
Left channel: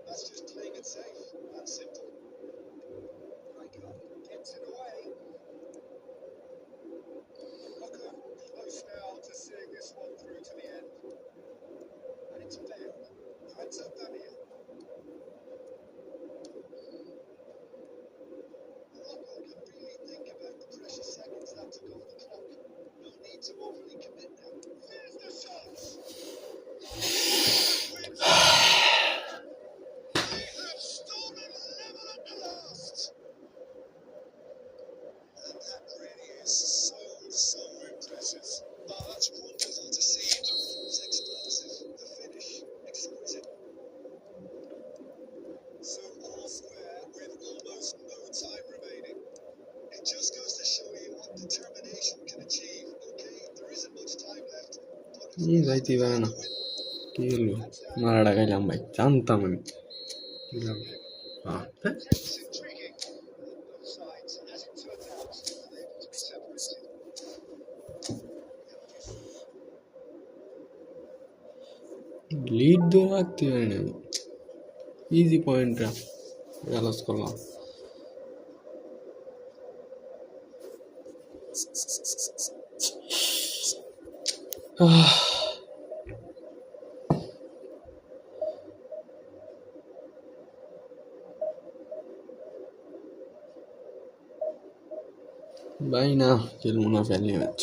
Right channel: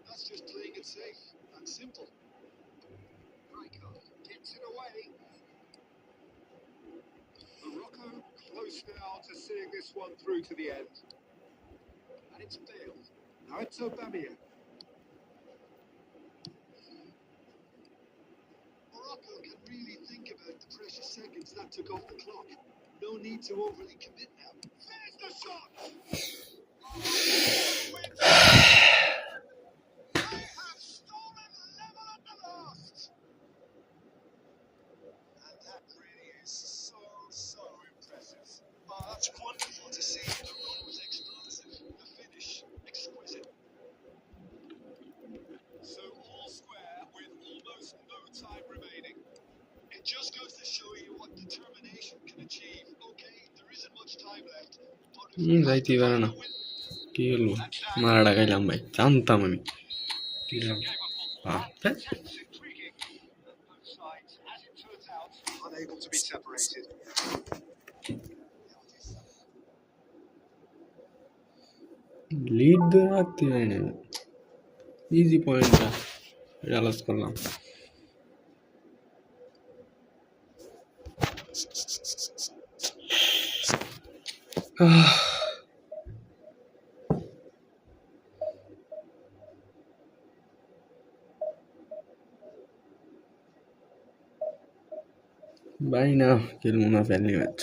That's just playing it safe and simple. Riker gets it away. Morocco close now to seeing this one through to the end. And it's Bale. Now it's Aubameyang. Morocco can really think about the precious seconds that took off the clock. No need to overly commit now. There's the shot! Wins it. They have stolen level at the last. And that really is so impressive. Oh, that's wonderful to see. The run was explosive. The finish, exquisite. So all square with almost no time remaining. It just goes to show you what determination can achieve. Okay, there isn't much time left. But if we have যাইতে to পারে find না a win, কি হলো মারাটা খাইলাম ভাই জানতাম আমি কি হলো? intense, intriguing. And both sides, as it turns out, unable to be separated. Lead ধরে রাখতে পারি না ইজি পয়েন্টটা এটা লস করলাম ভাই না খেলবো না ফেলনি ম্যাচ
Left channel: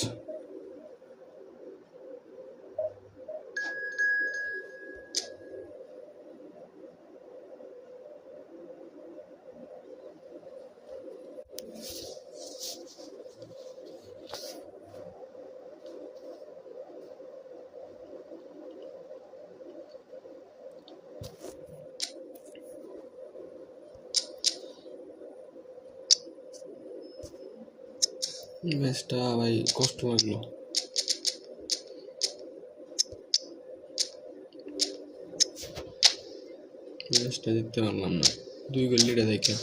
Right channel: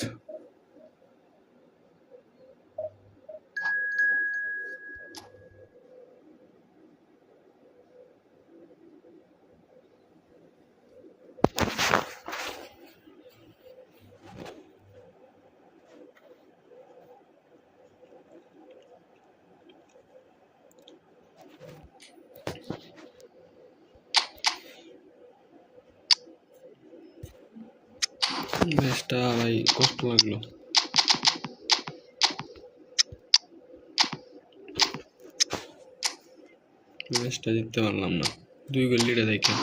ম্যাচটা ভাই কষ্ট লাগলো ম্যাচটা জিততে পারলাম না 2 গোল লিডে দেখে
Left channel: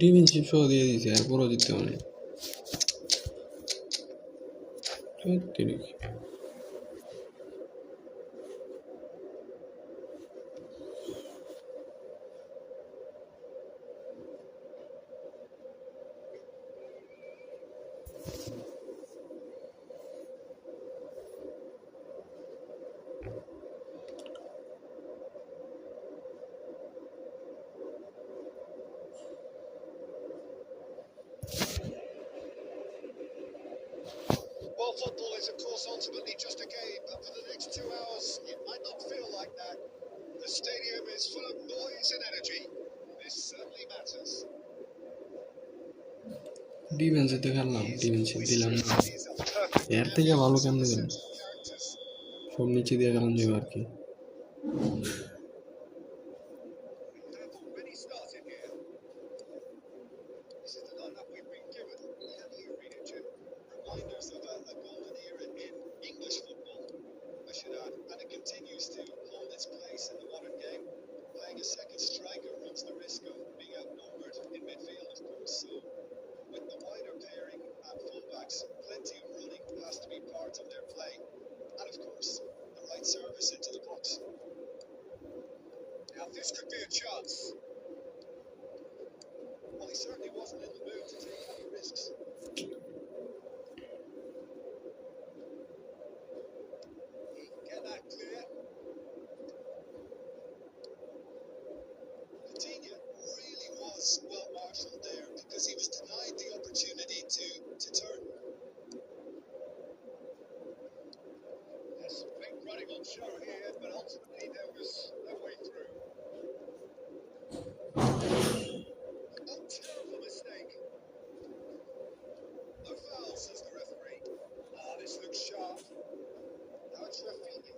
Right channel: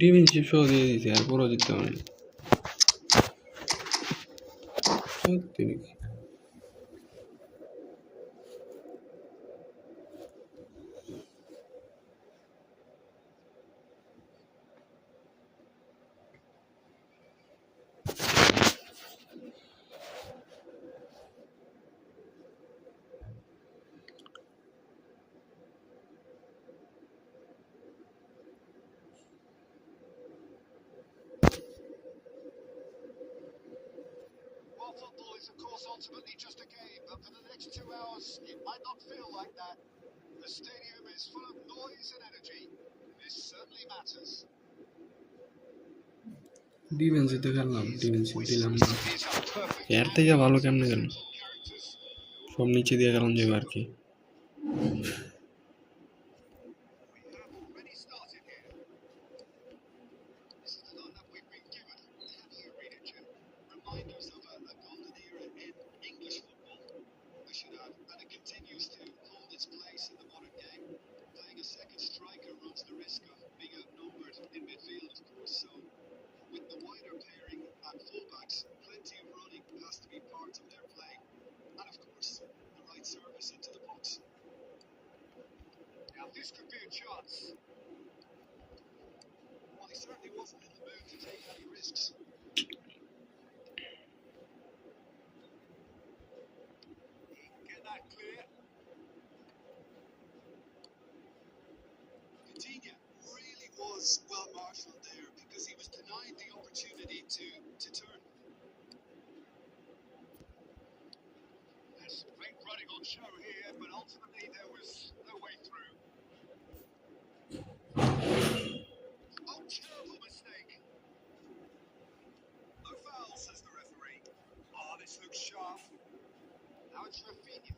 ডিফেন্সিভ শো দিয়ে দিয়েছে আর পুরো জিততে পারিনি সত্যি নাকি Well, football is, of course, ultimately just a game, but for the next 2 hours, it might not feel like that. The stadium is full of noise and energy. This certainly matters. ডিফেন্সিতে খেললাম defensive দিলাম না These are perfect এর থেকে ভালো কেমনে গেল sensible characters. সব নিচে দিয়ে গেলাম যাবে আর কি We have already started here. Now this could be a chance. Well, he certainly wasn't in the mood to take any risks. He can get that clear. Coutinho really was well marshalled there because he was denied the opportunity to turn. There's some great running on show here, but ultimately there was no way through. Oh, terrible mistake. No foul, says the referee. Oh, this looks sharp. Now it's Rafinha.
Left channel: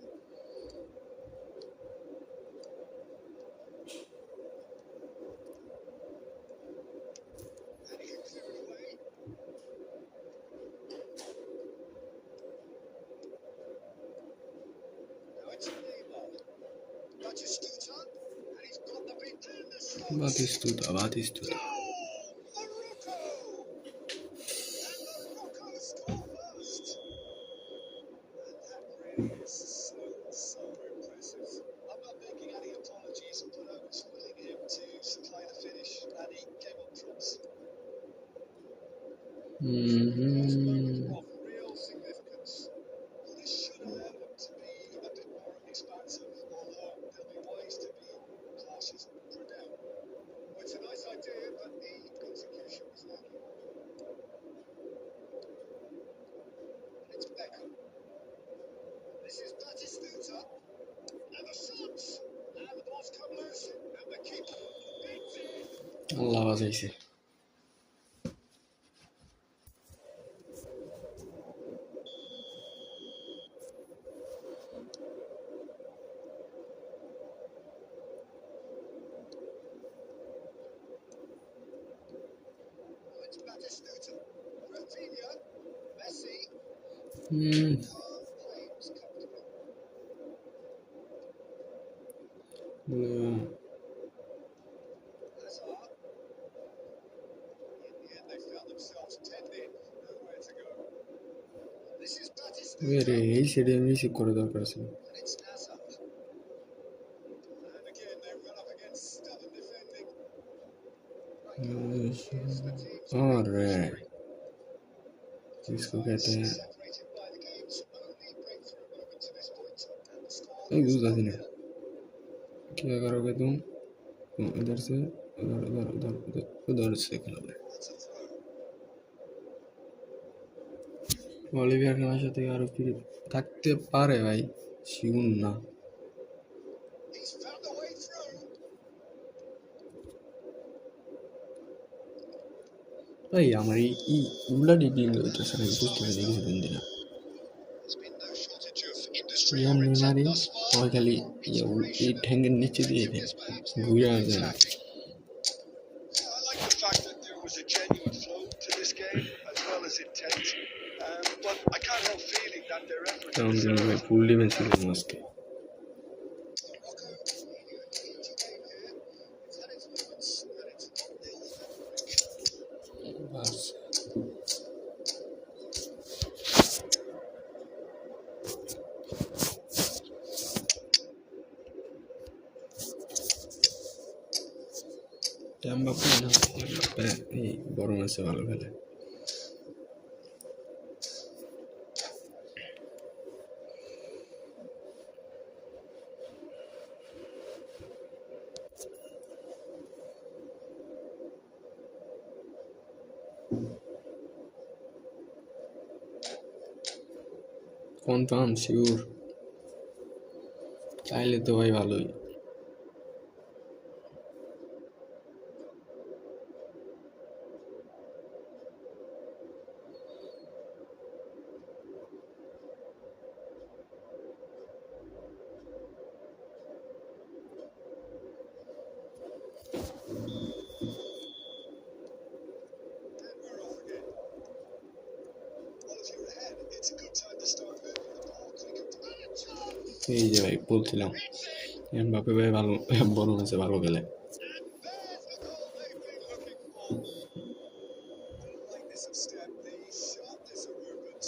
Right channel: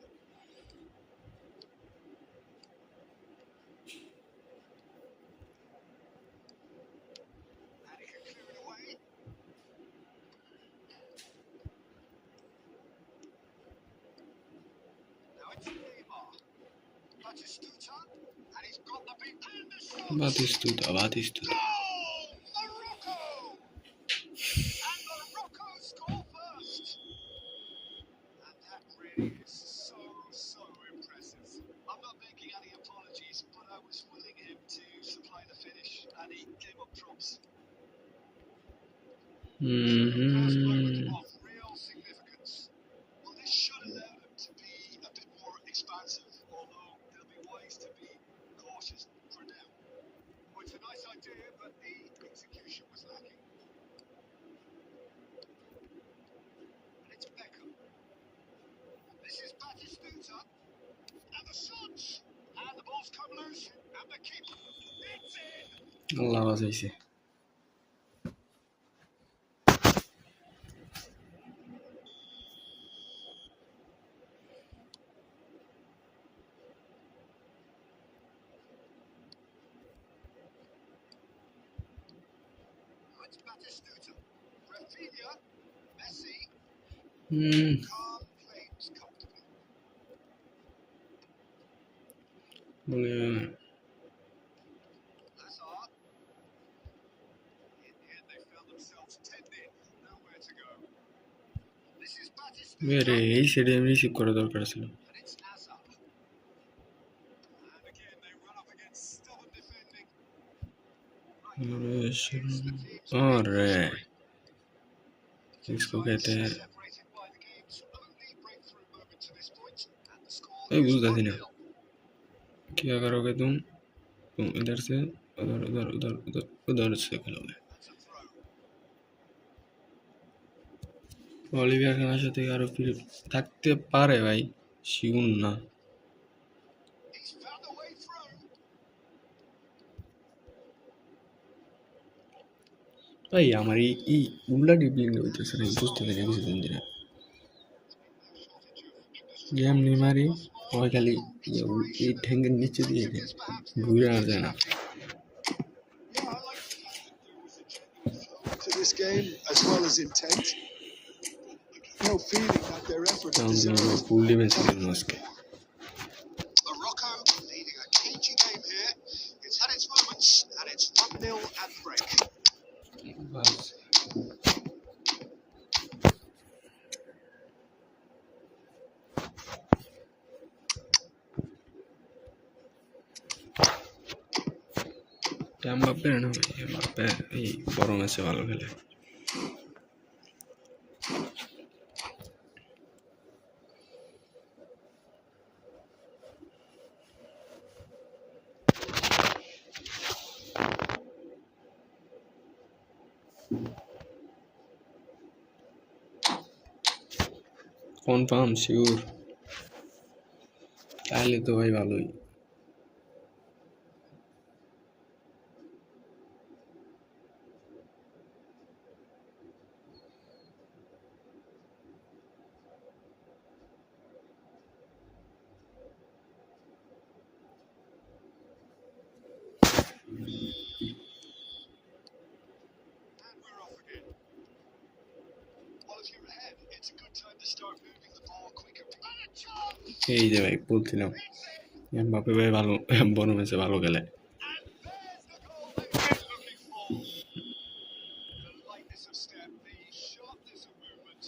And he can clear it away. Now it's Neymar. Batistuta. And he's got the beat. And the shot. Batistuta. Goal! Morocco! And Morocco score first. And that really is so impressive. I'm not making any apologies, but I was willing him to supply the finish, and he came up trumps. First moment of real significance. Well, this should allow them to be a bit more expansive, although they'll be wise to be cautious for now. Well, it's a nice idea, but the execution was lacking. And it's Beckham. This is Batistuta. And the shots. And the ball's come loose. And the keeper. It's in. আল্লাহ বাঁচাইছে Now it's Batistuta. Rafinha. Messi. Calm claims comfortably. বলে Hazard. In the end, they found themselves 10 in. Nowhere to go. This is রে Batistuta. এই সেটে আমি receive করা দরকার ছিল And it's Hazard. And again, they run up against stubborn defending. Right now, here's the team's আরে victory. Two इसको sides कहते हैं separated by the game's only breakthrough moment to this point, and the score A is बुझता थी ना 1-0. क्या करोगे तुम इधर से उधर उधर उधर उधर उधर से खेलोगे That's a throw. অলিভিয়ার খানের সাথে আরো ফিরে থাকতে পারে ভাই শিউন না He's found a way through. ভাই আমার এই উল্লা ডিবলিং হইতেছে না বুঝতেছি না কিছুদিন ধরে There's been no shortage of industry এমনি or মারি intent thus far. ওই খালি এই ঠ্যাঙ্গের নিচে দিয়ে দেয় ঘুরে আর যায় না Yeah, I like the fact that there was a genuine flow to this game as well as intent. But I can't help feeling that their efforts কারণ কিন্তু ভাই deserved ফুল ডিফেন্স ছিল আজকে Morocco leading a cagey game here. It's had its moments, and it's 1-0 at the break. Bus Mbappe না Mbappe এই বড় ম্যাচে ভালো খেলে কনফার্ম শিওর তাহলে তো ভাই ভালোই and we're off again. Well, if you're ahead, it's a good time to start moving the ball quicker. And a chance! এই যে ভাই বলছিলাম It's in, এমবাপ্পে ভাই ভালো বড় ম্যাচে ভালো খেলে and there's the goal they've been looking for. The lightness of step, the sharpness of movement,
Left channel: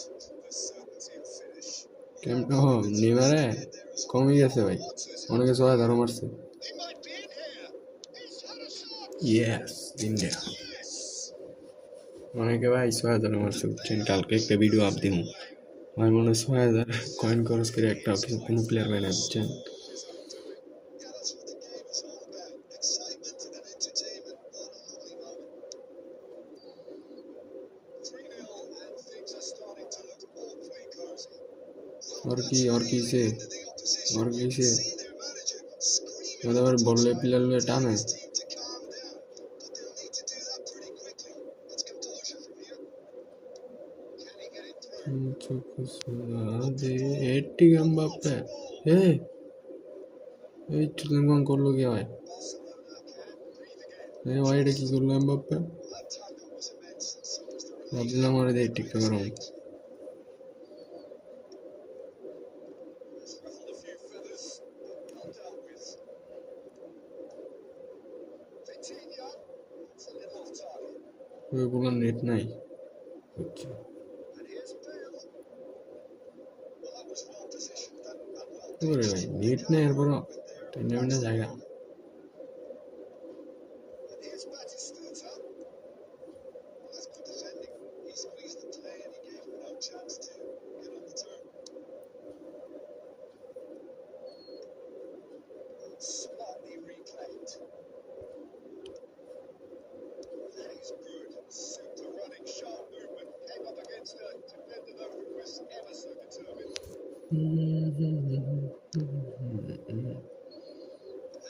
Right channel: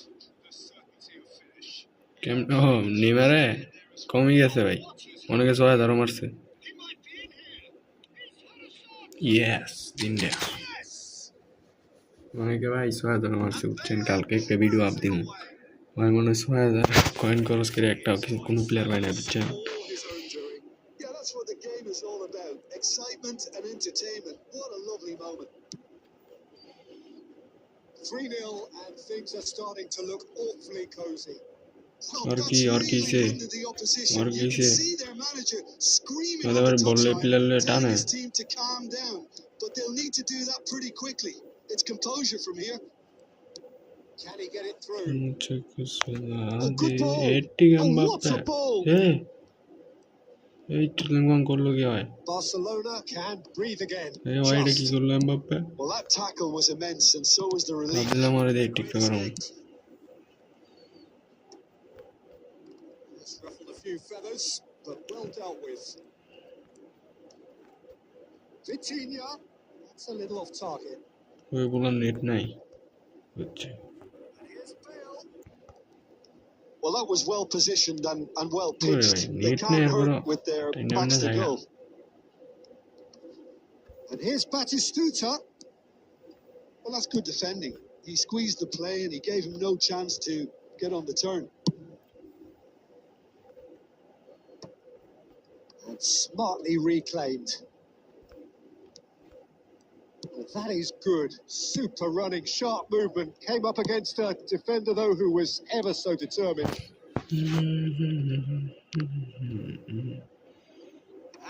the certainty of finish. নেইমারে কমই গেছে ভাই What has অনেকে 6,000 মারছে He might be ইয়েস তিনটা অনেকে ভাই ৬,০০০ মারছে বুঝছেন কালকে একটা ভিডিও আপ দিমু আমার মনে হয় ৬,০০০ কয়েন খরচ করে একটা কোনো প্লেয়ার পায় না বুঝছেন All his own doing. Yeah, that's what the game is all about. Excitement and entertainment. What a lovely moment. 3-0 and things are starting to look awfully cosy. Well, और that's की really से under the opposition. और You की can से see their manager screaming on मतलब the बॉले touchline, player ले telling टाने his team to calm down. But they'll need to do that pretty quickly. It's composure from here. Can he get it through? मुझे कुछ सुना Oh, they good ball. 80 Oh, gum what बापे a ball. ए এই ট্রিলিংওয়ান করলো কি হয় Barcelona can breathe again. এই ওয়াইডে কি Just. করলো Mbappe Well, that tackle was immense, and so was the relief. ভাবলাম আরে দেই Great টিকটক করুন escape. It's ruffled a few feathers, but well dealt with. Vitinha, that's a little off target. ওই বলার net নাই বুঝছে And here's Bale. Well, that was well positioned and well ওরে pitched. ভাই They নেট can't নেই আর বড় cope with their টাইনা backs Mina to জায়গা goal. And here's Batistuta. Well, that's good defending. He squeezed the play and he gave him no chance to get on the turn. And smartly reclaimed. That is good. Super running, sharp movement. Came up against a defender, though, who was ever so determined.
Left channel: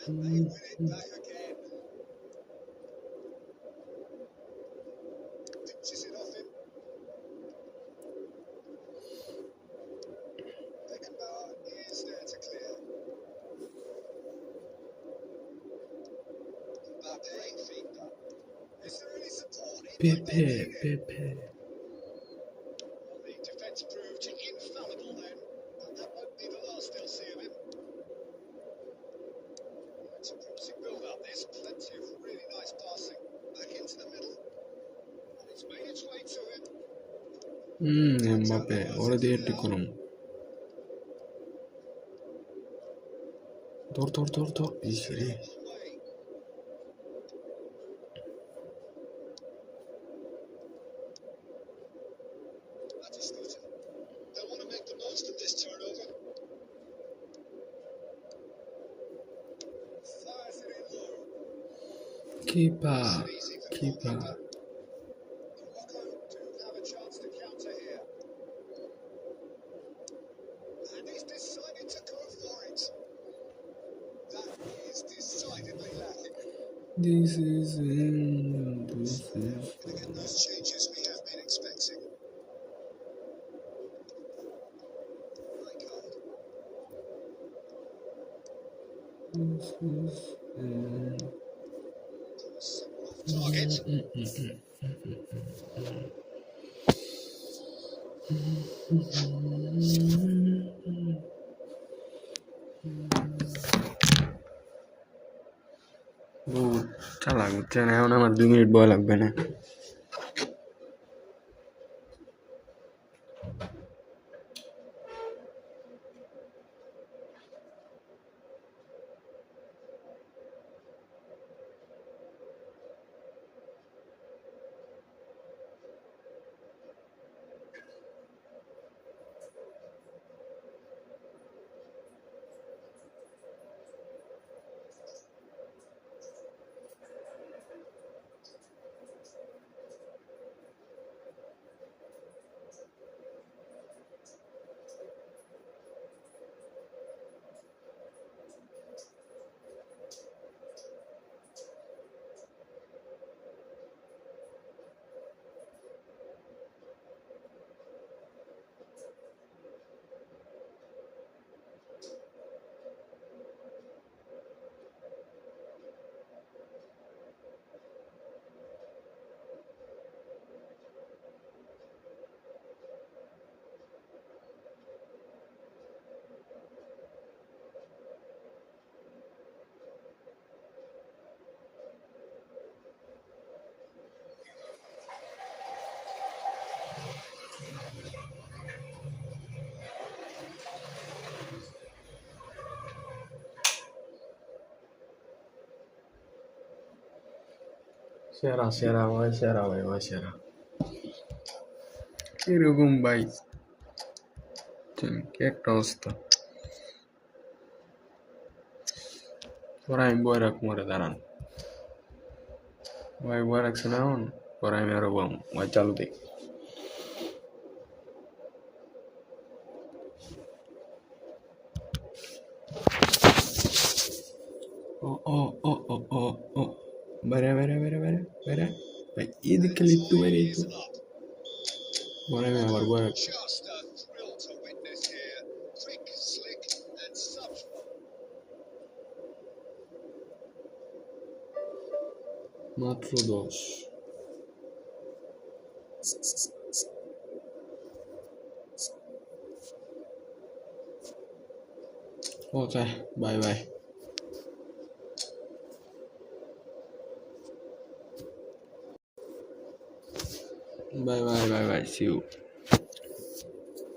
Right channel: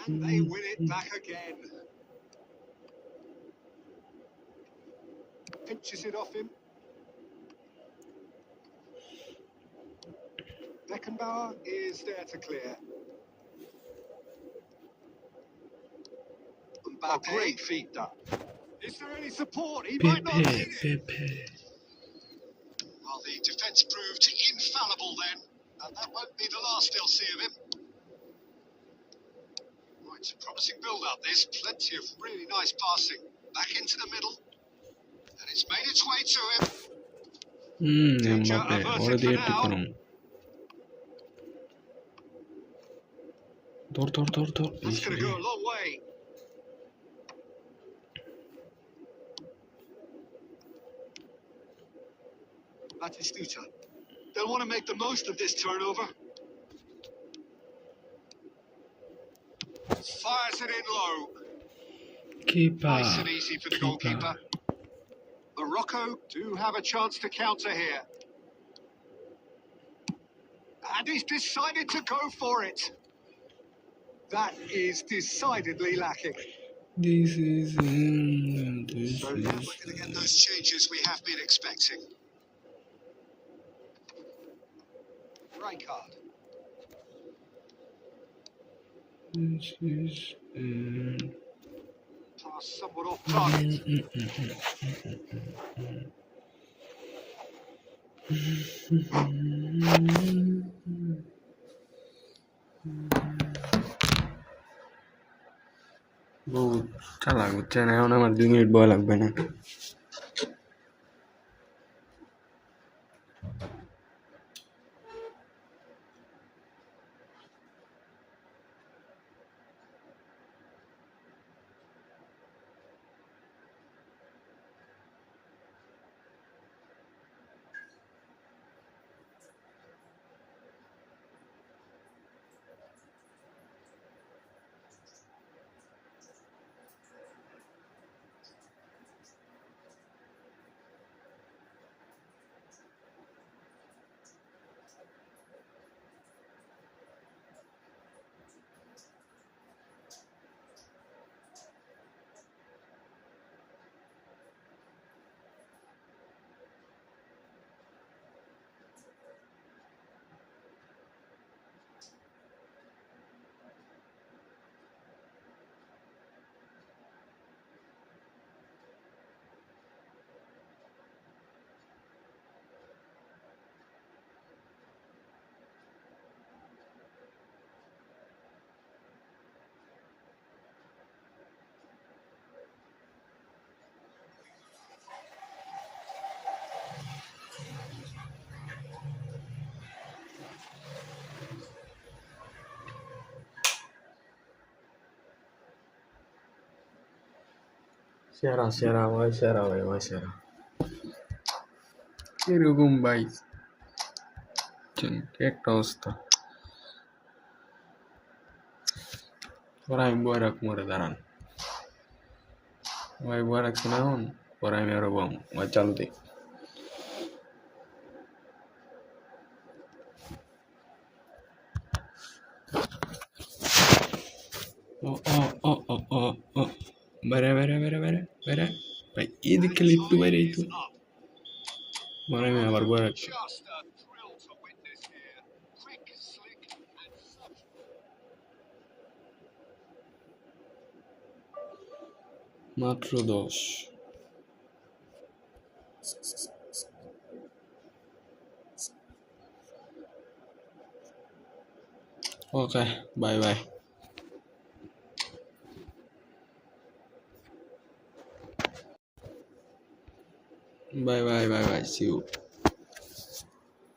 And they win it back again. Pinches it off him. Beckenbauer is there to clear. Mbappe. Great feet done. Is there any support? He might not পেপে need it. পেপে Well, the defence proved infallible then, and that won't be the last they'll see of him. Right, promising build-up. There's plenty of really nice passing. Back into the middle, and it's made its way to him. Mbappe ওরে দিয়ে ঠিক করুন ধর ধর ধর ধর That's going to go a long way. Batistuta. They'll want to make the most of this turnover. Fires it in low. কিপা Nice and easy for the কিপা goalkeeper. Morocco do have a chance to counter here. And he's decided to go for it. That is decidedly lacking. this is So now we're going to get those changes we have been expecting. Right card. this is Pass somewhat off target. বহুত চালাক বুঝছেন এখন আমার 2 minute বয় লাগবে না সেরা সেরা ভাই, সেরা ভাই, ভাই সেরা। এরকম ভাই কি একটা অবস্থা। পরে আমি বয়ে রাখ মরে দাঁড়ান ভাই, বয়ে রাখছি না এখন, পরে আমি আরো বাম ভাই চালু দিই। ও ও ও ও ও ও বাইরে বাইরে বাইরে বাইরে বাইরে ভাই, এদিক খেলে একটু বাইরে এই তো, Time is up. পরে আমি আবার বয়ে রাখছি। Just a thrill to witness here. Quick, slick, and such fun. মাত্র 10। Okay, bye bye bye bye bye bye, see you.